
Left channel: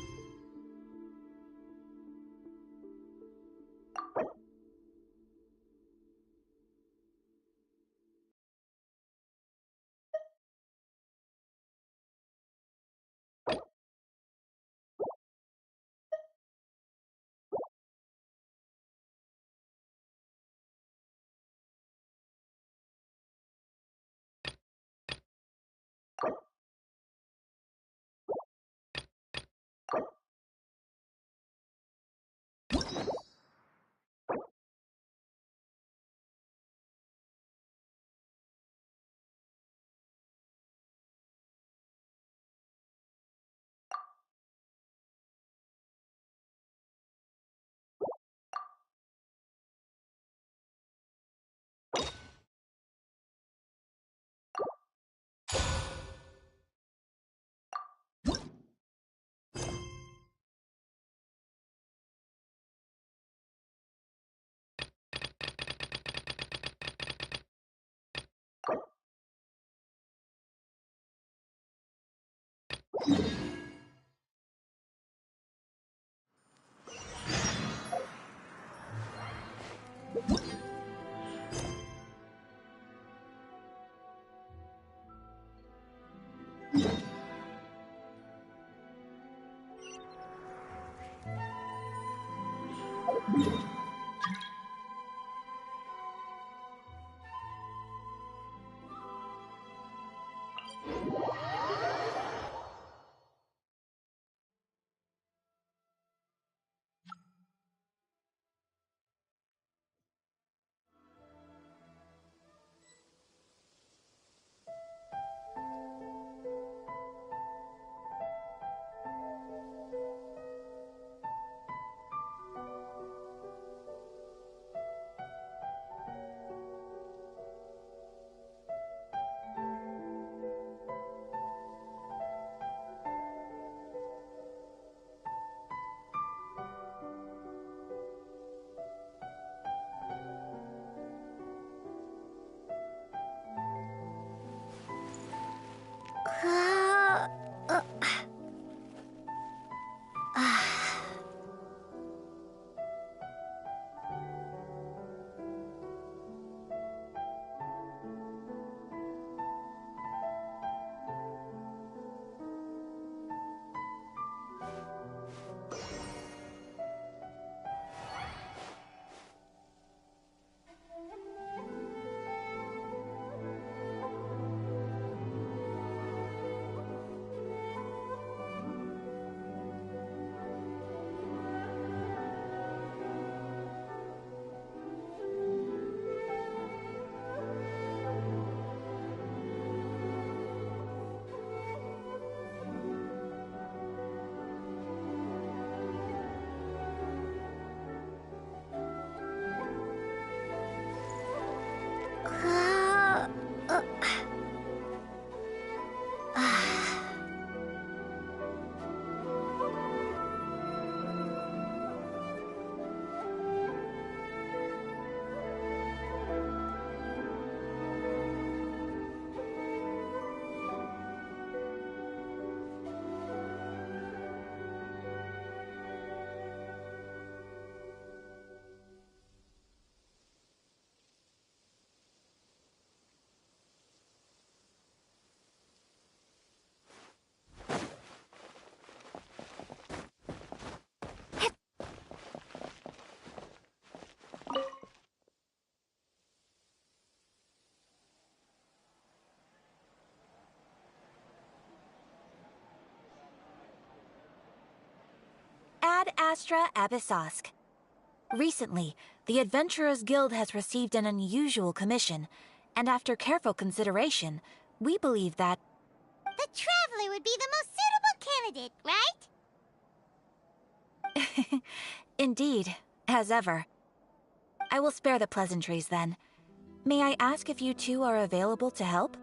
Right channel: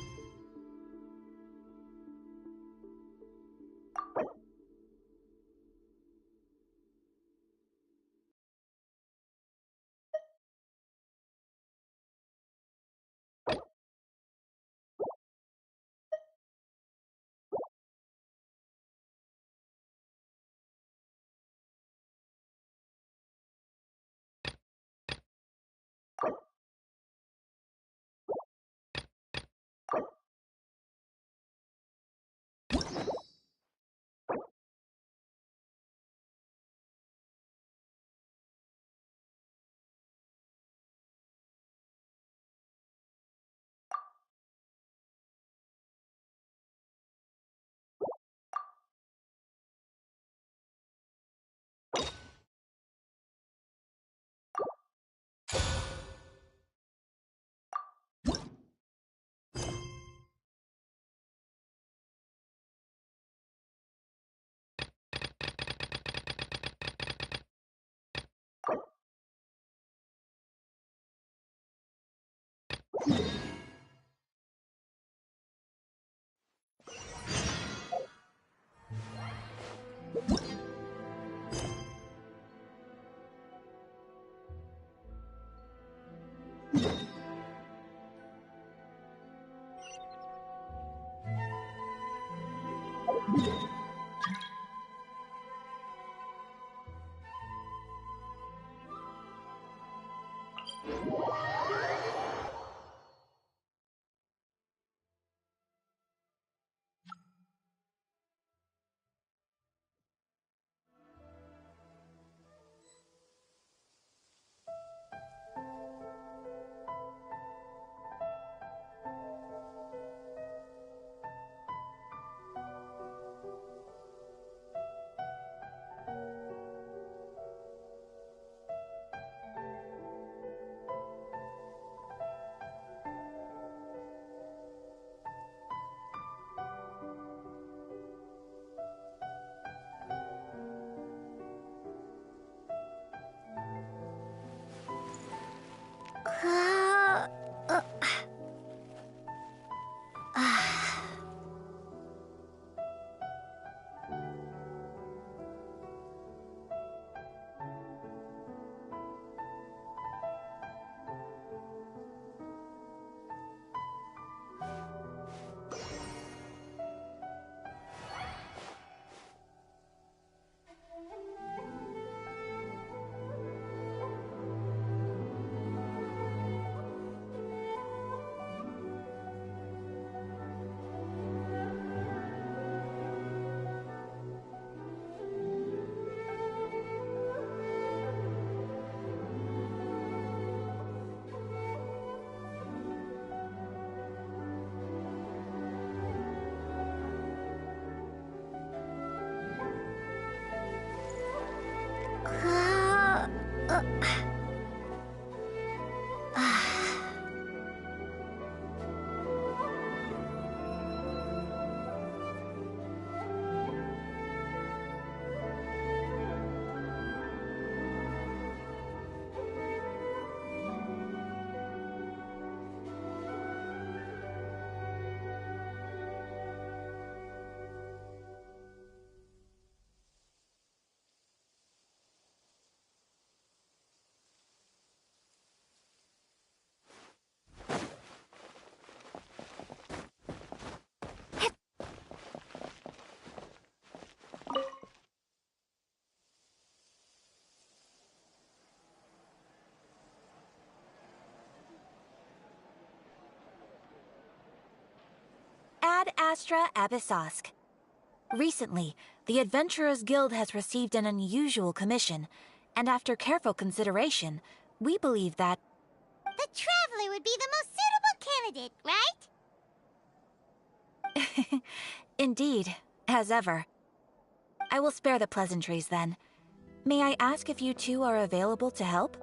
Ad Astra Abyssosk. Recently, the Adventurers Guild has received an unusual commission, and after careful consideration, we believe that... The Traveler would be the most suitable candidate, right? Indeed, as ever. I will spare the pleasantries then. May I ask if you two are available to help?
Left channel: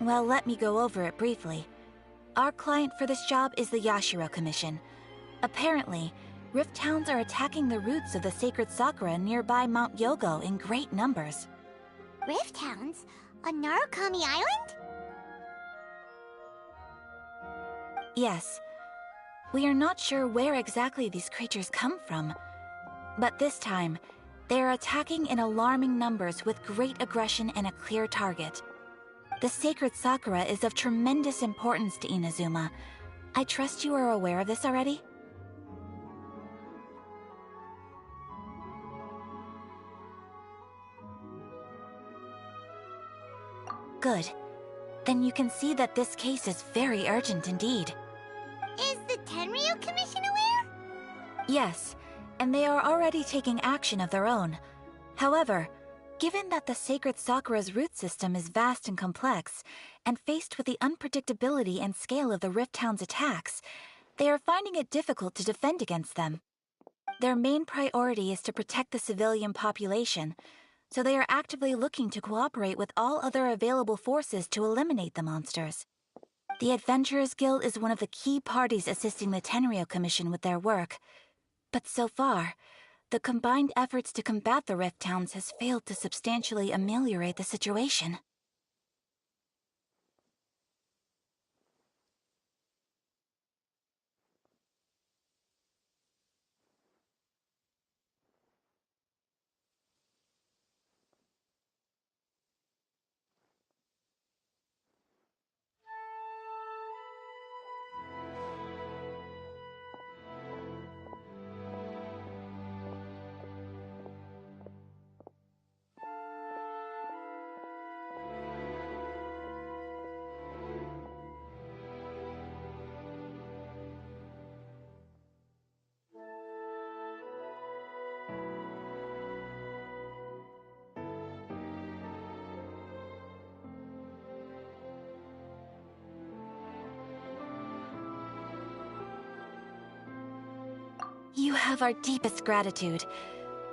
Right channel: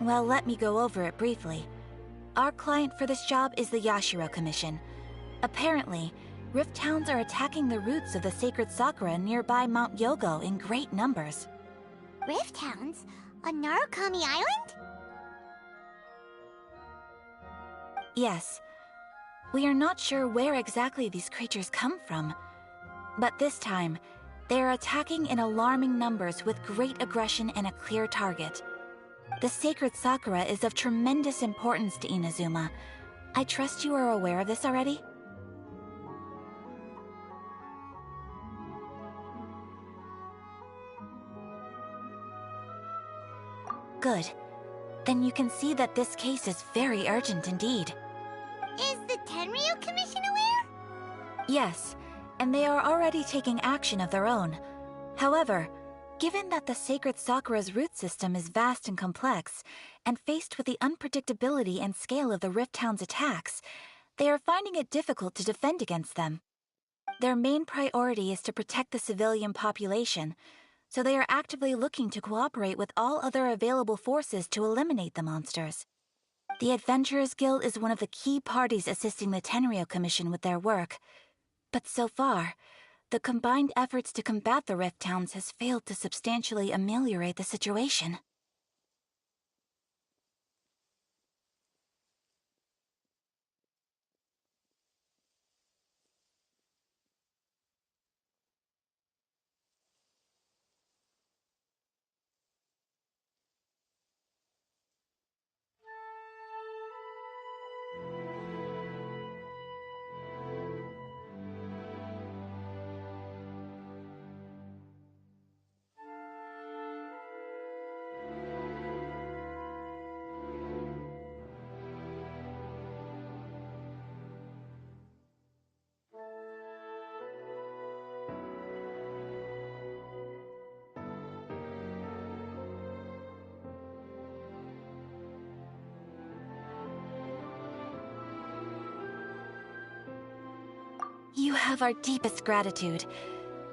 Well, let me go over it briefly. Our client for this job is the Yashiro Commission. Apparently, Rift Hounds are attacking the roots of the sacred sakura nearby Mount Yogo in great numbers. Rift Hounds? On Narukami Island? Yes. We are not sure where exactly these creatures come from. But this time, they are attacking in alarming numbers with great aggression and a clear target. The sacred sakura is of tremendous importance to Inazuma. I trust you are aware of this already? Good. Then you can see that this case is very urgent indeed. Is the Tenryu Commission aware? Yes, and they are already taking action of their own. However, given that the sacred sakura's root system is vast and complex, and faced with the unpredictability and scale of the Rift Hound's attacks, they are finding it difficult to defend against them. Their main priority is to protect the civilian population, so they are actively looking to cooperate with all other available forces to eliminate the monsters. The Adventurers Guild is one of the key parties assisting the Tenryu Commission with their work. But so far, the combined efforts to combat the Rift Hounds has failed to substantially ameliorate the situation. You have our deepest gratitude.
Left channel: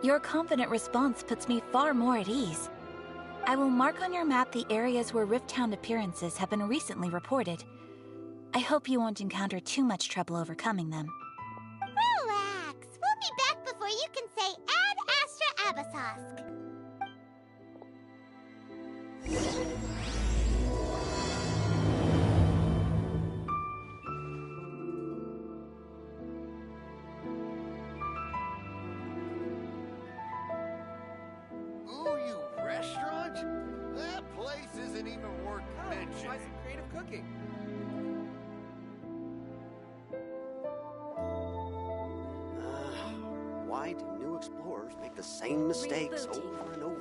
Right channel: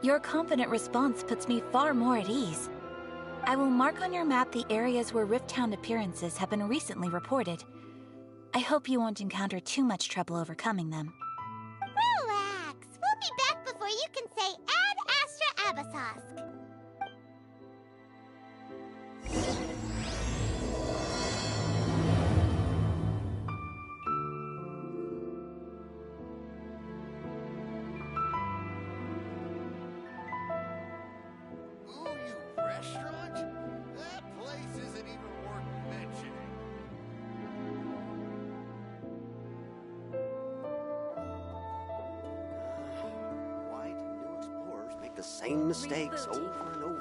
Your confident response puts me far more at ease. I will mark on your map the areas where Rift Hound appearances have been recently reported. I hope you won't encounter too much trouble overcoming them. Relax. We'll be back before you can say Ad Astra Abasosk. Ooh, you restaurant? That place isn't even worth mentioning. Creative cooking. Why do new explorers make the same mistakes over and over?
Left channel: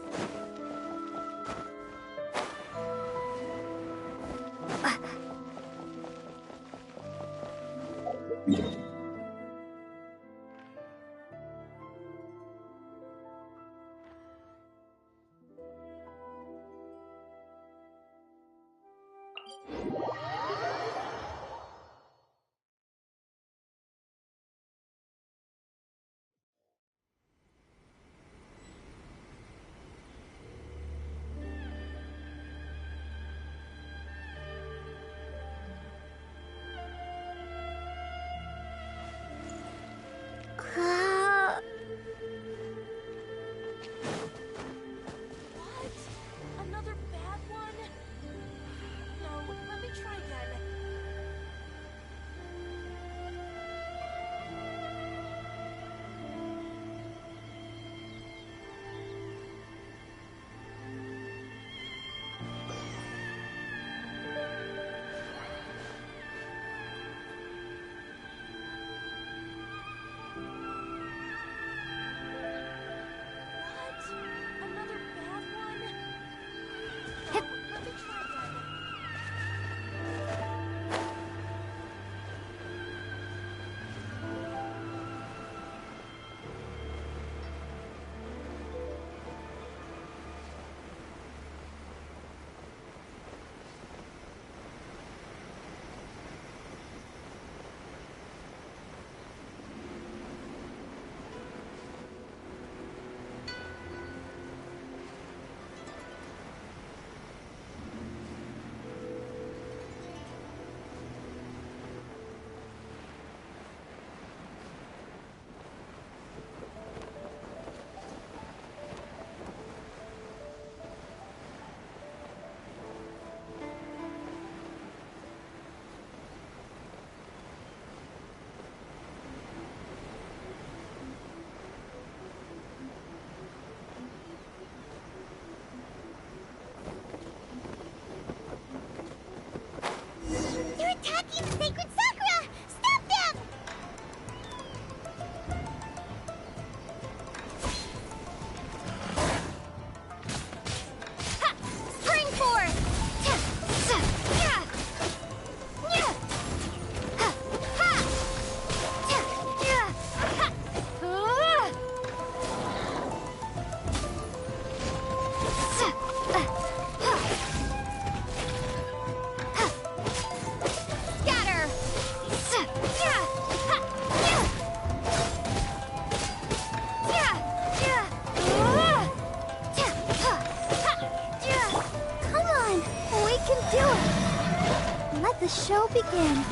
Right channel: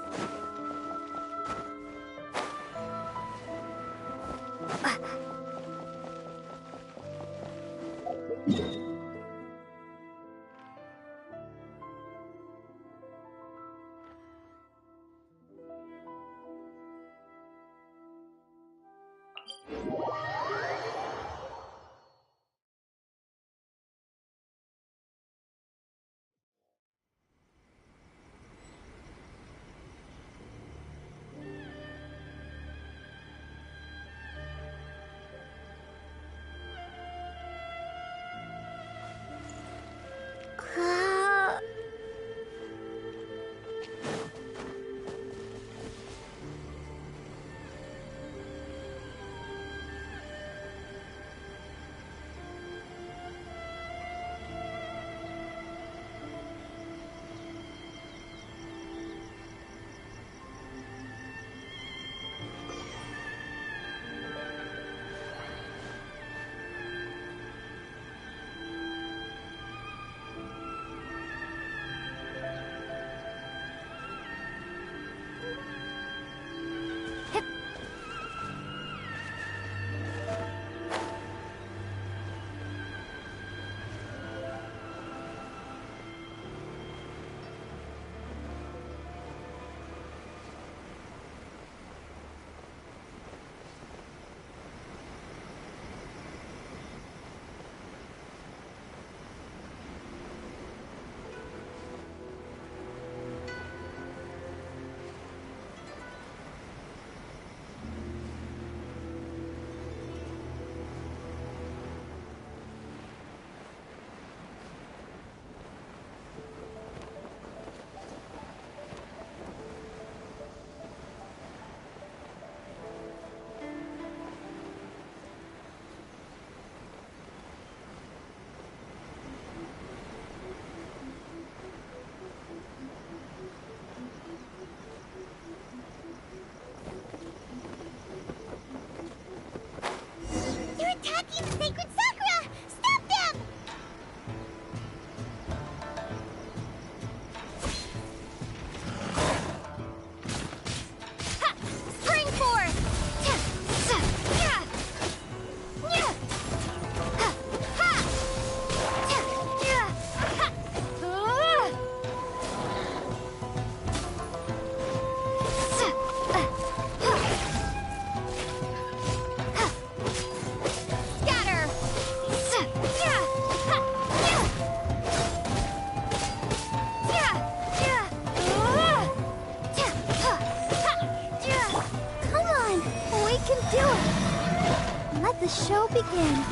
the show begin.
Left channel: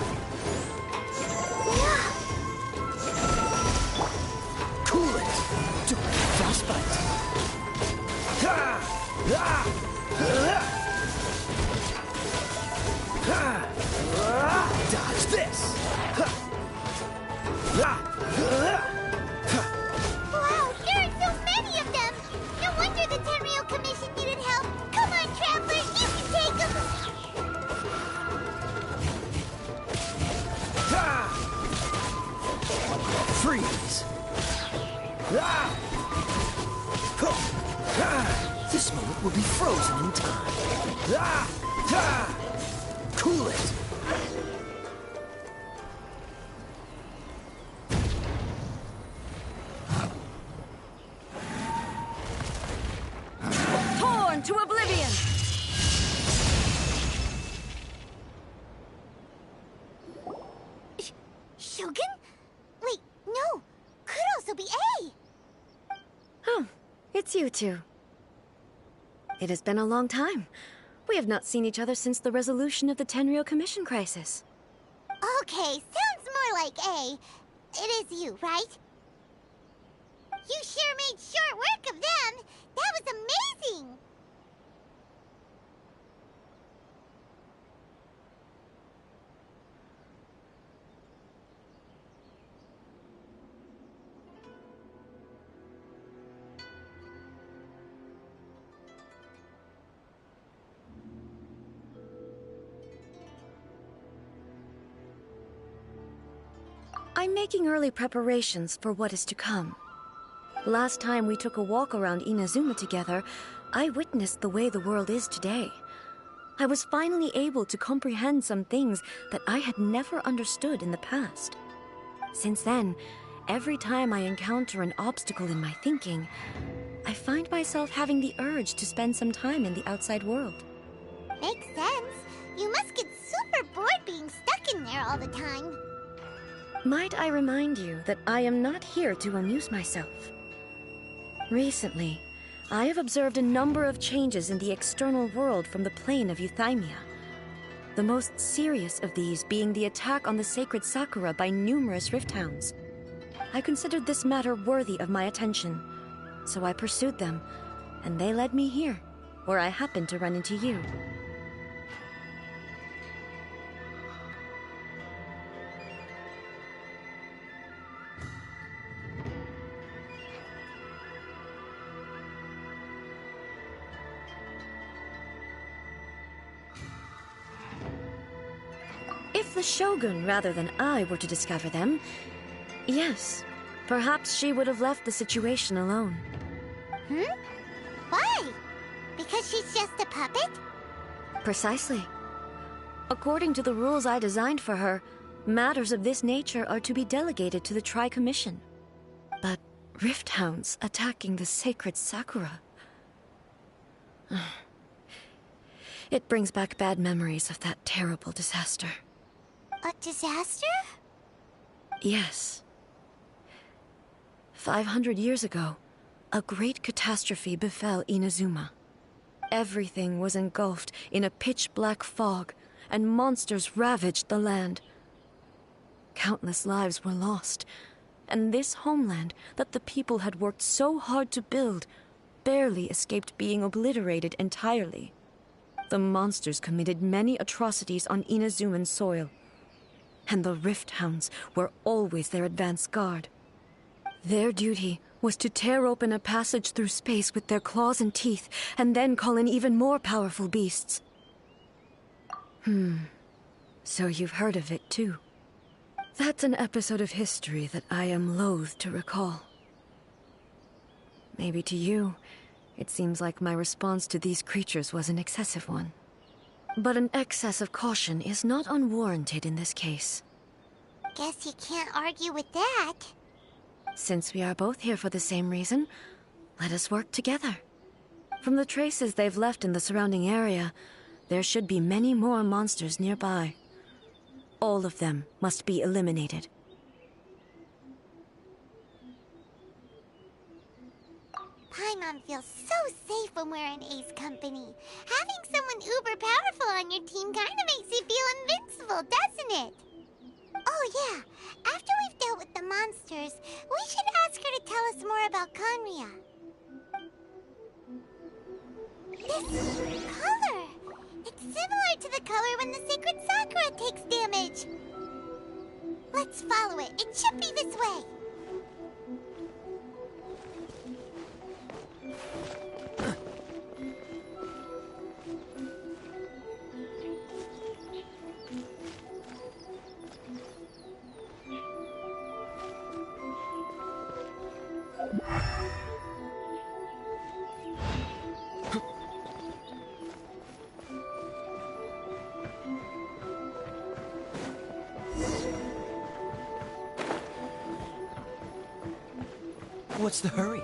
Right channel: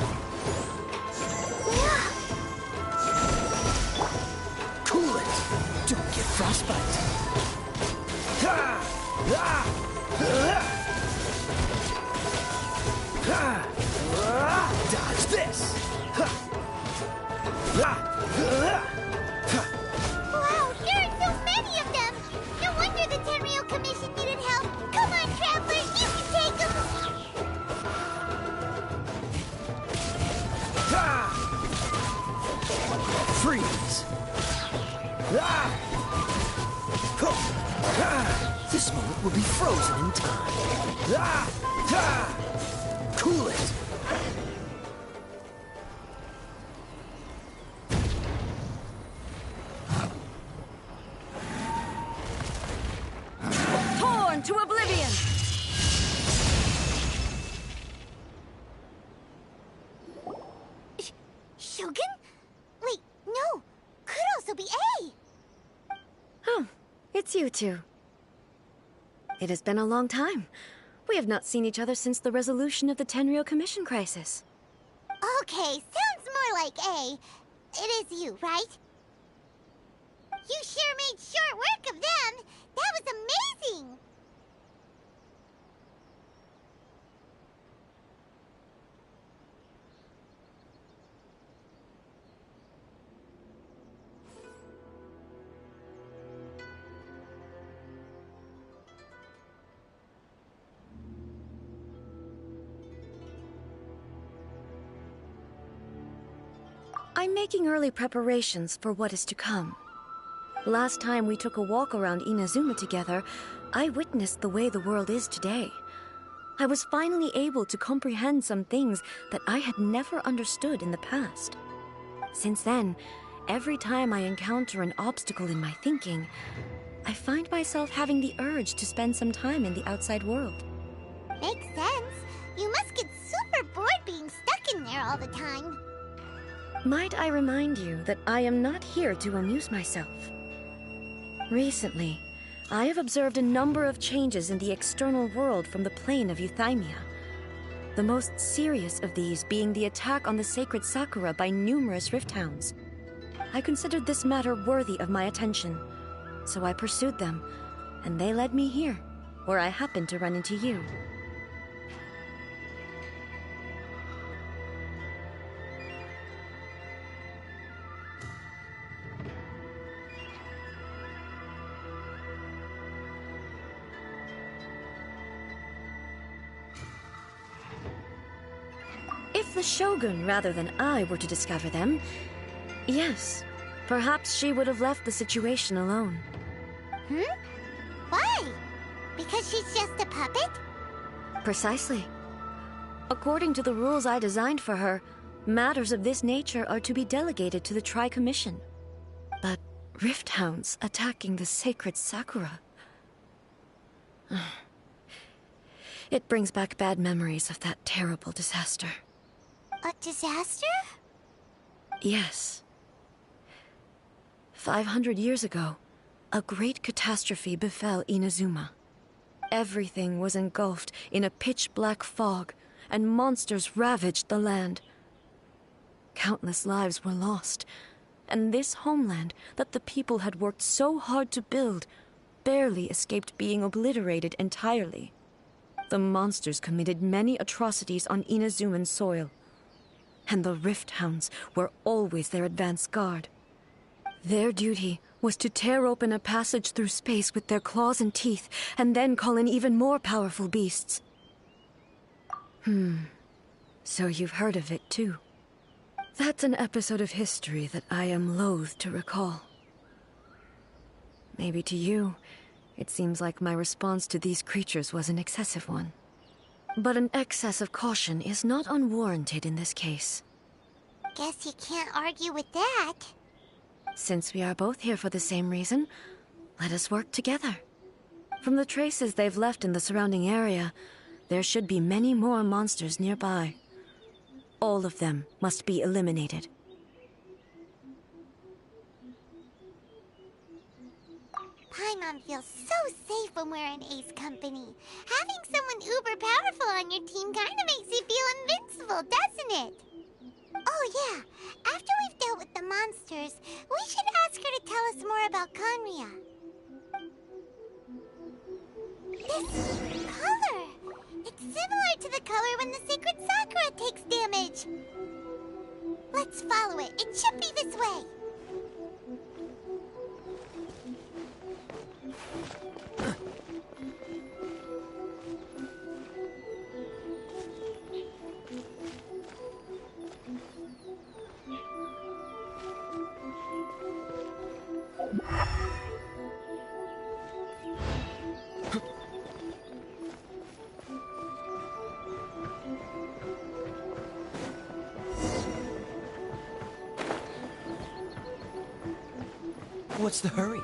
Cool it! Don't get frostbite! Dodge this! Wow, there are so many of them! No wonder the Tenryou Commission needed help! Come on, Traveler, you can take them! Freeze! This moment will be frozen in time. Cool it! Torn to oblivion! Shogun? Wait, no! Could also be A! Oh, it's you two. It has been a long time. We have not seen each other since the resolution of the Tenryou Commission crisis. Okay, sounds more like A. It is you, right? You sure made short work of them! That was amazing! I'm making early preparations for what is to come. Last time we took a walk around Inazuma together, I witnessed the way the world is today. I was finally able to comprehend some things that I had never understood in the past. Since then, every time I encounter an obstacle in my thinking, I find myself having the urge to spend some time in the outside world. Makes sense. You must get super bored being stuck in there all the time. Might I remind you that I am not here to amuse myself. Recently, I have observed a number of changes in the external world from the plane of Euthymia. The most serious of these being the attack on the sacred Sakura by numerous rift hounds. I considered this matter worthy of my attention, so I pursued them, and they led me here, where I happened to run into you. If the Shogun rather than I were to discover them, yes, perhaps she would have left the situation alone. Why? Because she's just a puppet? Precisely. According to the rules I designed for her, matters of this nature are to be delegated to the Tri-Commission. But rift hounds attacking the sacred Sakura... It brings back bad memories of that terrible disaster. A disaster? Yes. 500 years ago, a great catastrophe befell Inazuma. Everything was engulfed in a pitch-black fog, and monsters ravaged the land. Countless lives were lost, and this homeland that the people had worked so hard to build barely escaped being obliterated entirely. The monsters committed many atrocities on Inazuman soil, and the Rift Hounds were always their advance guard. Their duty was to tear open a passage through space with their claws and teeth, and then call in even more powerful beasts. So you've heard of it too. That's an episode of history that I am loath to recall. Maybe to you, it seems like my response to these creatures was an excessive one. But an excess of caution is not unwarranted in this case. Guess you can't argue with that. Since we are both here for the same reason, let us work together. From the traces they've left in the surrounding area, there should be many more monsters nearby. All of them must be eliminated. Paimon feels so safe when we're in Ace company. Having someone uber powerful on your team kinda makes you feel invincible, doesn't it? Oh yeah, after we've dealt with the monsters, we should ask her to tell us more about Conria. This color! It's similar to the color when the sacred Sakura takes damage. Let's follow it. It should be this way. What's the hurry?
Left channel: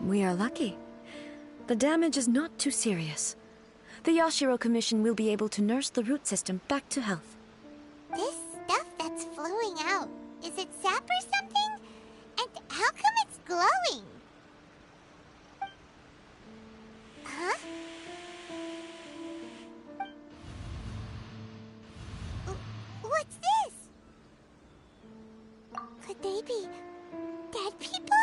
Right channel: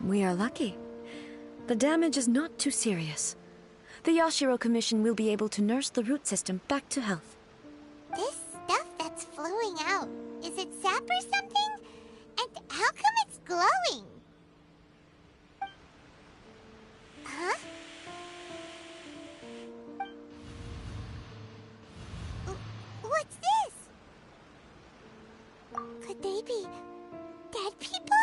We are lucky. The damage is not too serious. The Yashiro Commission will be able to nurse the root system back to health. This stuff that's flowing out, is it sap or something? And how come it's glowing? Huh? What's this? Could they be dead people?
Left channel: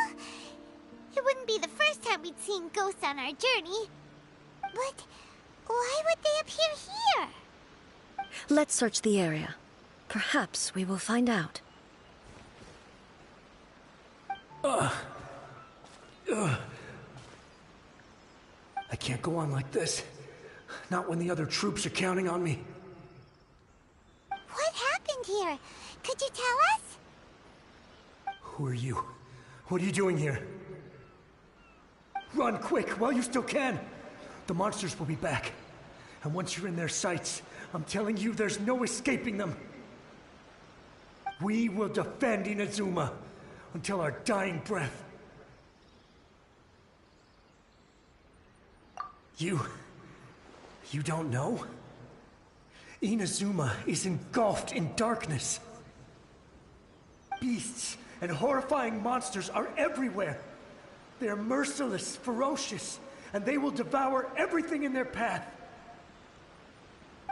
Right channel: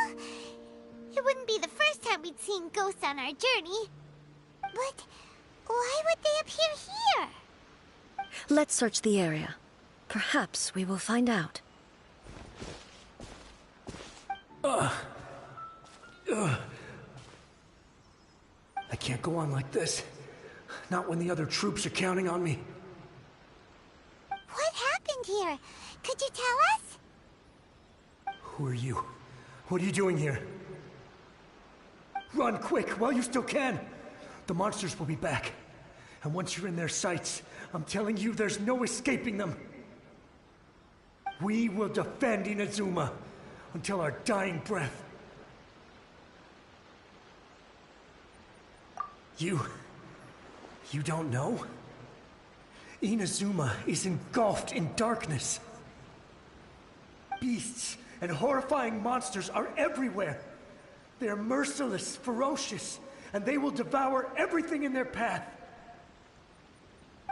It wouldn't be the first time we'd seen ghosts on our journey. But why would they appear here? Let's search the area. Perhaps we will find out. I can't go on like this. Not when the other troops are counting on me. What happened here? Could you tell us? Who are you? What are you doing here? Run quick while you still can. The monsters will be back. And once you're in their sights, I'm telling you there's no escaping them. We will defend Inazuma until our dying breath. You don't know? Inazuma is engulfed in darkness. Beasts and horrifying monsters are everywhere. They are merciless, ferocious, and they will devour everything in their path.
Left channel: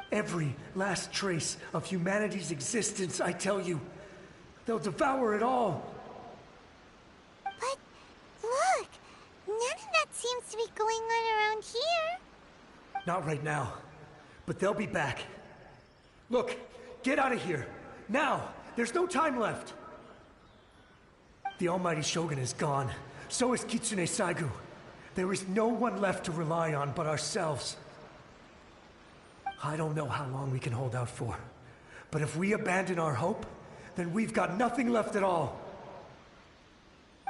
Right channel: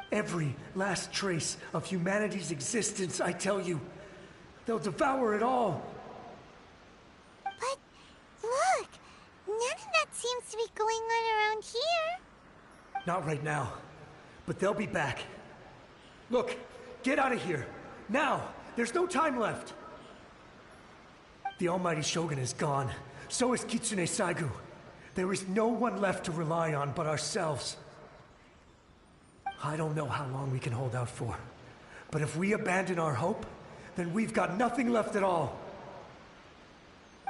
Every last trace of humanity's existence, I tell you. They'll devour it all. But look, none of that seems to be going on around here. Not right now, but they'll be back. Look, get out of here. Now! There's no time left. The Almighty Shogun is gone. So is Kitsune Saigu. There is no one left to rely on but ourselves. I don't know how long we can hold out for. But if we abandon our hope, then we've got nothing left at all.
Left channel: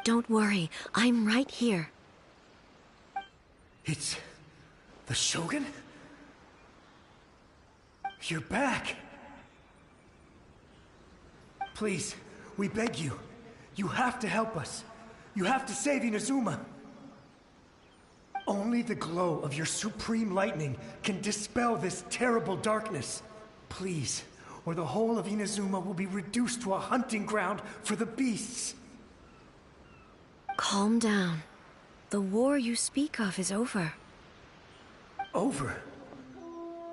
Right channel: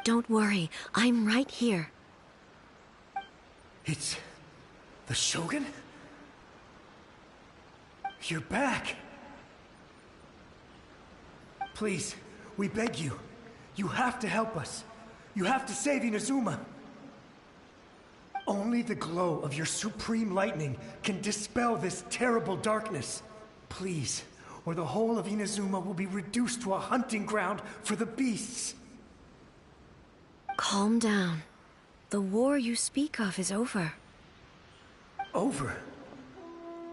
Don't worry, I'm right here. It's the Shogun? You're back. Please, we beg you. You have to help us. You have to save Inazuma. Only the glow of your supreme lightning can dispel this terrible darkness. Please, or the whole of Inazuma will be reduced to a hunting ground for the beasts. Calm down. The war you speak of is over. Over?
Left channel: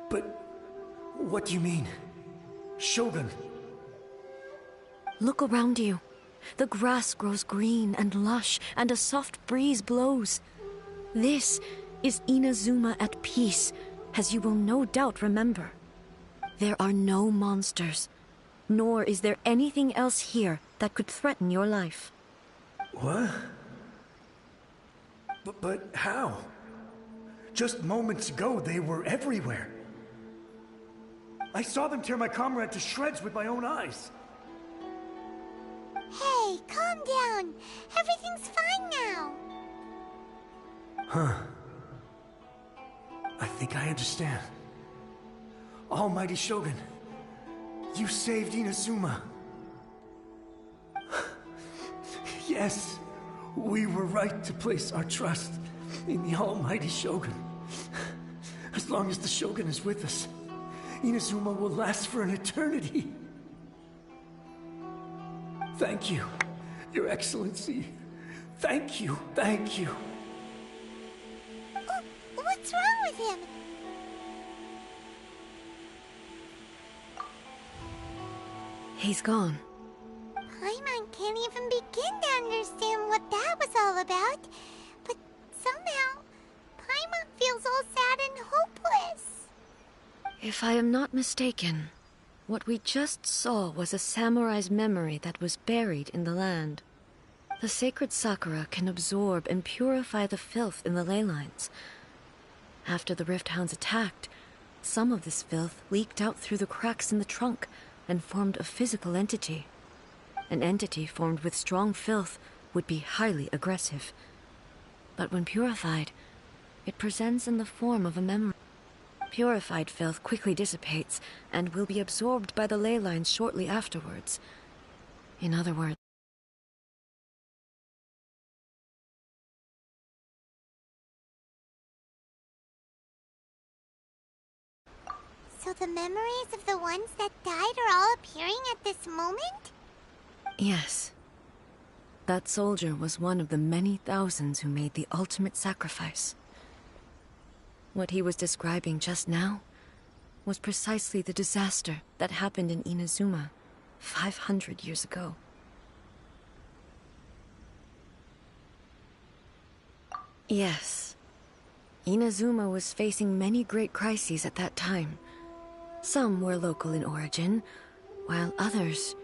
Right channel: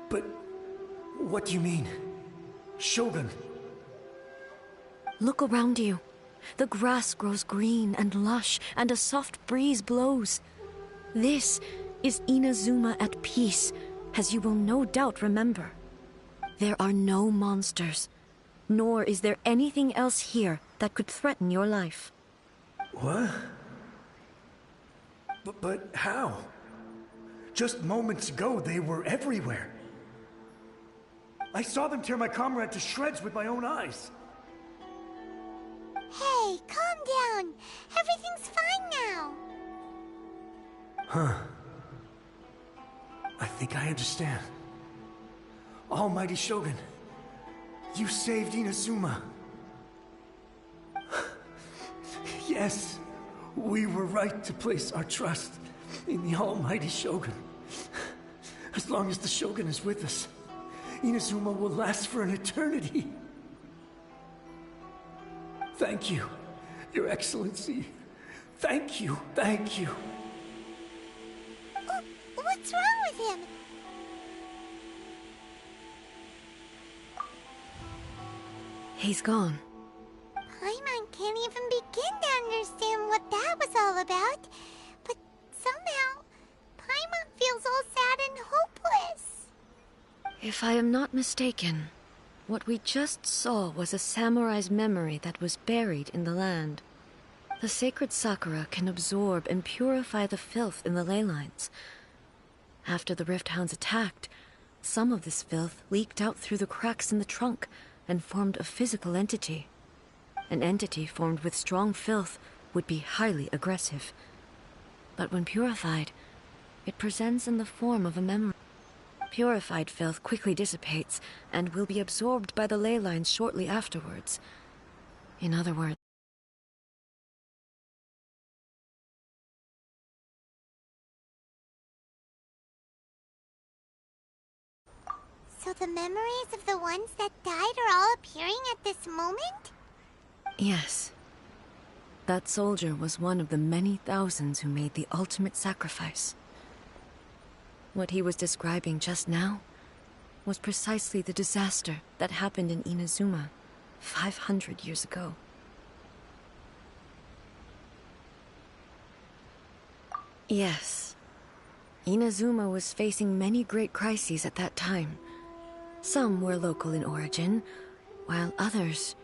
But what do you mean? Shogun? Look around you. The grass grows green and lush, and a soft breeze blows. This is Inazuma at peace, as you will no doubt remember. There are no monsters, nor is there anything else here that could threaten your life. What? But how? Just moments ago, they were everywhere. I saw them tear my comrade to shreds with my own eyes. Hey, calm down. Everything's fine now. Huh. I think I understand. Almighty Shogun, you saved Inazuma. Yes, we were right to place our trust in the Almighty Shogun. As long as the Shogun is with us, Inazuma will last for an eternity. Thank you, Your Excellency. Thank you, thank you. What's wrong with him? He's gone. Paimon can't even begin to understand what that was all about. But somehow, Paimon feels all sad and hopeless. If I am not mistaken, what we just saw was a samurai's memory that was buried in the land. The sacred sakura can absorb and purify the filth in the ley lines. After the Rift Hounds attacked, some of this filth leaked out through the cracks in the trunk and formed a physical entity. An entity formed with strong filth would be highly aggressive. But when purified, it presents in the form of a memory. Purified filth quickly dissipates and will be absorbed by the ley lines shortly afterwards. In other words, So the memories of the ones that died are all appearing at this moment? yes. That soldier was one of the many thousands who made the ultimate sacrifice. What he was describing just now was precisely the disaster that happened in Inazuma 500 years ago. Yes. Inazuma was facing many great crises at that time. Some were local in origin, while others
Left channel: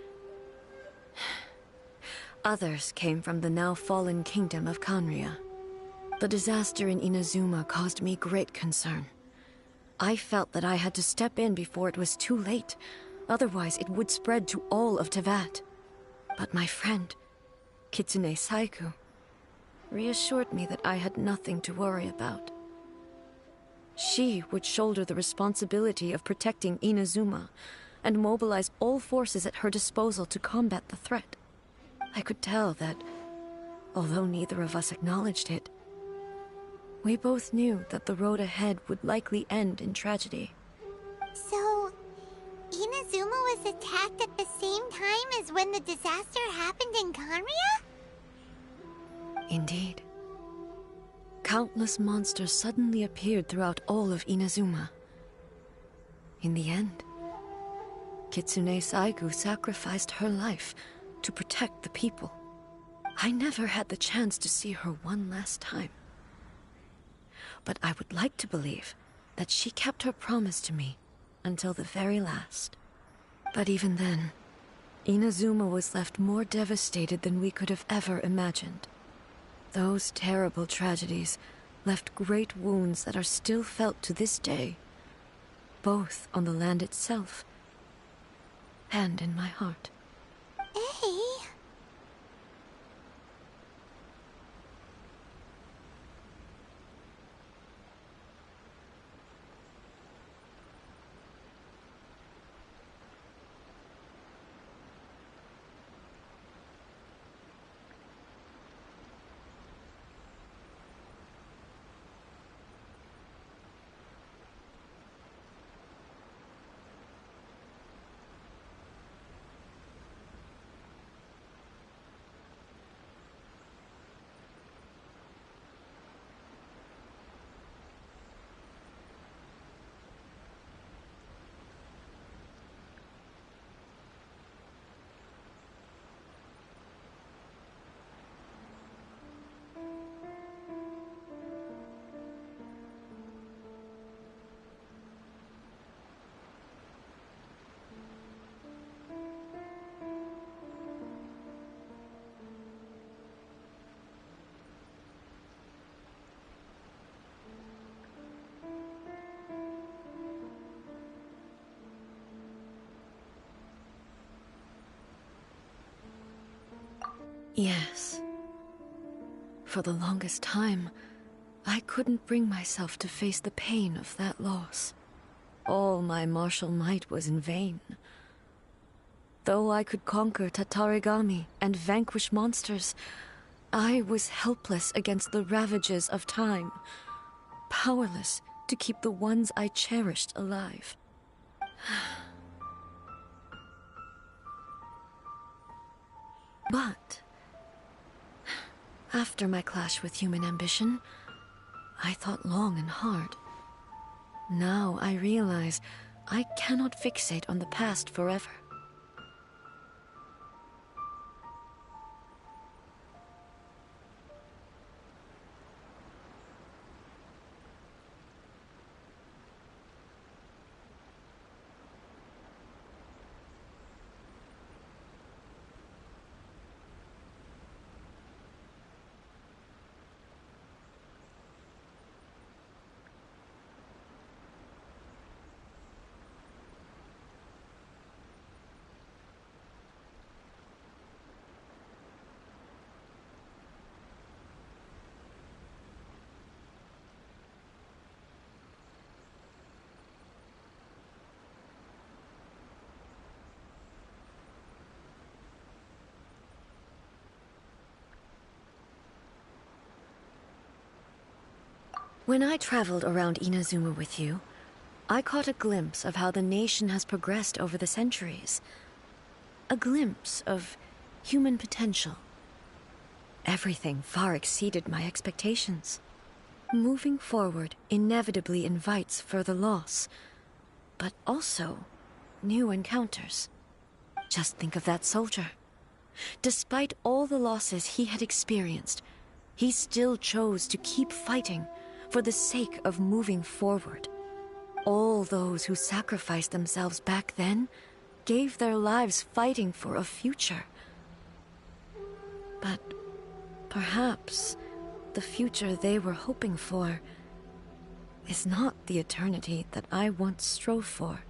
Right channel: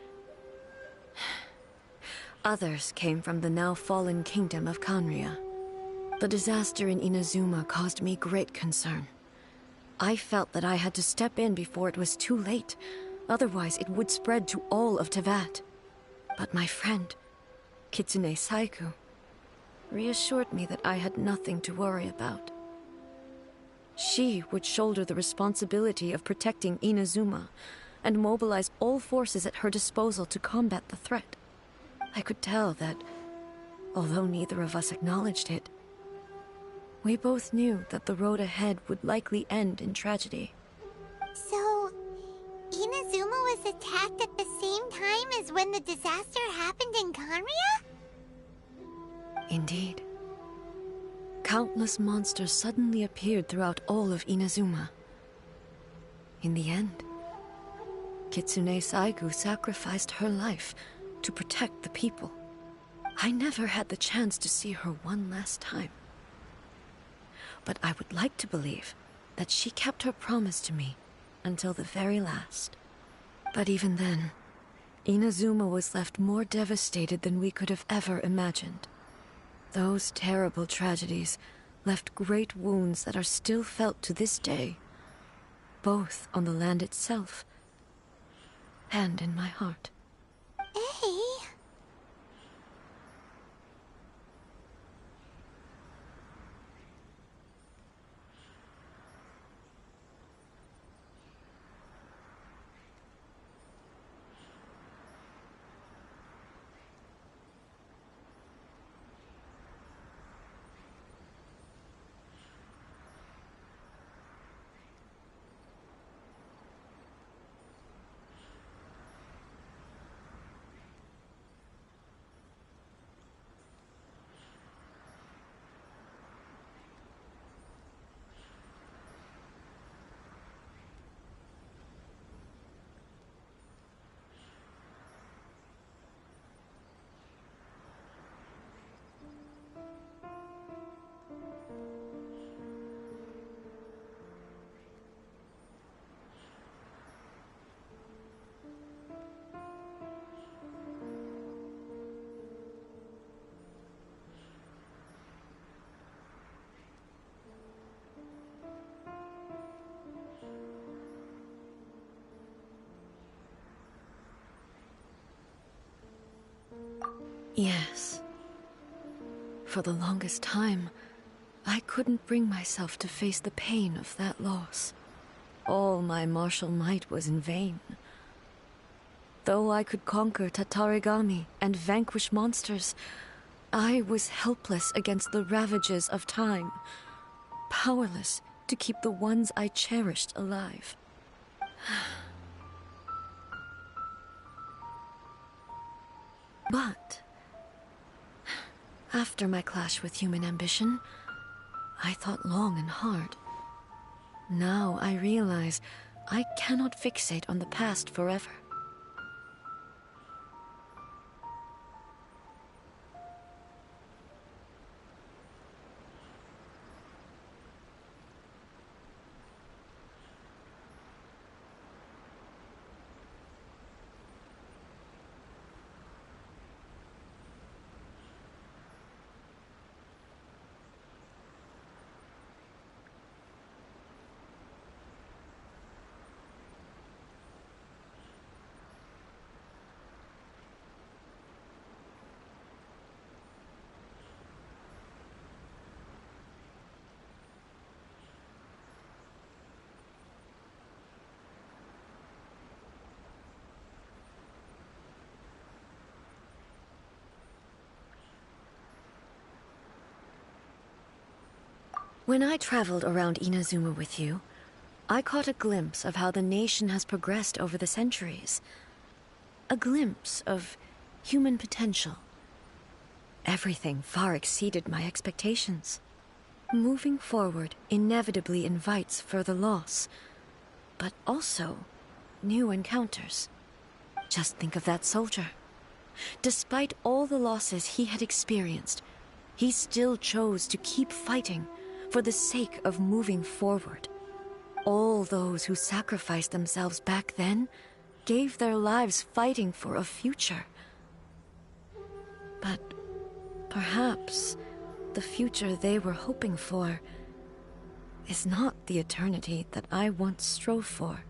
came from the now fallen kingdom of Kanria. The disaster in Inazuma caused me great concern. I felt that I had to step in before it was too late, otherwise it would spread to all of Teyvat. But my friend, Kitsune Saiku, reassured me that I had nothing to worry about. She would shoulder the responsibility of protecting Inazuma and mobilize all forces at her disposal to combat the threat. I could tell that, although neither of us acknowledged it, we both knew that the road ahead would likely end in tragedy. So, Inazuma was attacked at the same time as when the disaster happened in Kanria? Indeed. Countless monsters suddenly appeared throughout all of Inazuma. In the end, Kitsune Saigu sacrificed her life to protect the people. I never had the chance to see her one last time. But I would like to believe that she kept her promise to me until the very last. But even then, Inazuma was left more devastated than we could have ever imagined. Those terrible tragedies left great wounds that are still felt to this day, both on the land itself and in my heart. Hey. Yes. For the longest time, I couldn't bring myself to face the pain of that loss. All my martial might was in vain. Though I could conquer Tatarigami and vanquish monsters, I was helpless against the ravages of time, powerless to keep the ones I cherished alive. But after my clash with human ambition, I thought long and hard. Now I realize I cannot fixate on the past forever. When I traveled around Inazuma with you, I caught a glimpse of how the nation has progressed over the centuries. A glimpse of human potential. Everything far exceeded my expectations. Moving forward inevitably invites further loss, but also new encounters. Just think of that soldier. Despite all the losses he had experienced, he still chose to keep fighting for the sake of moving forward. All those who sacrificed themselves back then gave their lives fighting for a future. But perhaps the future they were hoping for is not the eternity that I once strove for.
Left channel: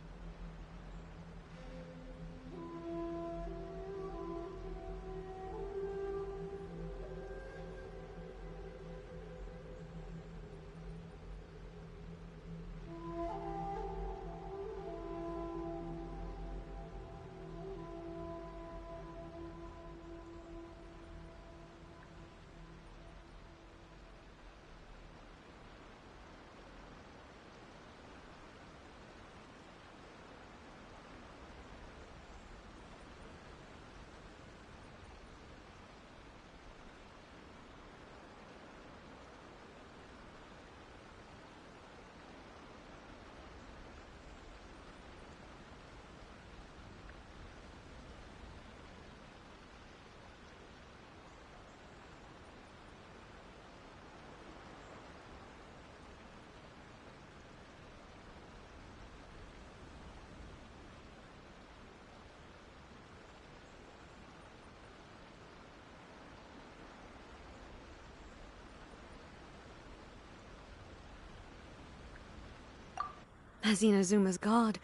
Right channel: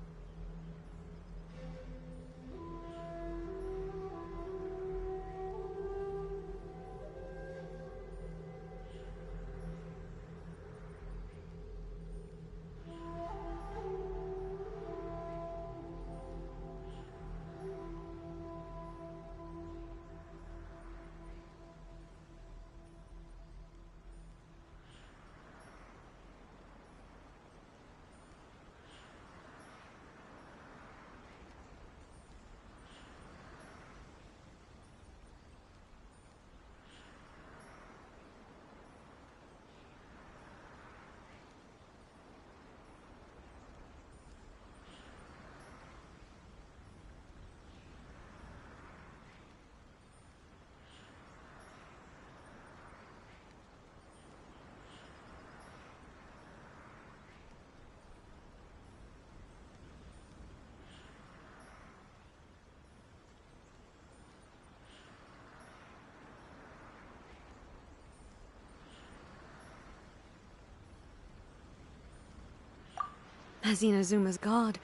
As Inazuma's god,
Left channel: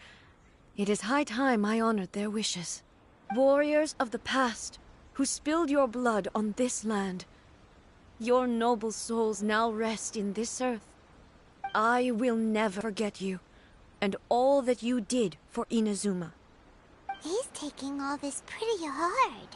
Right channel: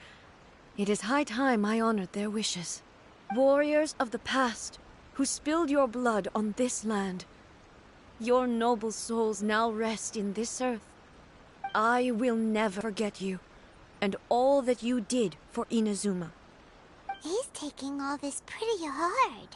it is high time I honored their wishes. Warriors of the past, who spilled your blood on this land, your noble souls now rest in this earth. I will never forget you, and all that you did for Inazuma. He's taking all this pretty hard.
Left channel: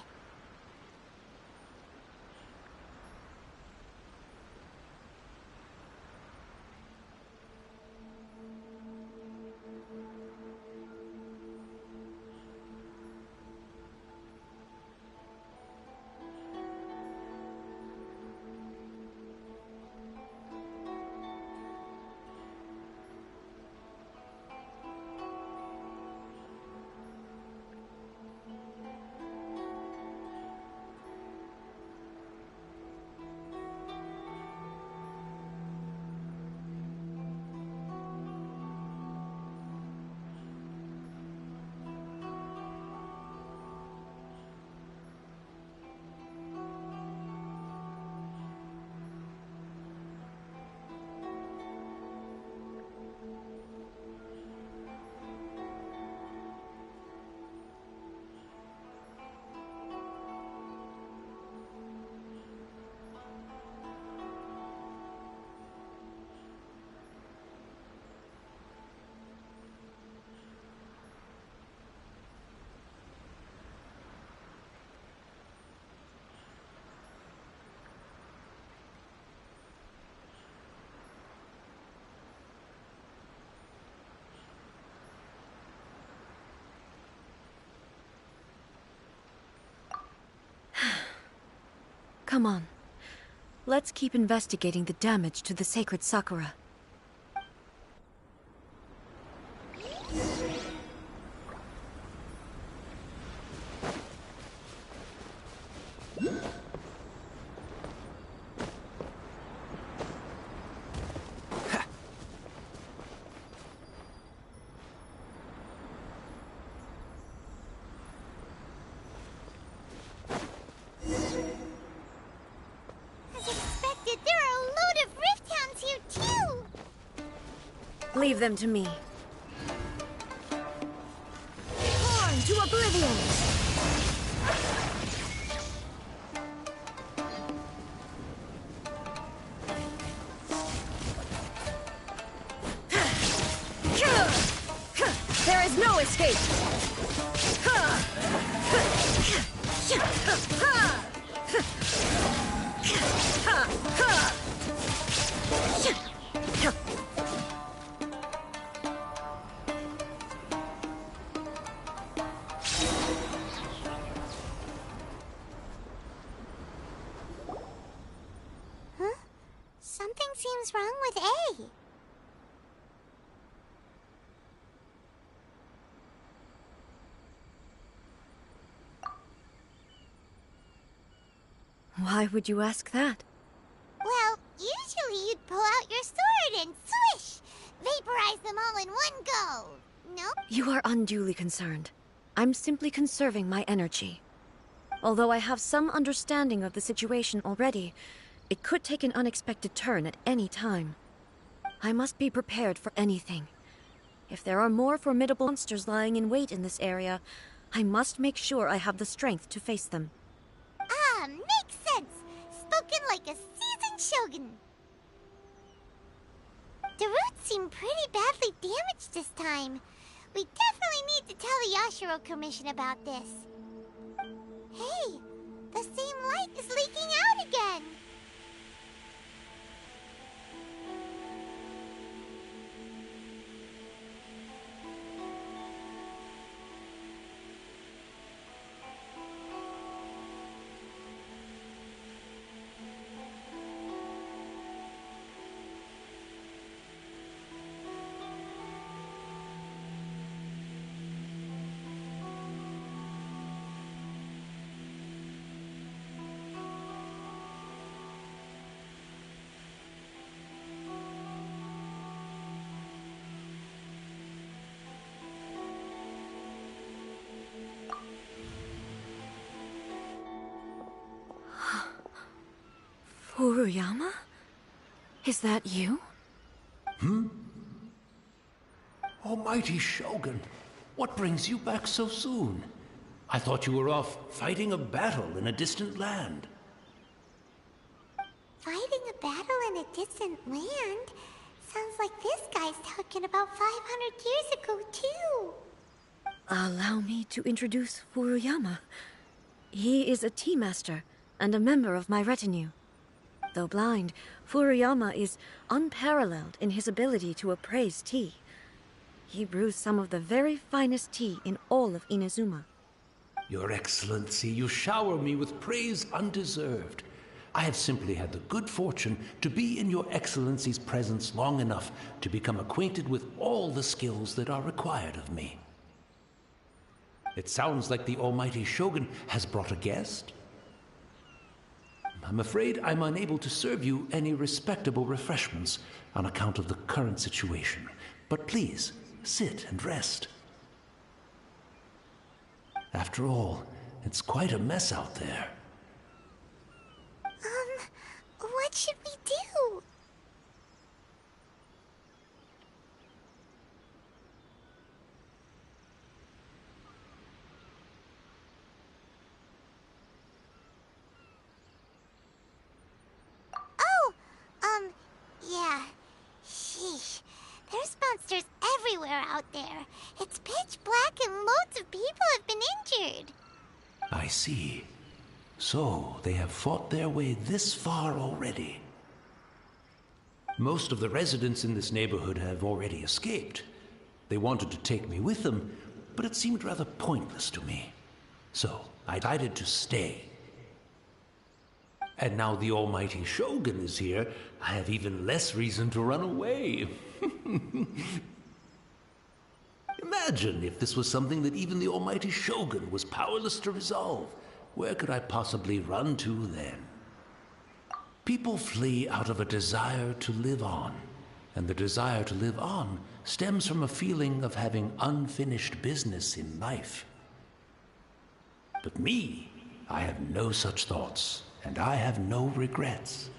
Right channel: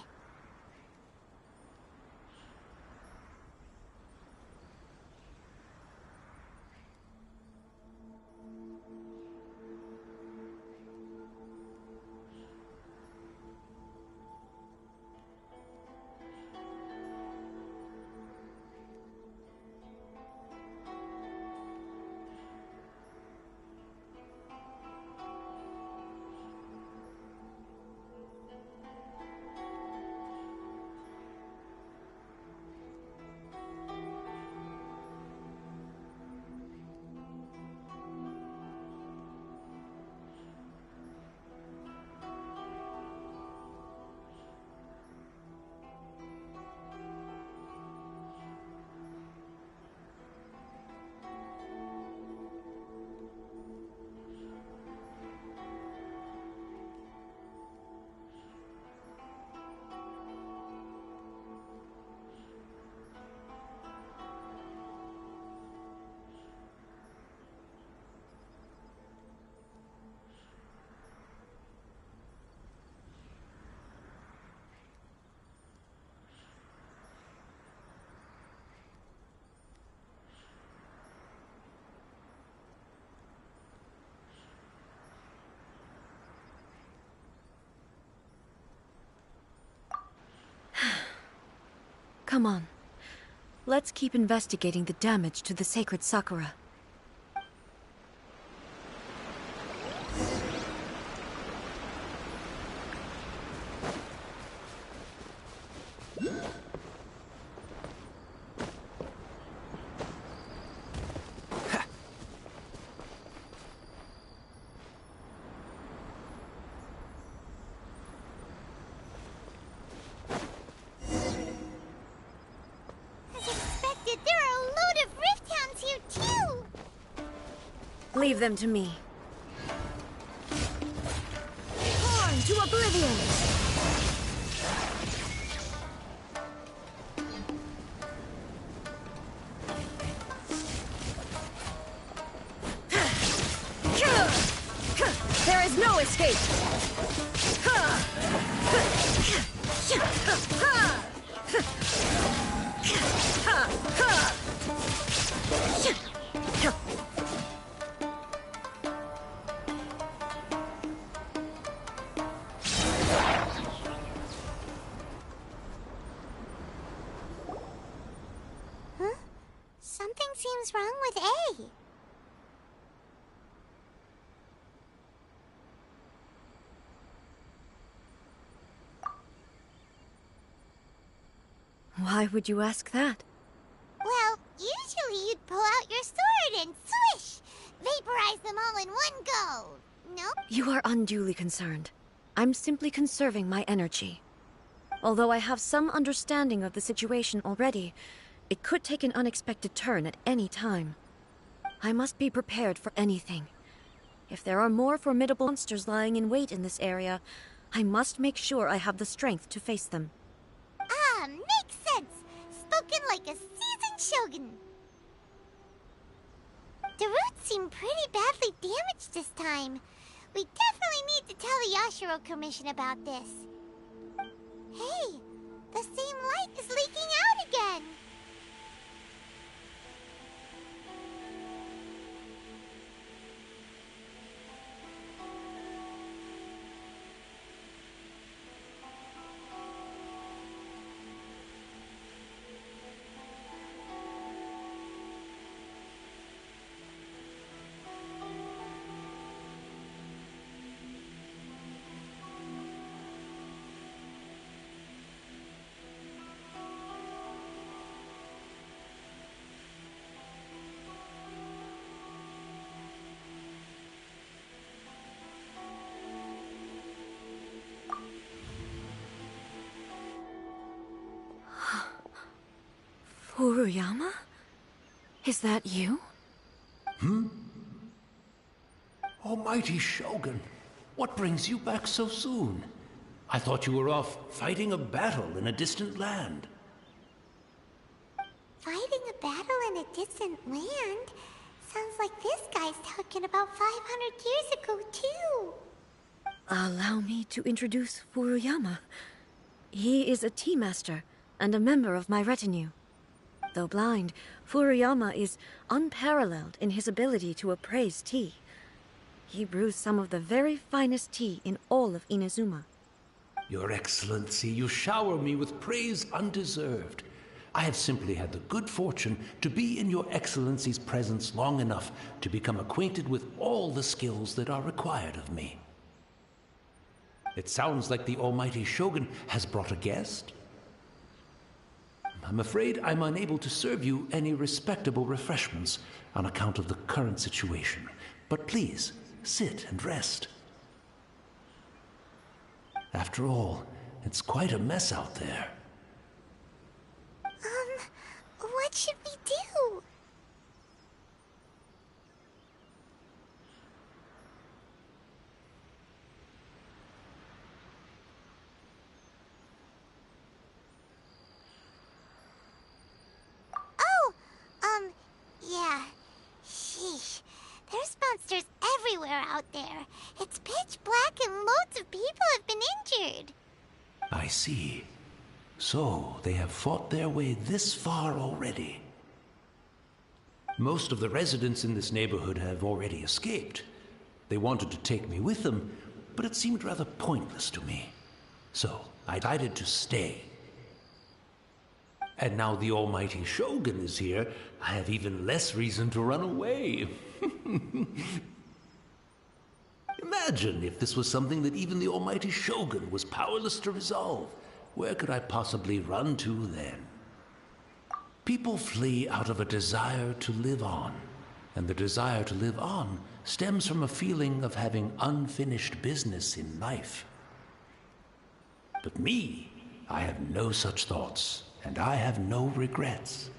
Come on. Let's keep investigating the damage to the sacred Sakura. Leave them to me. Torn to oblivion! There is no escape! Something seems wrong with A. Why would you ask that? Well, usually you'd pull out your sword and swish! Vaporize them all in one go! No? You are unduly concerned. I'm simply conserving my energy. Although I have some understanding of the situation already, it could take an unexpected turn at any time. I must be prepared for anything. If there are more formidable monsters lying in wait in this area, I must make sure I have the strength to face them. Ah, makes sense! Spoken like a seasoned shogun. The roots seem pretty badly damaged this time. We definitely need to tell the Yashiro Commission about this. Hey, the same light is leaking out again! Furuyama? Is that you? Almighty Shogun, what brings you back so soon? I thought you were off fighting a battle in a distant land. Fighting a battle in a distant land? Sounds like this guy's talking about 500 years ago, too. Allow me to introduce Furuyama. He is a tea master and a member of my retinue. Though blind, Furuyama is unparalleled in his ability to appraise tea. He brews some of the very finest tea in all of Inazuma. Your Excellency, you shower me with praise undeserved. I have simply had the good fortune to be in Your Excellency's presence long enough to become acquainted with all the skills that are required of me. It sounds like the Almighty Shogun has brought a guest. I'm afraid I'm unable to serve you any respectable refreshments on account of the current situation. But please, sit and rest. After all, it's quite a mess out there. What should we do? Yeah. Sheesh. There's monsters everywhere out there. It's pitch black and loads of people have been injured. I see. So, they have fought their way this far already. Most of the residents in this neighborhood have already escaped. They wanted to take me with them, but it seemed rather pointless to me. So, I decided to stay. And now the almighty Shogun is here, I have even less reason to run away. Imagine if this was something that even the almighty Shogun was powerless to resolve. Where could I possibly run to then? People flee out of a desire to live on, and the desire to live on stems from a feeling of having unfinished business in life. But me, I have no such thoughts, and I have no regrets.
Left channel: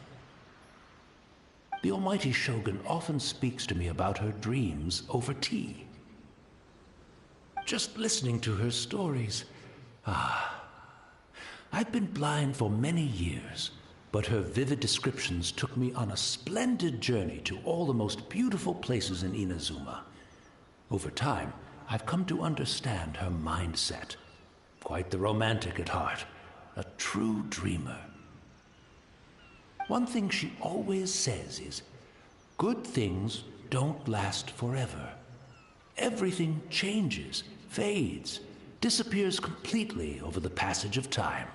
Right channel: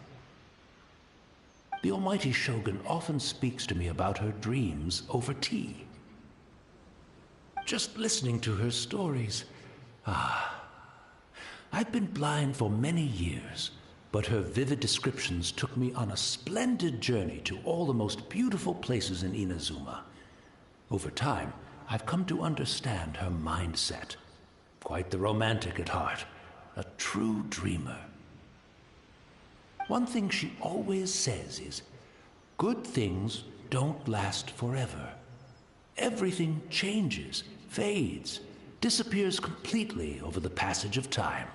The almighty Shogun often speaks to me about her dreams over tea. Just listening to her stories, I've been blind for many years, but her vivid descriptions took me on a splendid journey to all the most beautiful places in Inazuma. Over time, I've come to understand her mindset. Quite the romantic at heart, a true dreamer. One thing she always says is, good things don't last forever. Everything changes, fades, disappears completely over the passage of time.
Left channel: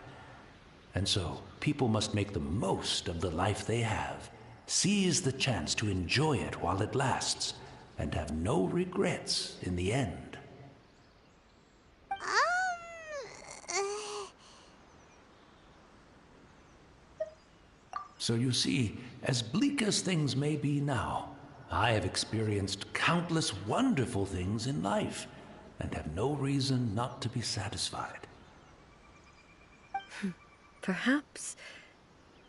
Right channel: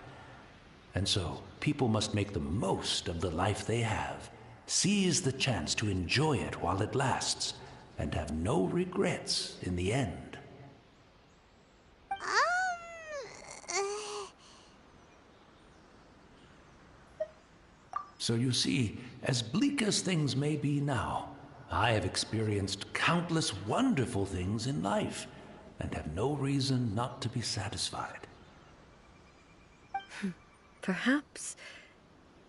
And so, people must make the most of the life they have, seize the chance to enjoy it while it lasts, and have no regrets in the end. So you see, as bleak as things may be now, I have experienced countless wonderful things in life, and have no reason not to be satisfied. Perhaps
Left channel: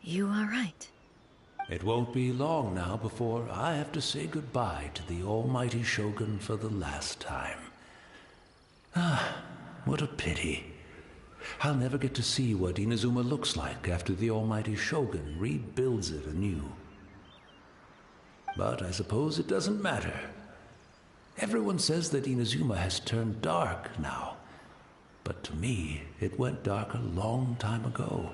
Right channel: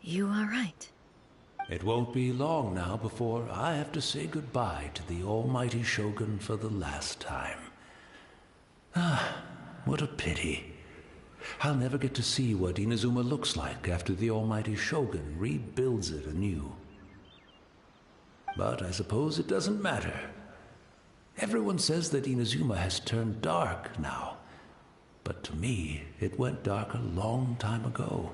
you are right. It won't be long now before I have to say goodbye to the almighty Shogun for the last time. What a pity. I'll never get to see what Inazuma looks like after the almighty Shogun rebuilds it anew. But I suppose it doesn't matter. Everyone says that Inazuma has turned dark now. But to me, it went dark a long time ago.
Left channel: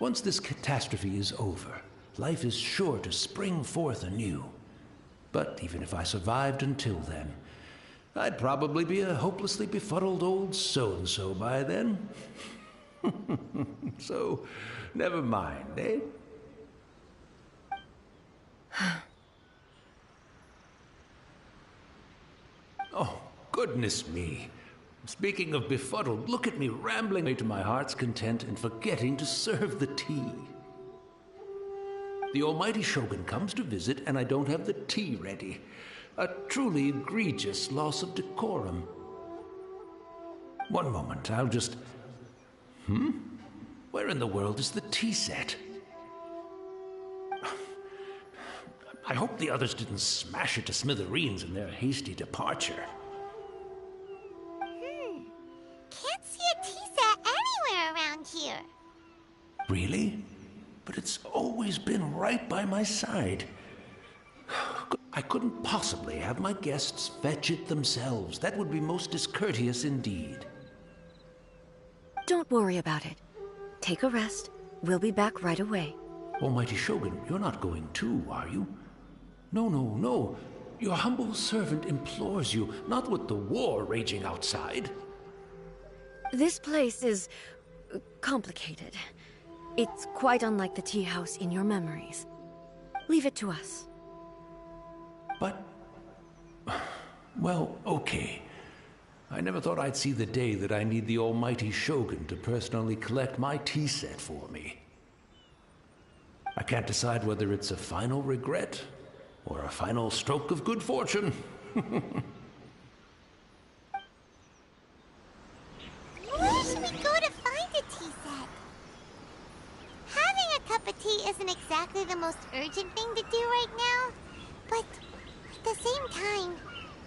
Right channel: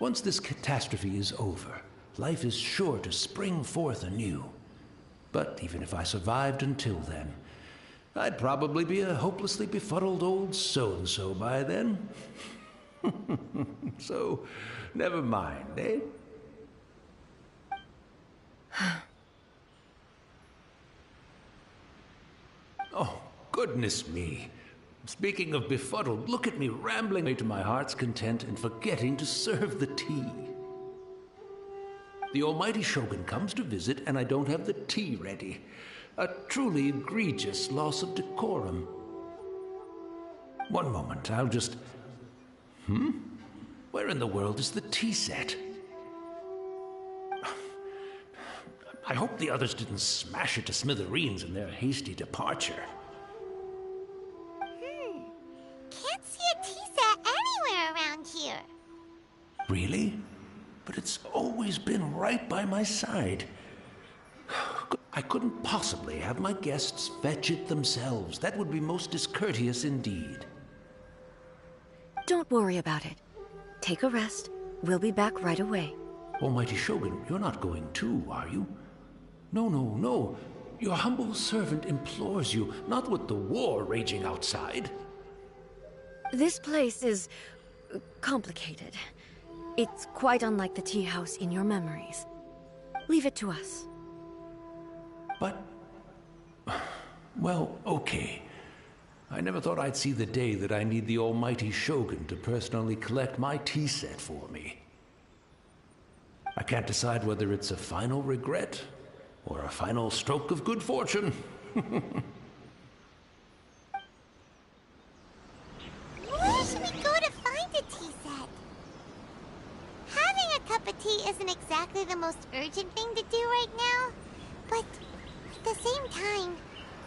Once this catastrophe is over, life is sure to spring forth anew. But even if I survived until then, I'd probably be a hopelessly befuddled old so-and-so by then. So, never mind, eh? Oh, goodness me. Speaking of befuddled, look at me rambling to my heart's content and forgetting to serve the tea. The almighty Shogun comes to visit and I don't have the tea ready. A truly egregious loss of decorum. One moment, I'll just... Where in the world is the tea set? I hope the others didn't smash it to smithereens in their hasty departure. Can't see a tea set anywhere around here. Really? But it's always been right by my side. I couldn't possibly have my guests fetch it themselves. That would be most discourteous indeed. Don't worry about it. Take a rest. We'll be back right away. Almighty Shogun, you're not going too, are you? No, no, no. Your humble servant implores you, not with the war raging outside. This place is complicated. It's quite unlike the tea house in your memories. Leave it to us. But... well, okay. I never thought I'd see the day that I need the almighty Shogun to personally collect my tea set for me. I can't decide whether it's a final regret or a final stroke of good fortune. Where should we go to find a tea set? Having a cup of tea isn't exactly the most urgent thing to do right now, but at the same time,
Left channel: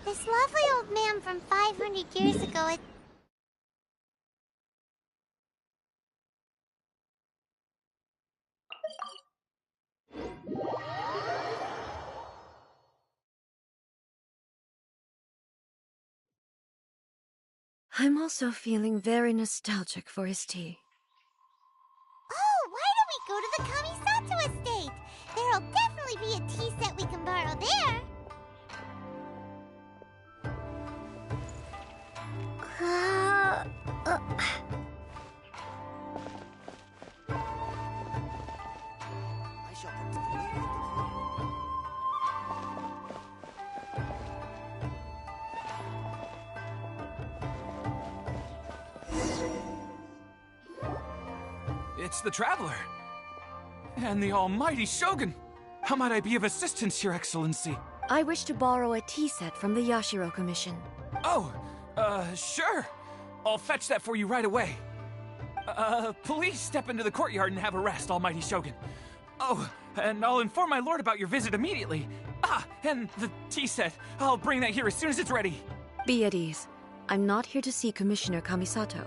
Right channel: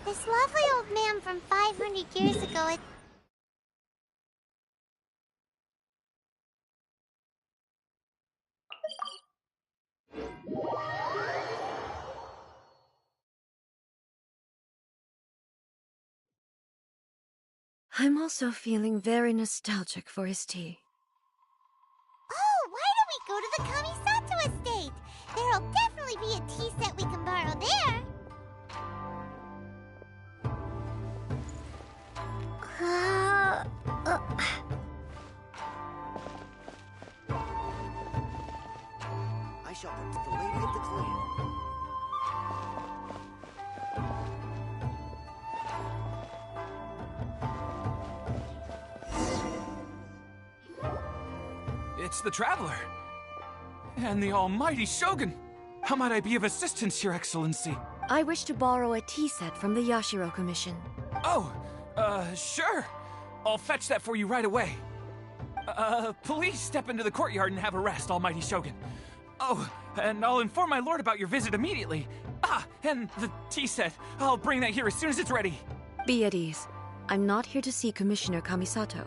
this lovely old man from 500 years ago I'm also feeling very nostalgic for his tea. Oh, why don't we go to the Kamisato estate? There'll definitely be a tea set we can borrow there. It's the Traveler. And the almighty Shogun. How might I be of assistance, Your Excellency? I wish to borrow a tea set from the Yashiro Commission. Oh, sure. I'll fetch that for you right away. Please step into the courtyard and have a rest, almighty Shogun. Oh, and I'll inform my lord about your visit immediately. Ah, and the tea set. I'll bring that here as soon as it's ready. Be at ease. I'm not here to see Commissioner Kamisato.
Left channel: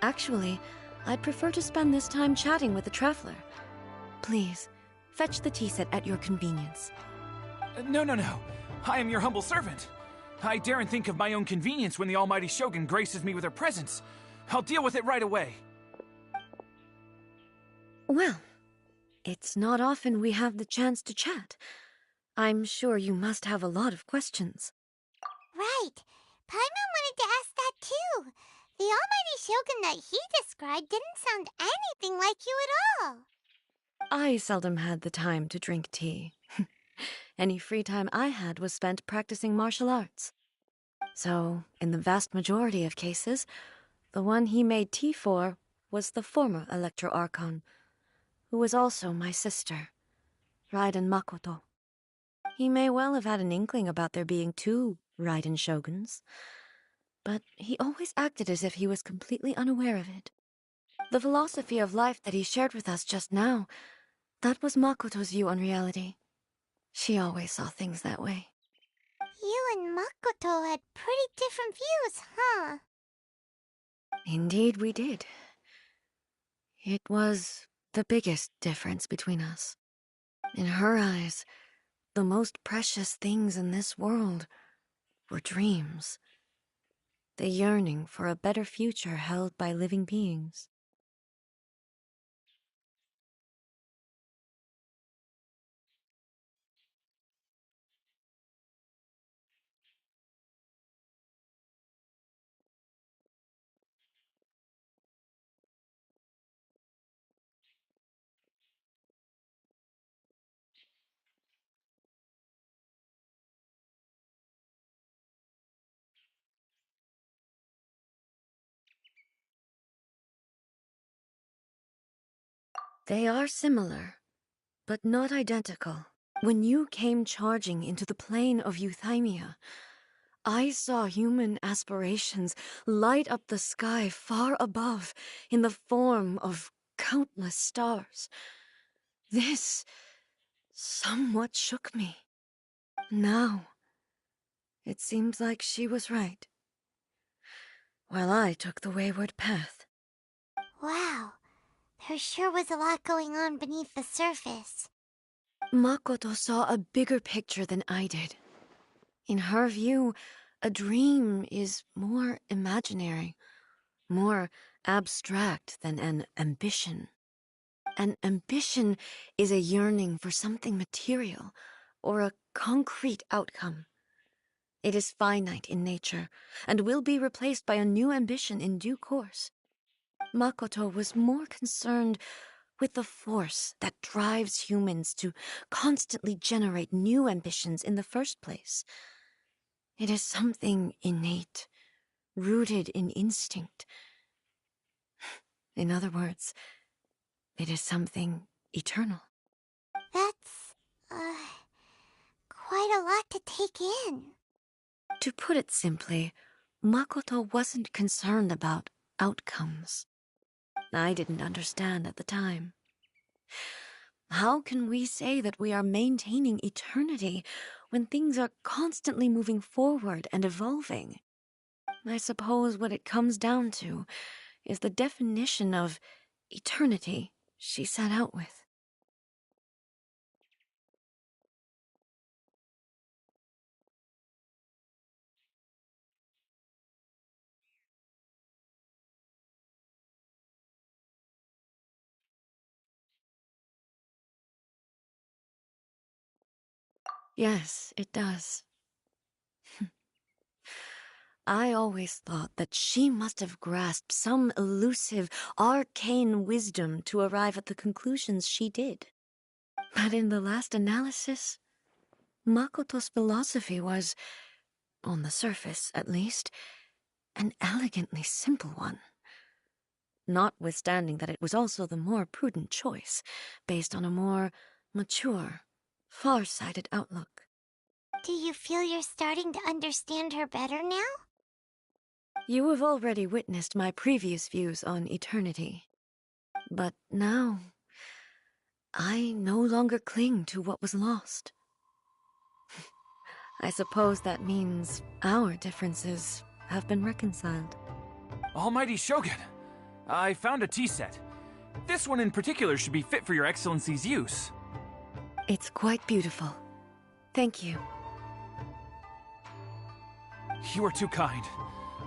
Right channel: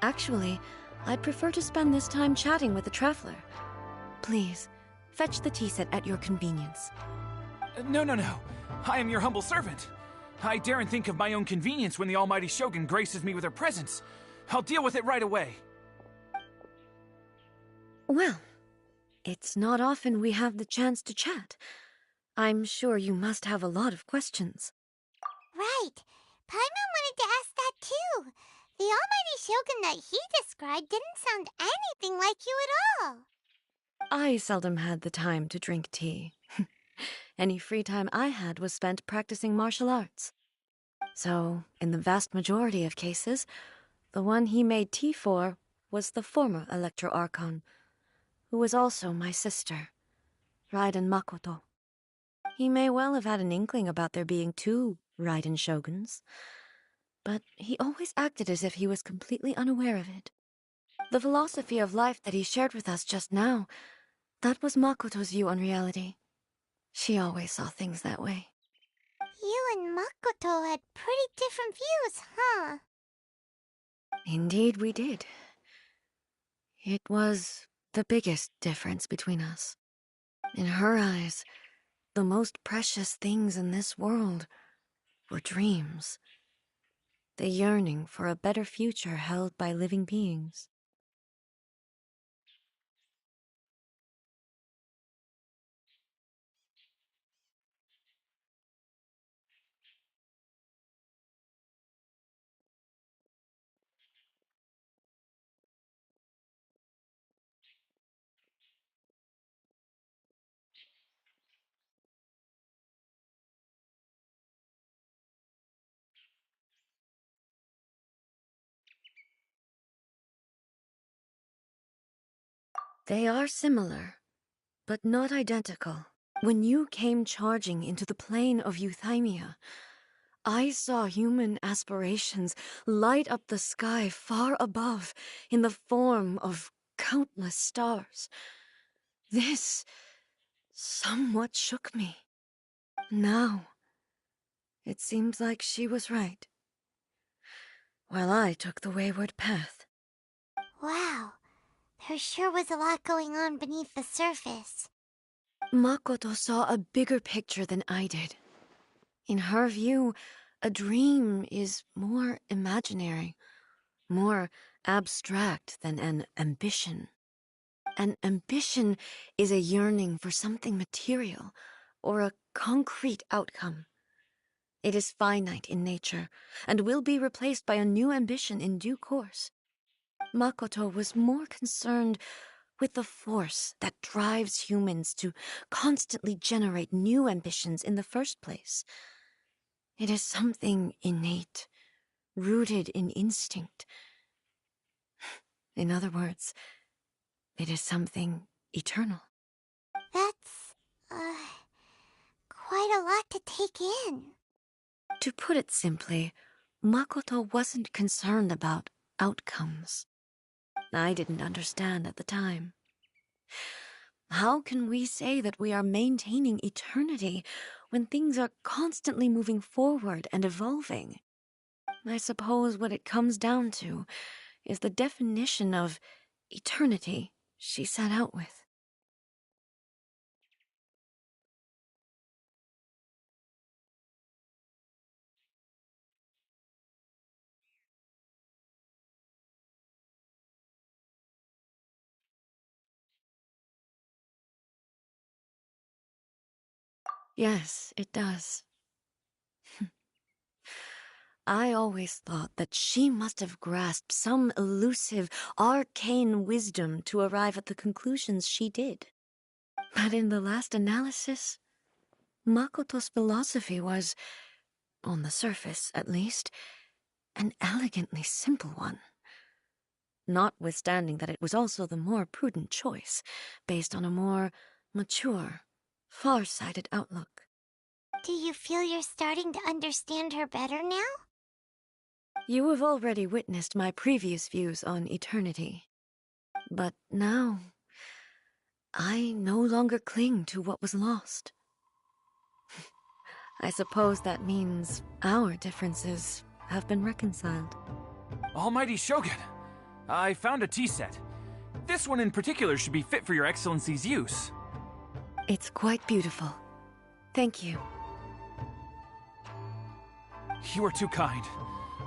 Actually, I'd prefer to spend this time chatting with the Traveler. Please, fetch the tea set at your convenience. No. I am your humble servant. I daren't think of my own convenience when the almighty Shogun graces me with her presence. I'll deal with it right away. Well, it's not often we have the chance to chat. I'm sure you must have a lot of questions. Right. Paimon wanted to ask that too. The almighty Shogun that he described didn't sound anything like you at all. I seldom had the time to drink tea. Any free time I had was spent practicing martial arts. So, in the vast majority of cases, the one he made tea for was the former Electro Archon, who was also my sister, Raiden Makoto. He may well have had an inkling about there being two Raiden Shoguns, but he always acted as if he was completely unaware of it. The philosophy of life that he shared with us just now, that was Makoto's view on reality. She always saw things that way. You and Makoto had pretty different views, huh? Indeed we did. It was the biggest difference between us. In her eyes, the most precious things in this world were dreams. The yearning for a better future held by living beings. They are similar, but not identical. When you came charging into the plane of Euthymia, I saw human aspirations light up the sky far above in the form of countless stars. This somewhat shook me. Now, it seems like she was right, while I took the wayward path. Wow. There sure was a lot going on beneath the surface. Makoto saw a bigger picture than I did. In her view, a dream is more imaginary, more abstract than an ambition. An ambition is a yearning for something material or a concrete outcome. It is finite in nature and will be replaced by a new ambition in due course. Makoto was more concerned with the force that drives humans to constantly generate new ambitions in the first place. It is something innate, rooted in instinct. In other words, it is something eternal. That's, quite a lot to take in. To put it simply, Makoto wasn't concerned about outcomes. I didn't understand at the time. How can we say that we are maintaining eternity when things are constantly moving forward and evolving? I suppose what it comes down to is the definition of eternity she set out with. Yes, it does. I always thought that she must have grasped some elusive, arcane wisdom to arrive at the conclusions she did. But in the last analysis, Makoto's philosophy was, on the surface at least, an elegantly simple one. notwithstanding that it was also the more prudent choice, based on a more mature, far-sighted outlook. Do you feel you're starting to understand her better now? You have already witnessed my previous views on eternity. But now, I no longer cling to what was lost. I suppose that means our differences have been reconciled. Almighty Shogun, I found a tea set. This one in particular should be fit for your Excellency's use. It's quite beautiful. Thank you. You are too kind.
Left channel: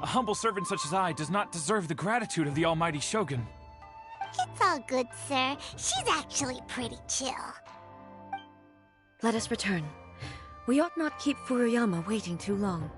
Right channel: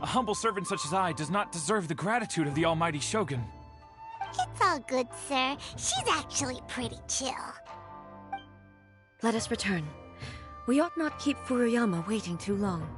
A humble servant such as I does not deserve the gratitude of the Almighty Shogun. It's all good, sir. She's actually pretty chill. Let us return. We ought not keep Furuyama waiting too long.